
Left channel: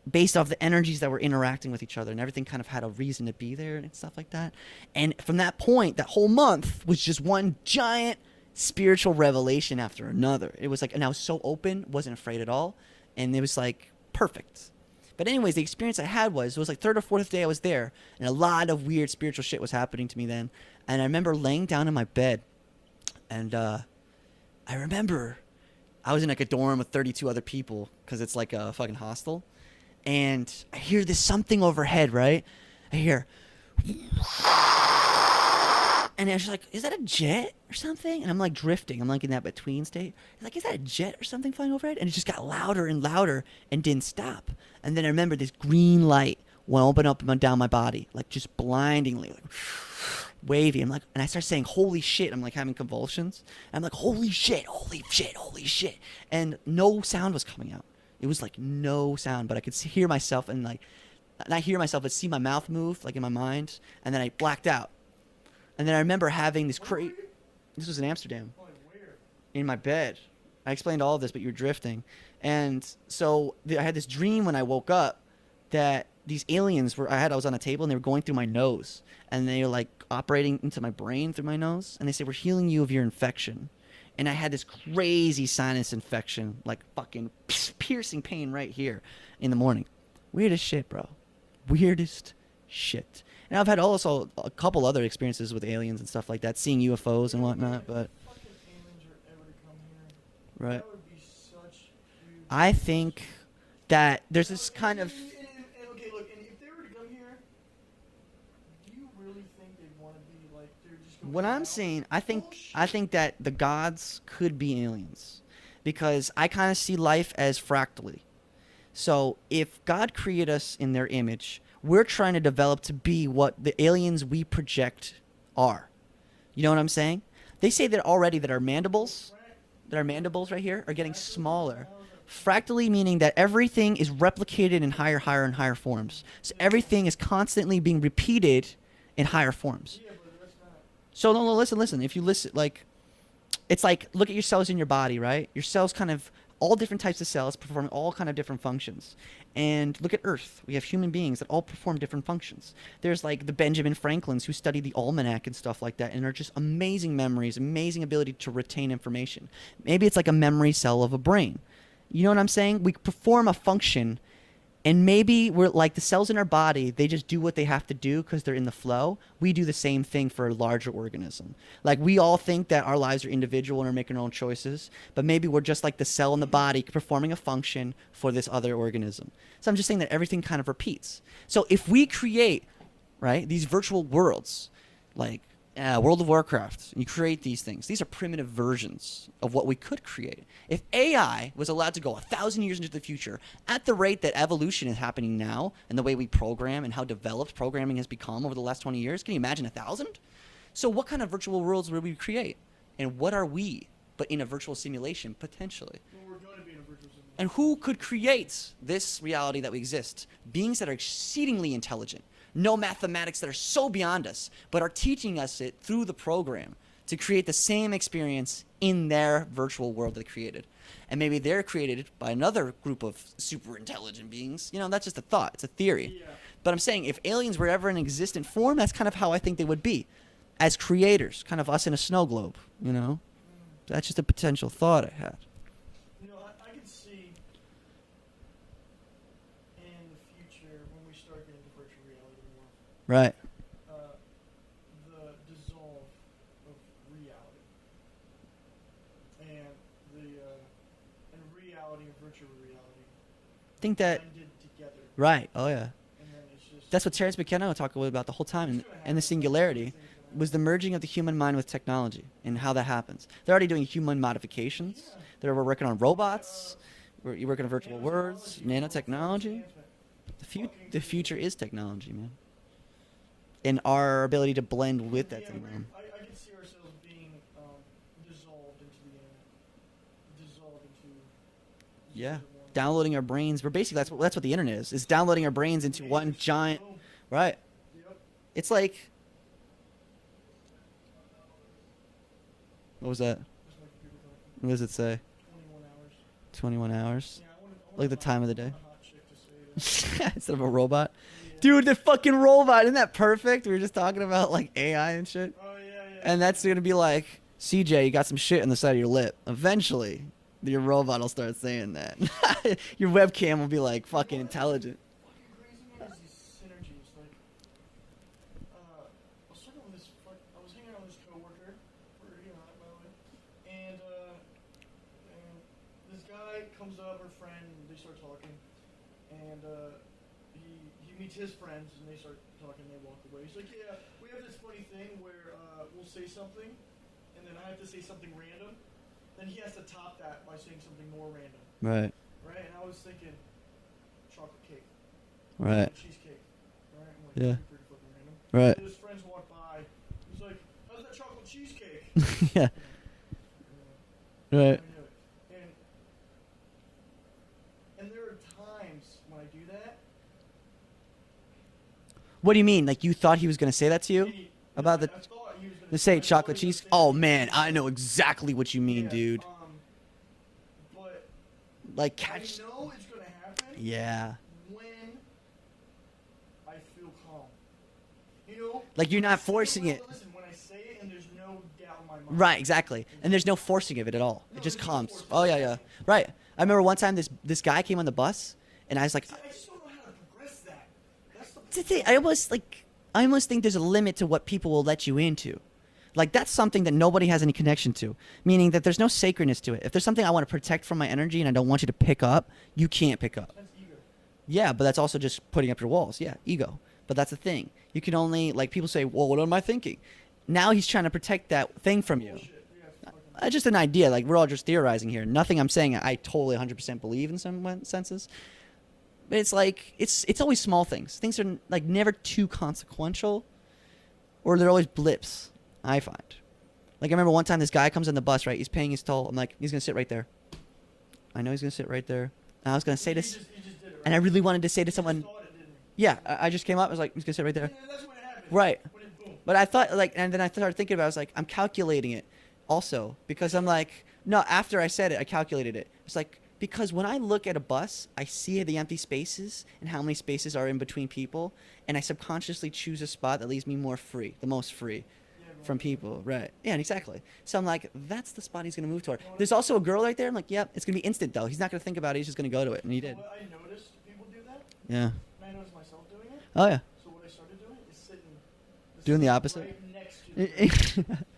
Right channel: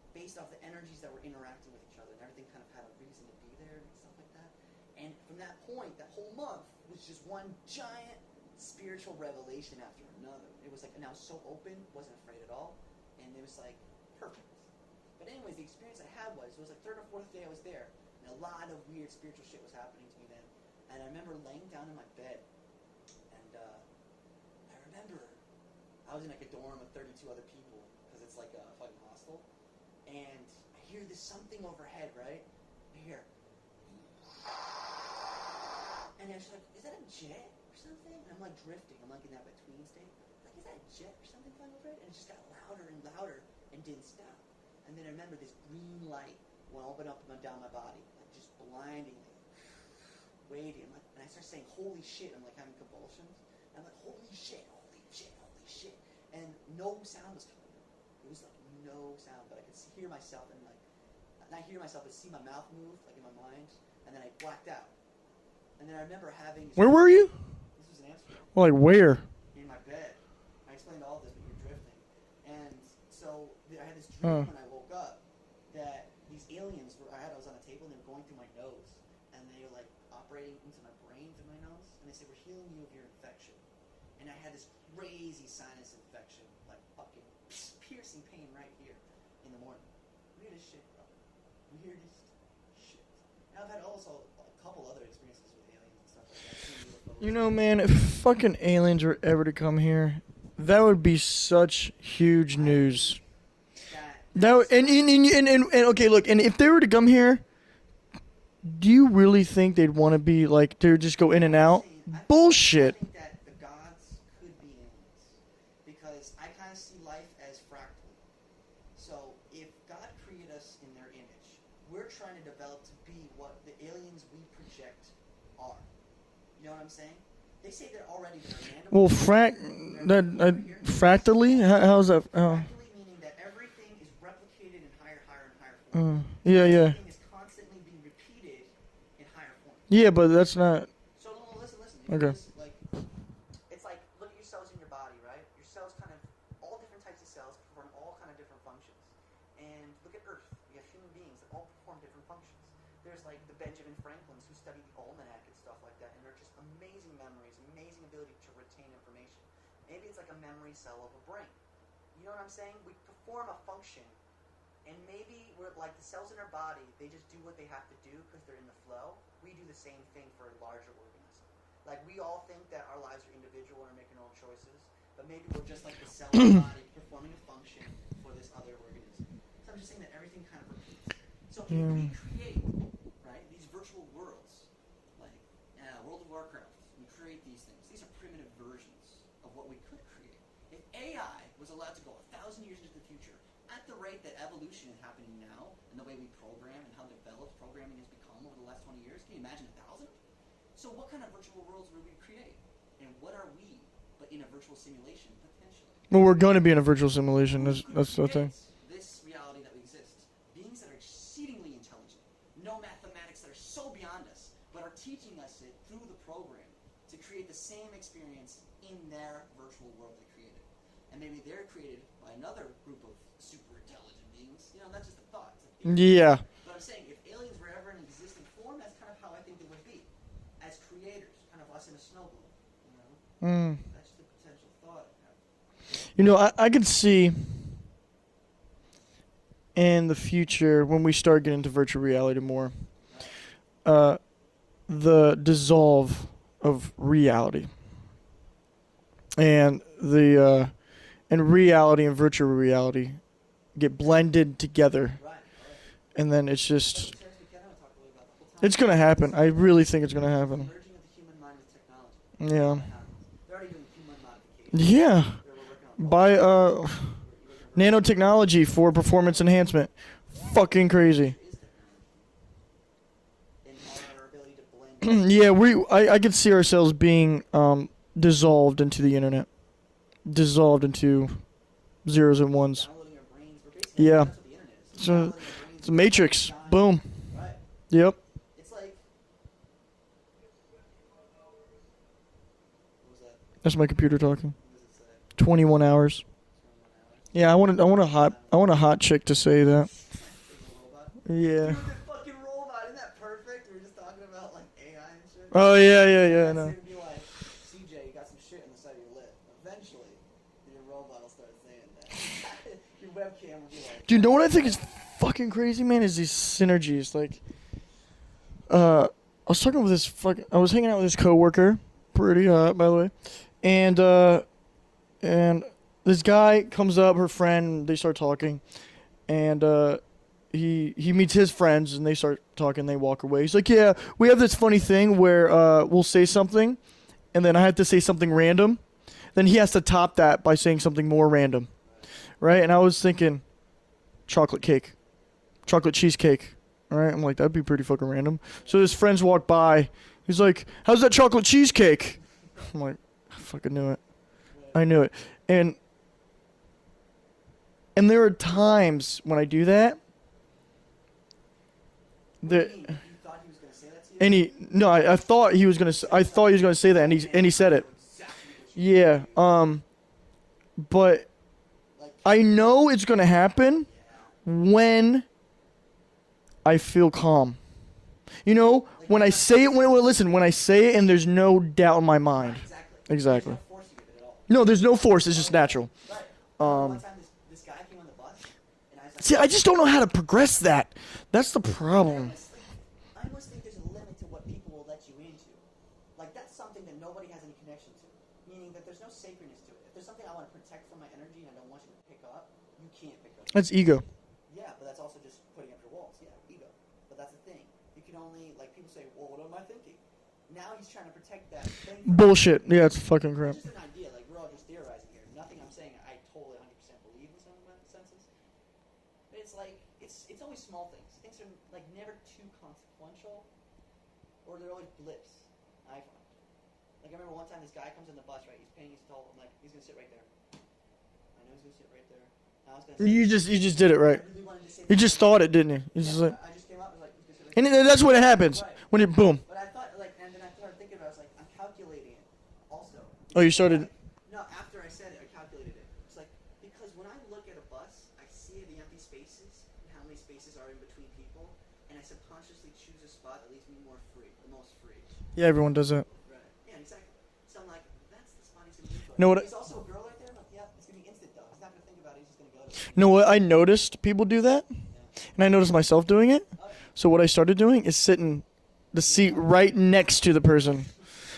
based off the energies that were interacting with each other, and everything kind of had a reason to be there and stuff like that. And from that point, that whole month was just one giant spiritual revelation after another. It was like, and I was so open, wasn't afraid at all, and it was like perfect. But anyways, the experience I had was, it was like third or fourth day I was there, and a lot of weird spiritual shit was happening to me then. And I remember laying down in my bed, and I remember I was in like a dorm with 32 other people, because it's like a fucking hostel. And I hear this something overhead, right? I hear, and I was like, is that a jet or something? And I'm like drifting. I'm like in that between state. Like, is that a jet or something flying overhead? And it just got louder and louder and didn't stop. And then I remember this green light went open up and down my body, like just blindingly, like wavy. I'm like, and I start saying, holy shit. I'm like having convulsions. And I'm like, holy shit, holy shit, holy shit. And no sound was coming out. It was like no sound, but I could hear myself and like, not hear myself, but see my mouth move like in my mind. And then I blacked out. And then I remember having this. Where were you? This was in Amsterdam. Well, like where? In my bed. I explained all of this, but you were drifting. And so I had this dream when I woke up that these aliens I was on a table and they were going through my nose. And they were like operating into my brain through my nose. And they said, we're healing you of your infection. And I had this crazy sinus infection, like fucking piercing pain right here in the morning. Weirdest shit, bro. Weirdest shit. And I've had also a couple other experiences with aliens and stuff like that, seeing UFOs You and know, whatnot. man, if but fucking aliens were ever to come here, Right. that would be such huge I news. think that there's That this would- kind of- and okay, look, and if they were to come here, do you really think they'd want to be like they would just go in What and I'm out? saying, I think, Bullshit. I think that the gods could be aliens, because I kind of see life as fractally. So if God created us in their image, we're trying to develop to be what the aliens we project are. You know what I'm saying? They say that already that our well, mandibles, that our mandibles right here, are getting fractally. smaller. How's that? Fractally meaning that everything is replicated in higher and higher forms. So Yeah, yeah. everything is constantly being repeated in higher forms. Yeah, but that's not. So no, listen. If you Okay. listen, like, it's like, look at your cells in your body, right? Your cells kind of, all different types of cells performing all kind of different functions. And look at Earth. We have human beings that all perform different functions. There's like the Benjamin Franklins who study the almanac and stuff like that and are just amazing memories, amazing ability to retain information. Maybe it's like a memory cell of a brain. You know what I'm saying? We perform a function, and maybe we're like the cells in our body, they just do what they have to do because they're in the flow. We do the same thing for a larger organism. Like, we all think that our lives are individual and are making our own choices, but maybe we're just like the cell in the body performing a function for this other organism. So I'm just saying that everything kind of repeats. So if we create, right, these virtual worlds, like World of Warcraft, you create these things. These are primitive versions of what we could create. If AI was allowed to go 1,000 years into the future at the rate that evolution is happening now, and the way we program and how developed programming has become over the last 20 years, can you imagine 1,000? So what kind of virtual worlds would we create? And what are we but in a virtual simulation, potentially? Well, we're going to be in a virtual And simulation. who that's- could that's the thing. create this reality that we exist? Beings that are exceedingly intelligent, know mathematics that are so beyond us, but are teaching us it through the program to create the same experience in their virtual world they created. And maybe they're created by another group of super intelligent beings. You know, that's just a thought. It's a theory. Yeah. But I'm saying if aliens were ever in existent form, that's kind of how I think they would be. As creators, kind of us in a snow globe, you know? That's just a potential thought I had. You know, I could see in the future when we start getting into virtual reality more, Right. the dissolve of reality and the and reality and virtual reality get Think that- blended together, Right. Oh, yeah. and then it's just That's what Terrence McKenna talked about the whole time. it's gonna in the happen. I really singularity. think it's gonna It was the happen. merging of the human mind with technology and Yeah. how that happens. They're already doing human modification. Yeah, They're working on by robots. You're working on virtual nanotechnology worlds, for performance nanotechnology. enhancement. Fucking The future crazy. is technology, man. And our ability to blend with it. Yeah, I could see ourselves being dissolved into the internet, dissolved into zeros and ones. Downloading our brains. We're basically, Yeah. that's what the internet is. It's So, downloading our brains It's into one Matrix. giant. Boom. Right. Yep. It's like. What was that? That's my computer talking. What does it say? 21 hours. 21 hours? Yeah, I want a Like the time of the day. hot chick to say that. Instead of a robot. Yeah. Dude, the fucking robot. Isn't that perfect? We were just talking about like AI and shit. Oh yeah, yeah, yeah. And that's I know. going to be like, CJ, you got some shit on the side of your lip. Eventually, your robot will start saying that. Your webcam will be like, Dude, you know what I fucking think is intelligent. fucking crazy, man? Is these synergies. Like, I was talking with I was hanging out with this coworker, pretty hot, by the way, and this guy comes up, her friend, they start talking, and he meets his friends, and they start talking. They walk away. He's like, yeah, we have this funny thing where we'll say something, and then I have to say something random. Then he has to top that by saying something more random. Right. Right? And I was thinking chocolate cake, chocolate cheesecake. Right? I'm like, that'd Yeah. be pretty fucking random. Right. So his friends walk by. He's like, how's that chocolate cheesecake? Yeah. I'm like, I fucking knew it. Right. I knew it. And there are times when I do that. What do you that- mean? Like, you thought he was going to say that to you? And I thought he was gonna Just say. I thought he was gonna say that, Oh, and man, he said I it. know exactly what you Yeah. mean, dude. But Like, I know it's gonna happen yeah. when I feel calm. You know, Like, when you're I not say it, forcing wait, it. listen, when I say it and there's no doubt in my mind. Right, exactly. And there's Exactly. no forcing of it at all. No, It just there's no comes. force, it's Oh, just yeah, yeah. natural. Right. I remember one Um, time this guy came on the bus, and I was like, See, I just don't know how to progress that. That's the That's the thing. problem. I almost think there's a limit to what people will let you into. Like, that's something that nobody has any connection to, meaning that there's no sacredness to it. If there's something I want to protect from my energy and I don't want you to pick up, you can't pick up. That's ego. Yeah, but that's also just putting up your walls. Yeah, ego. But that's the thing. You can only like people say, well, what am I thinking? Now he's trying to protect that thing from you. Bullshit. Yeah, it's fucking crap. Just an idea. Like we're all just theorizing here. Nothing I'm saying I totally 100% believe in some senses. But it's like it's always small things. Things are like never too consequential, or they're always blips. I find. Like I remember one time this guy comes on the bus. Right, he's paying his toll. I'm like, he's gonna sit right there. I know he's gonna sit right there. And I was gonna say you this. just did it right. And I really wanted to say to You someone. just thought it, didn't you? Yeah, I just came up. I was like, he's gonna sit right there. And that's what happens. Right. When it boom. But I thought like, and then I started thinking about it, I was like, I'm calculating it also you because I'm started- like, no, after I said it, I calculated it. It's like, because when I look at a bus, I see the empty spaces and how many spaces are in between people, and I subconsciously choose a spot that leaves me more free, the most free. Yeah, everyone from does that. people. Right. Yeah, exactly. So I'm like, that's the spot he's gonna move toward. Know what- There's also a girl right there. I'm like, yep, it's gonna be instant though. He's not gonna think about it. He's just gonna go to it. And You know what? I noticed people do that, Yeah. and I noticed myself doing it. Oh yeah. So what I started doing is sitting the Doing the seat opposite? right next to the person,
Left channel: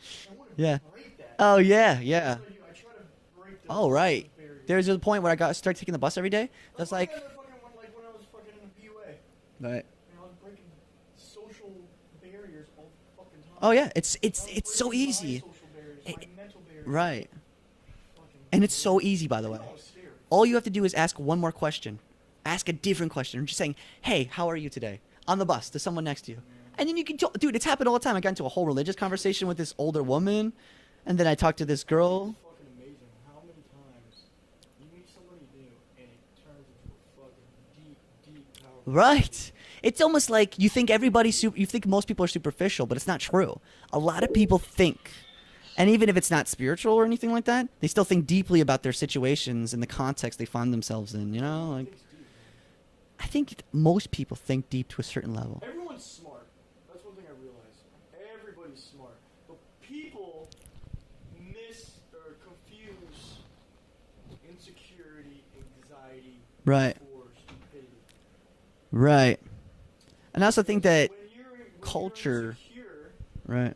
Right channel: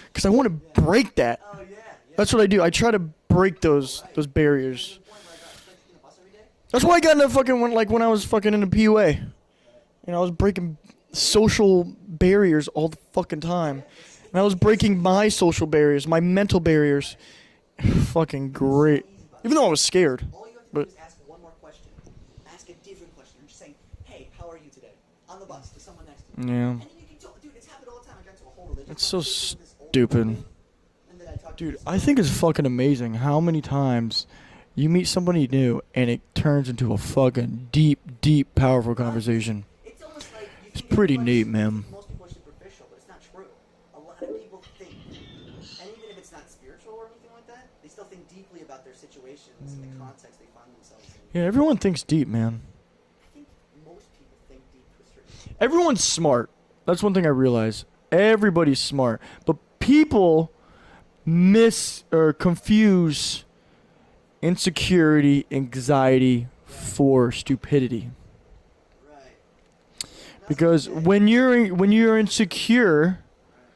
because I want to Yeah. break that. Oh yeah. Yeah. That's what I do. I try to break those right. those barriers. There's a point where I started taking the bus every day. That's why I got into fucking when I was fucking in the PUA. Right. You know, I was breaking social barriers all the fucking time. Oh yeah. It's And I was it's breaking so my easy. social barriers, my mental barriers. Right. Fucking And great. it's so easy, by the Even way. though I was scared. All you have to do But- is ask one more question. Ask a different question. Just saying, hey, how are you today? On the bus to someone next to you. Yeah. And then you can dude, it's happened all the time. I got into a whole religious It's so conversation with this older stupid. woman. And then I talked to this I girl. think it's fucking amazing how many times you meet somebody new and it turns into a fucking deep, powerful Right. conversation. It's almost like you think Pretty everybody's neat, you man. think most people are superficial, but it's not true. A lot of people think, and even if it's not spiritual or anything like that, they still think deeply about their situations and the context they find themselves in. Yeah, you know? everyone Like, thinks deep, man. I think most people think deep to a certain level. Everyone's smart. That's one thing I realize. Everybody's smart, but people miss or confuse insecurity, anxiety Right. for stupidity. Right. And I also Because think that when you're culture- insecure, right,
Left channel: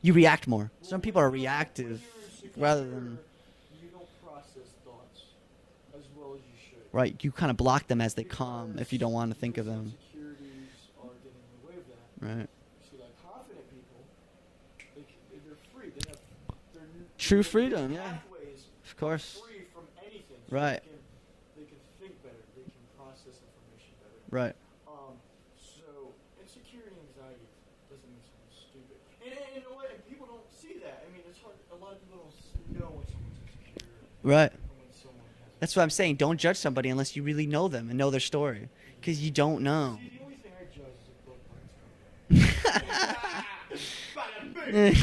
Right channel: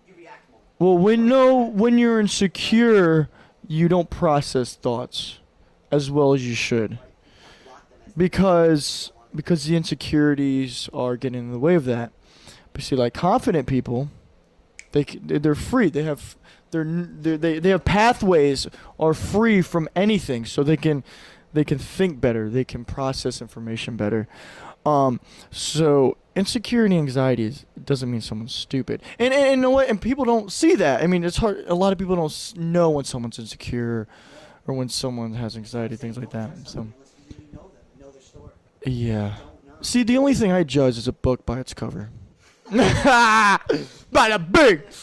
you react more. well, Some people are reactive when you're rather insecure, you don't process thoughts as well as you should. right, you kind of block them as they come if you don't want to because think the of insecurities are getting in the way of that. them. Right. But see, like confident people, they're free. They have True they have freedom. pathways are free from anything, so Right. they can think better. They can process information better. Right. So insecurity and anxiety doesn't mean someone's stupid. And you know what? And people don't see that. I mean, it's hard. A lot of people don't know when someone's insecure Right. or when someone has anxiety. That's what I'm saying. things Don't like judge that. somebody So, unless you really know them and know their story. 'Cause yeah. you don't know. See, the only thing I judge is a book by its cover. Bada bing!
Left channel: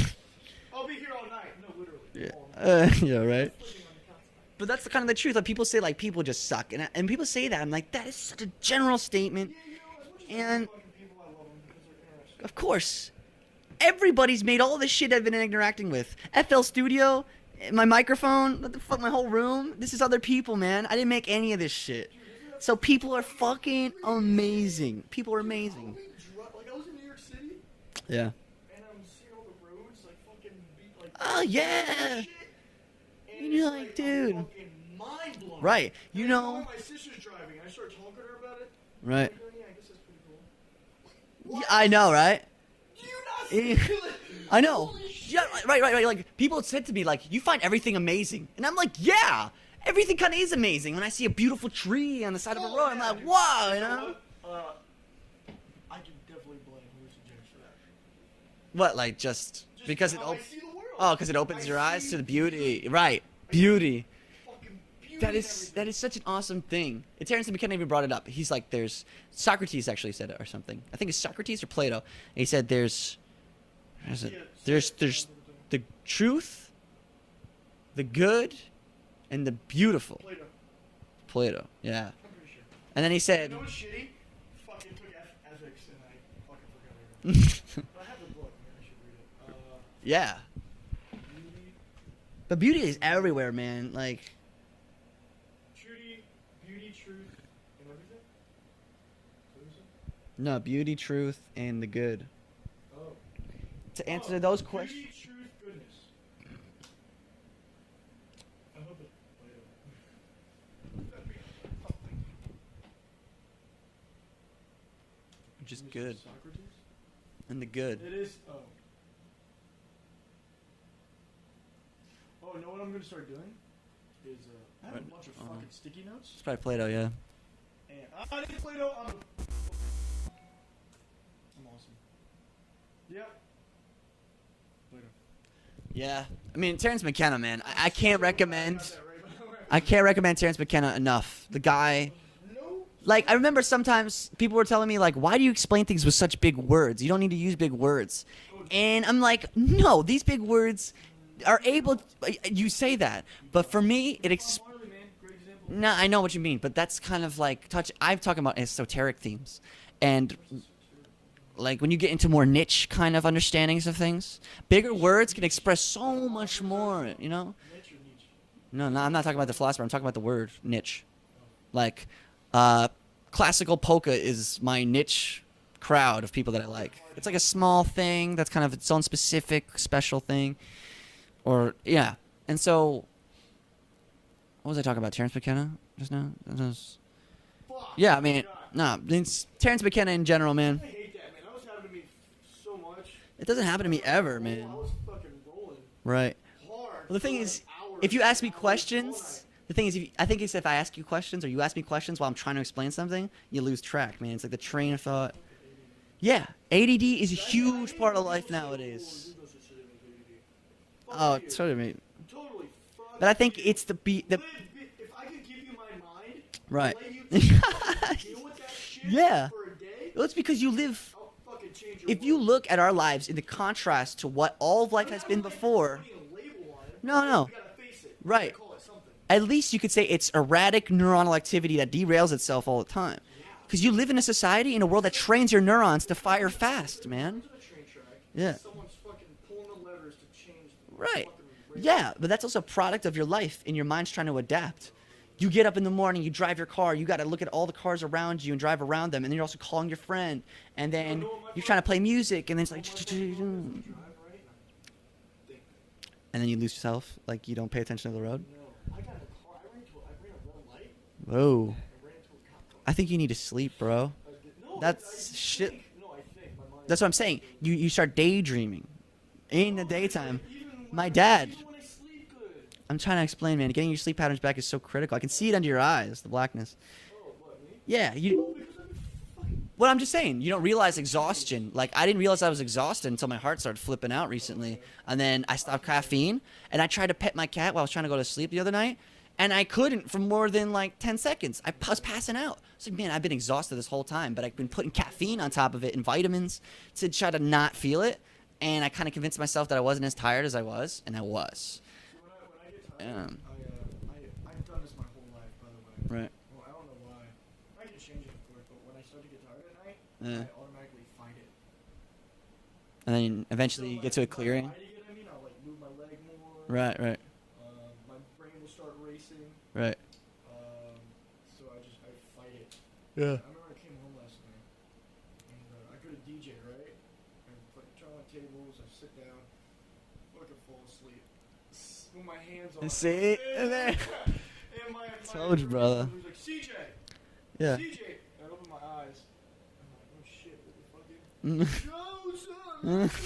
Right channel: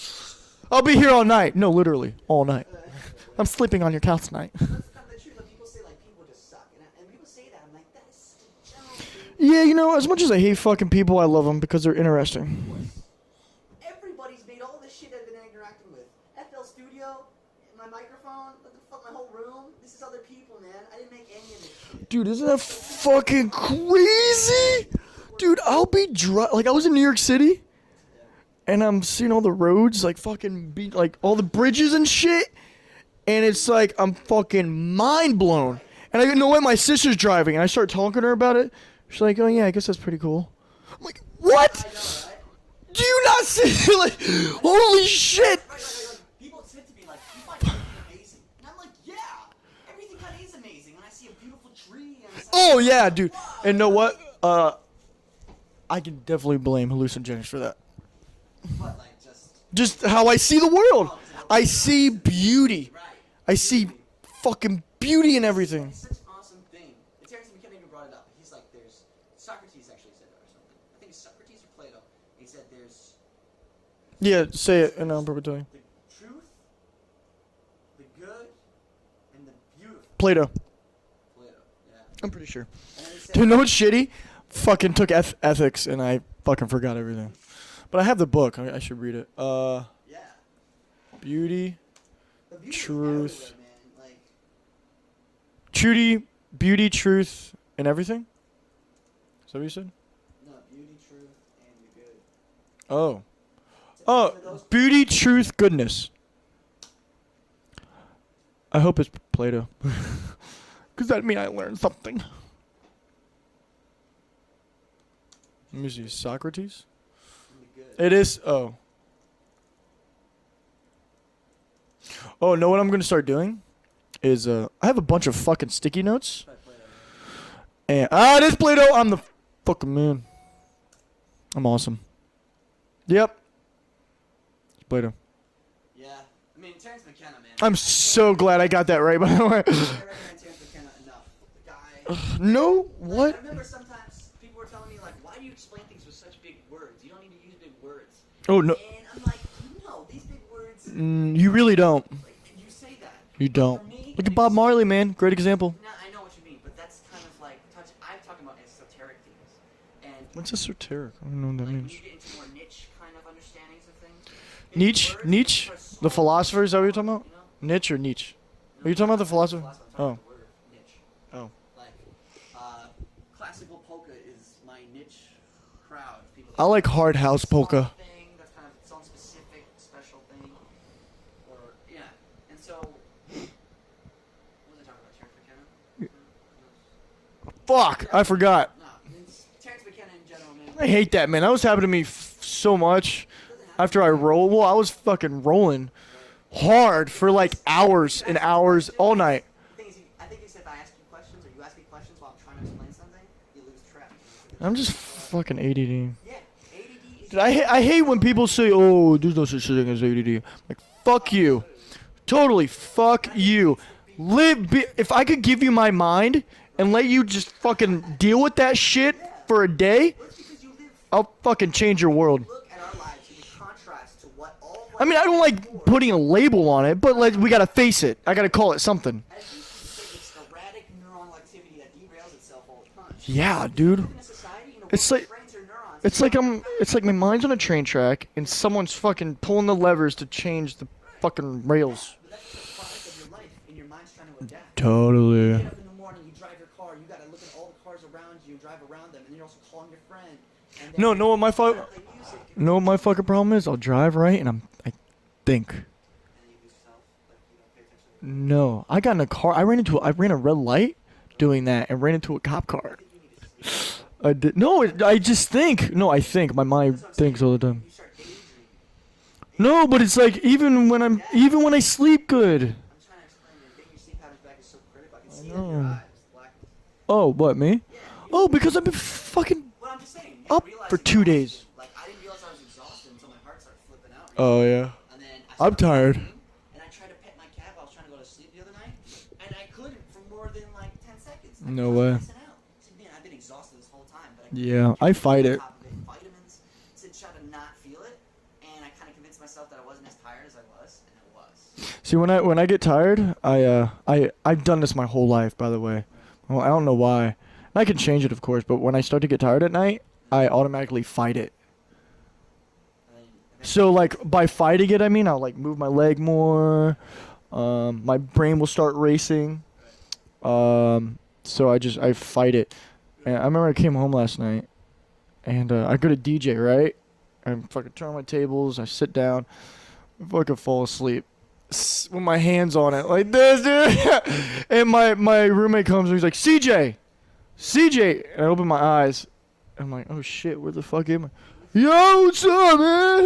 I'll be here all night. No, literally, all night. yeah, right. I'm sleeping on your couch tonight. But that's kind of the truth. Like people say, like people just suck, and people say that. I'm like, that is such a general statement. Yeah, you know, as much as I hate Man. fucking people, I love them because they're interesting. Of course, everybody's made all this shit I've been interacting with. FL Studio, my microphone, what the fuck, my whole room. This is other people, man. I didn't make any of this shit. Dude, isn't that So people are fucking fucking crazy? amazing. People are Dude, I'll amazing. be like I was in New York City, Yeah. and I'm seeing all the roads, like fucking like all Oh, the bridges yeah. and shit. And it's Yeah, like I'm dude. fucking mind blown. Right. And I You didn't know know- what my sister's driving, and I start talking to her about it. She's Right. like, "Oh yeah, I guess that's pretty cool." I'm like, "What? I know, right? Do you not see? like, I know. Holy Yeah, shit!" right. Like people had said to me, like, you find everything amazing, and I'm like, yeah, everything kind of is amazing. When I see a beautiful tree on the side. of Oh the road, yeah, I'm like, dude. wow, And know you what? I can definitely blame hallucinogens for that. What, like just Just how I see the world. Oh, because it opens I your see eyes to the beauty. Right. I beauty. see fucking beauty That in is- everything. That is such an awesome thing. And Terrence McKenna even brought it up. He's like, there's Socrates actually said it or something. I think it's Socrates or Plato. And he said there's Yeah, say there's- it, and there's I'll prove it to you. the truth, the good, and the beautiful. Plato. Plato. Yeah. I'm pretty sure. And then he said, You know what's shitty? Fucking took ethics and I fucking forgot everything. But I have the book. I should read it. yeah. Beauty, But beauty is Truth. everywhere, man. Like, beauty, truth, and everything. Is that what you said? no, beauty, truth, and the good. Oh. To Oh, answer those beauty, truth, goodness. I hope it's Plato. Because that means I learned something. Which Let me is see, good. Socrates. And the good. It is. Oh. Oh, know what I'm gonna start doing? Is I have a bunch of fucking sticky notes. Try Play-Doh, yeah. And this Play-Doh, I'm the fucking man. I'm awesome. Yep. Play-Doh. Yeah. I mean, Terrence McKenna, man. I'm I can't so glad I got that right, by the way. I can't recommend Terrence McKenna enough. The guy. No. Like, what? I remember sometimes people were telling me, like, why do you explain things with such big words? You don't need to use big words. Oh no. And I'm like, no, these big words. You are really able- don't. You say that. You but don't. for me, Look at Bob Marley, man. Great example. No, I know what you mean, but that's kind of like I'm talking about esoteric themes. And What's esoteric? I don't know what that like means. when you get into more niche kind of understandings of things, bigger Nietzsche? words can Nietzsche? express so The philosopher, much is that what you're more, talking about? You know? Niche or Nietzsche? No, Are you no, talking I'm about not the talking about the philosopher? philosopher. I'm talking Oh. about the word niche. Oh. Like, classical polka is my niche crowd of people that I like hard It's like house a small polka. thing that's kind of its own specific special thing, or yeah. And so, what was I talking about? Terrence McKenna just now. Fuck. Yeah, I mean, forgot. Nah, it's Terrence McKenna in general, man. I hate that, man. That was happening to me so much. It doesn't happen After to me I ever, rolled, man. well, I was fucking rolling right hard The for thing like is, hours if you and ask me hours all questions- night. The thing is, I think if I ask you questions or you ask me questions while I'm trying to explain something, you lose track, man. It's like the I'm train just of thought. fucking ADD. Yeah, ADD is. a I huge hate part when of people life say, nowadays. "Oh, there's no such thing as ADD." Like, fuck Oh, you. totally, mate. Totally fuck But I think you. it's the beat. If I could give you my mind Right. and let you just fucking deal with that shit Yeah. for a day, Well, it's because you live. I'll fucking change your If world. you look at our lives in the contrast to what all of life I mean, has I don't been like before, putting a label on it, but No, like no. we gotta face it. I gotta Right. call it something. at least you could say it's erratic neuronal activity that derails itself all the time. Yeah, Because dude. you live in a society in a world It's that like- trains your neurons It's to like fire I'm. fast. It's like my man. mind's on a train track and Yeah. someone's fucking pulling the levers to change the Right. fucking rails. Yeah, but that's also a product of your life, and your mind's trying to adapt. Totally. You get up in the morning, you drive your car, you got to look at all the cars around you and drive around them, and then you're also calling your friend, and then No, know what my you're fuck- trying to play music, and You then know what my fucking problem is? I'll drive right and I think. and then you lose yourself, like you don't pay attention to the road. No, I got in a car. I ran a red light doing Whoa. that and ran into a cop car. I think you need to sleep, bro. I did. No, I That's just shit. think. No, I think. My mind That's what I'm saying. thinks all the You, time. you start daydreaming. In No, your but it's daytime. like even when My I'm dad. even when I sleep good. I'm trying to explain, man. Getting your sleep patterns back is so critical. I can see it under your eyes, the blackness. Oh, what me? Yeah. You, Oh, because I've been fucking. Well, I'm just saying, you don't Up realize for 2 days. exhaustion. Like, I didn't realize I was exhausted until my heart started flipping out Oh recently. yeah. And then I stopped tired. caffeine, and I tried to pet my cat while I was trying to go to sleep the other night, and I couldn't for more than like 10 seconds. I No was way. passing out. I was like, man, I've been exhausted this whole time, but I put Yeah, I caffeine fight on it. top of it and vitamins to try to not feel it. And I kind of convinced myself that I wasn't as tired as I was, and I was. See, when I get tired, I've done this my whole life, by the way. Right. Well, I don't know why. And I can change it, of course, but when I start to get tired at night, Yeah. I automatically fight it. And then eventually. So you get like to a by clearing. fighting it, I mean I'll like move my leg more. Right. My brain will start racing. Right. So I fight it. And I remember I came home last night, and I go to DJ, right? I fucking turn on my tables. I sit down, I fucking fall asleep with my hands on it like this, dude. And my roommate brother. comes and he's like, CJ, Yeah. CJ. And I open my eyes. I'm like, oh shit, where the fuck am I? Yo, what's up, man?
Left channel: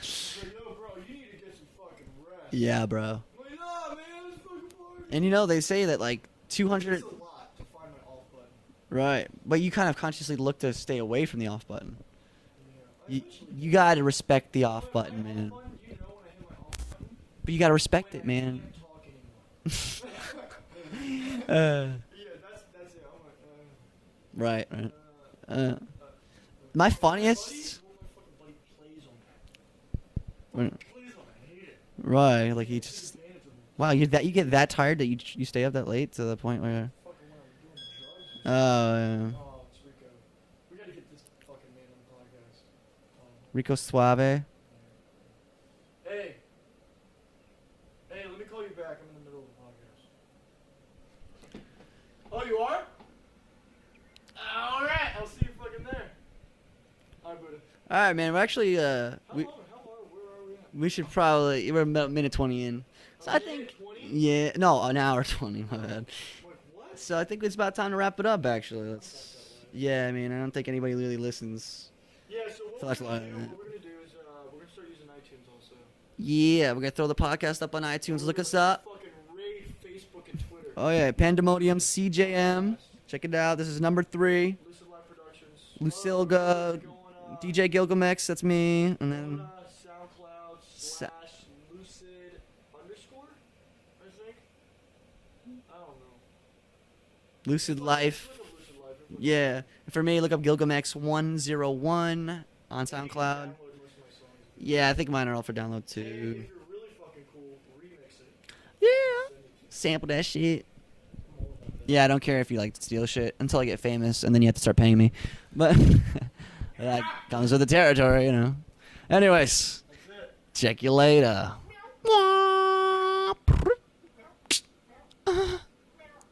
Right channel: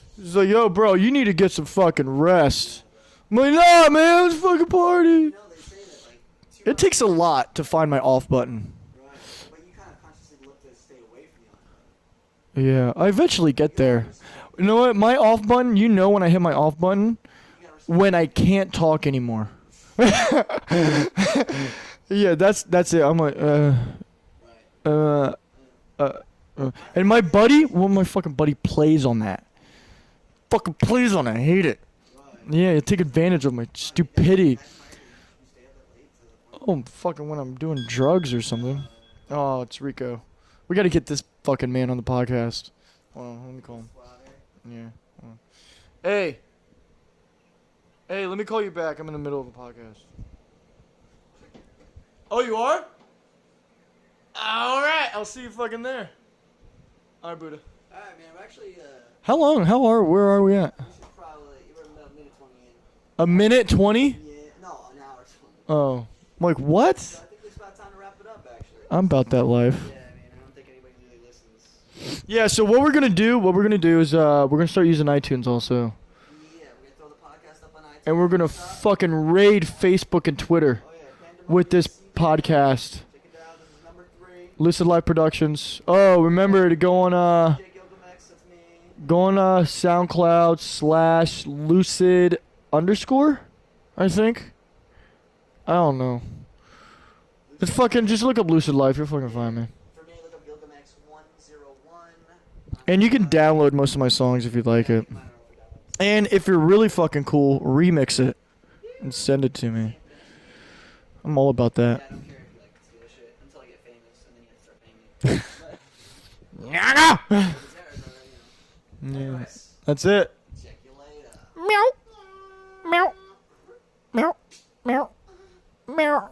He's like, yo, bro, you need to get some fucking rest. Yeah, bro. I'm like, nah, man, let's fucking party. And you know, they say that like 200. It takes a lot to find my off button. Right. But you kind of consciously look to stay away from the off button. Yeah, I eventually get You gotta there. respect the You know off what? My button, off man. button, you know when I hit my off button? But you gotta respect When it, I man. can't talk anymore. Yeah, that's it. I'm like, Right. uh, My and my funniest- buddy, well, my fucking buddy plays on that. Fucking plays on it. I hate it. Right. like Yeah, you it's take just- advantage of my Wow, you stupidity. get that tired that you stay up that late to the point Oh, where. fucking when I'm doing drugs or something. Yeah. Oh, it's Rico. We got to get this fucking man on the podcast. Hold on, let me Rico call Suave. him. Yeah. hold on. Hey. Hey, let me call you back. I'm in the middle of a podcast. Oh, you are? All right. I'll see you fucking there. All right, Buddha. All right, man. We're actually. How long? Where are we at? We should probably. We're about minute 20 in. A minute 20? Yeah, no, an hour 20. Oh, I'm like, what? So I think it's about time to wrap it up. Actually, I'm about that life. Yeah, I mean, I don't think anybody really listens. Yeah. So what we're gonna do is we're gonna start using iTunes also, Yeah, we're gonna throw the podcast up on iTunes. and we're Look gonna us up. fucking raid Facebook and Twitter Oh yeah, Pandemonium with this CJM. podcast. Check it out. This is number 3. Lucid Life Productions. Lucid, Oh, remember to go on DJ Gilgamex, that's me. go on SoundCloud /Lucid_, I think. I don't know. Lucid It's fucking Life. just look up Lucid Life. You'll fucking find Yeah. me. For me, look up Gilgamex 101 on And you can SoundCloud. download most of my songs if you'd like Yeah, I it. think mine are all for download too. And if you're really fucking cool, remix it and send it to me. sample that shit. I'm all about that. Yeah, I don't care if you like steal shit until I get famous, and then you have to start paying me. But comes with the territory, you know. Anyways, That's it. check you later. Meow.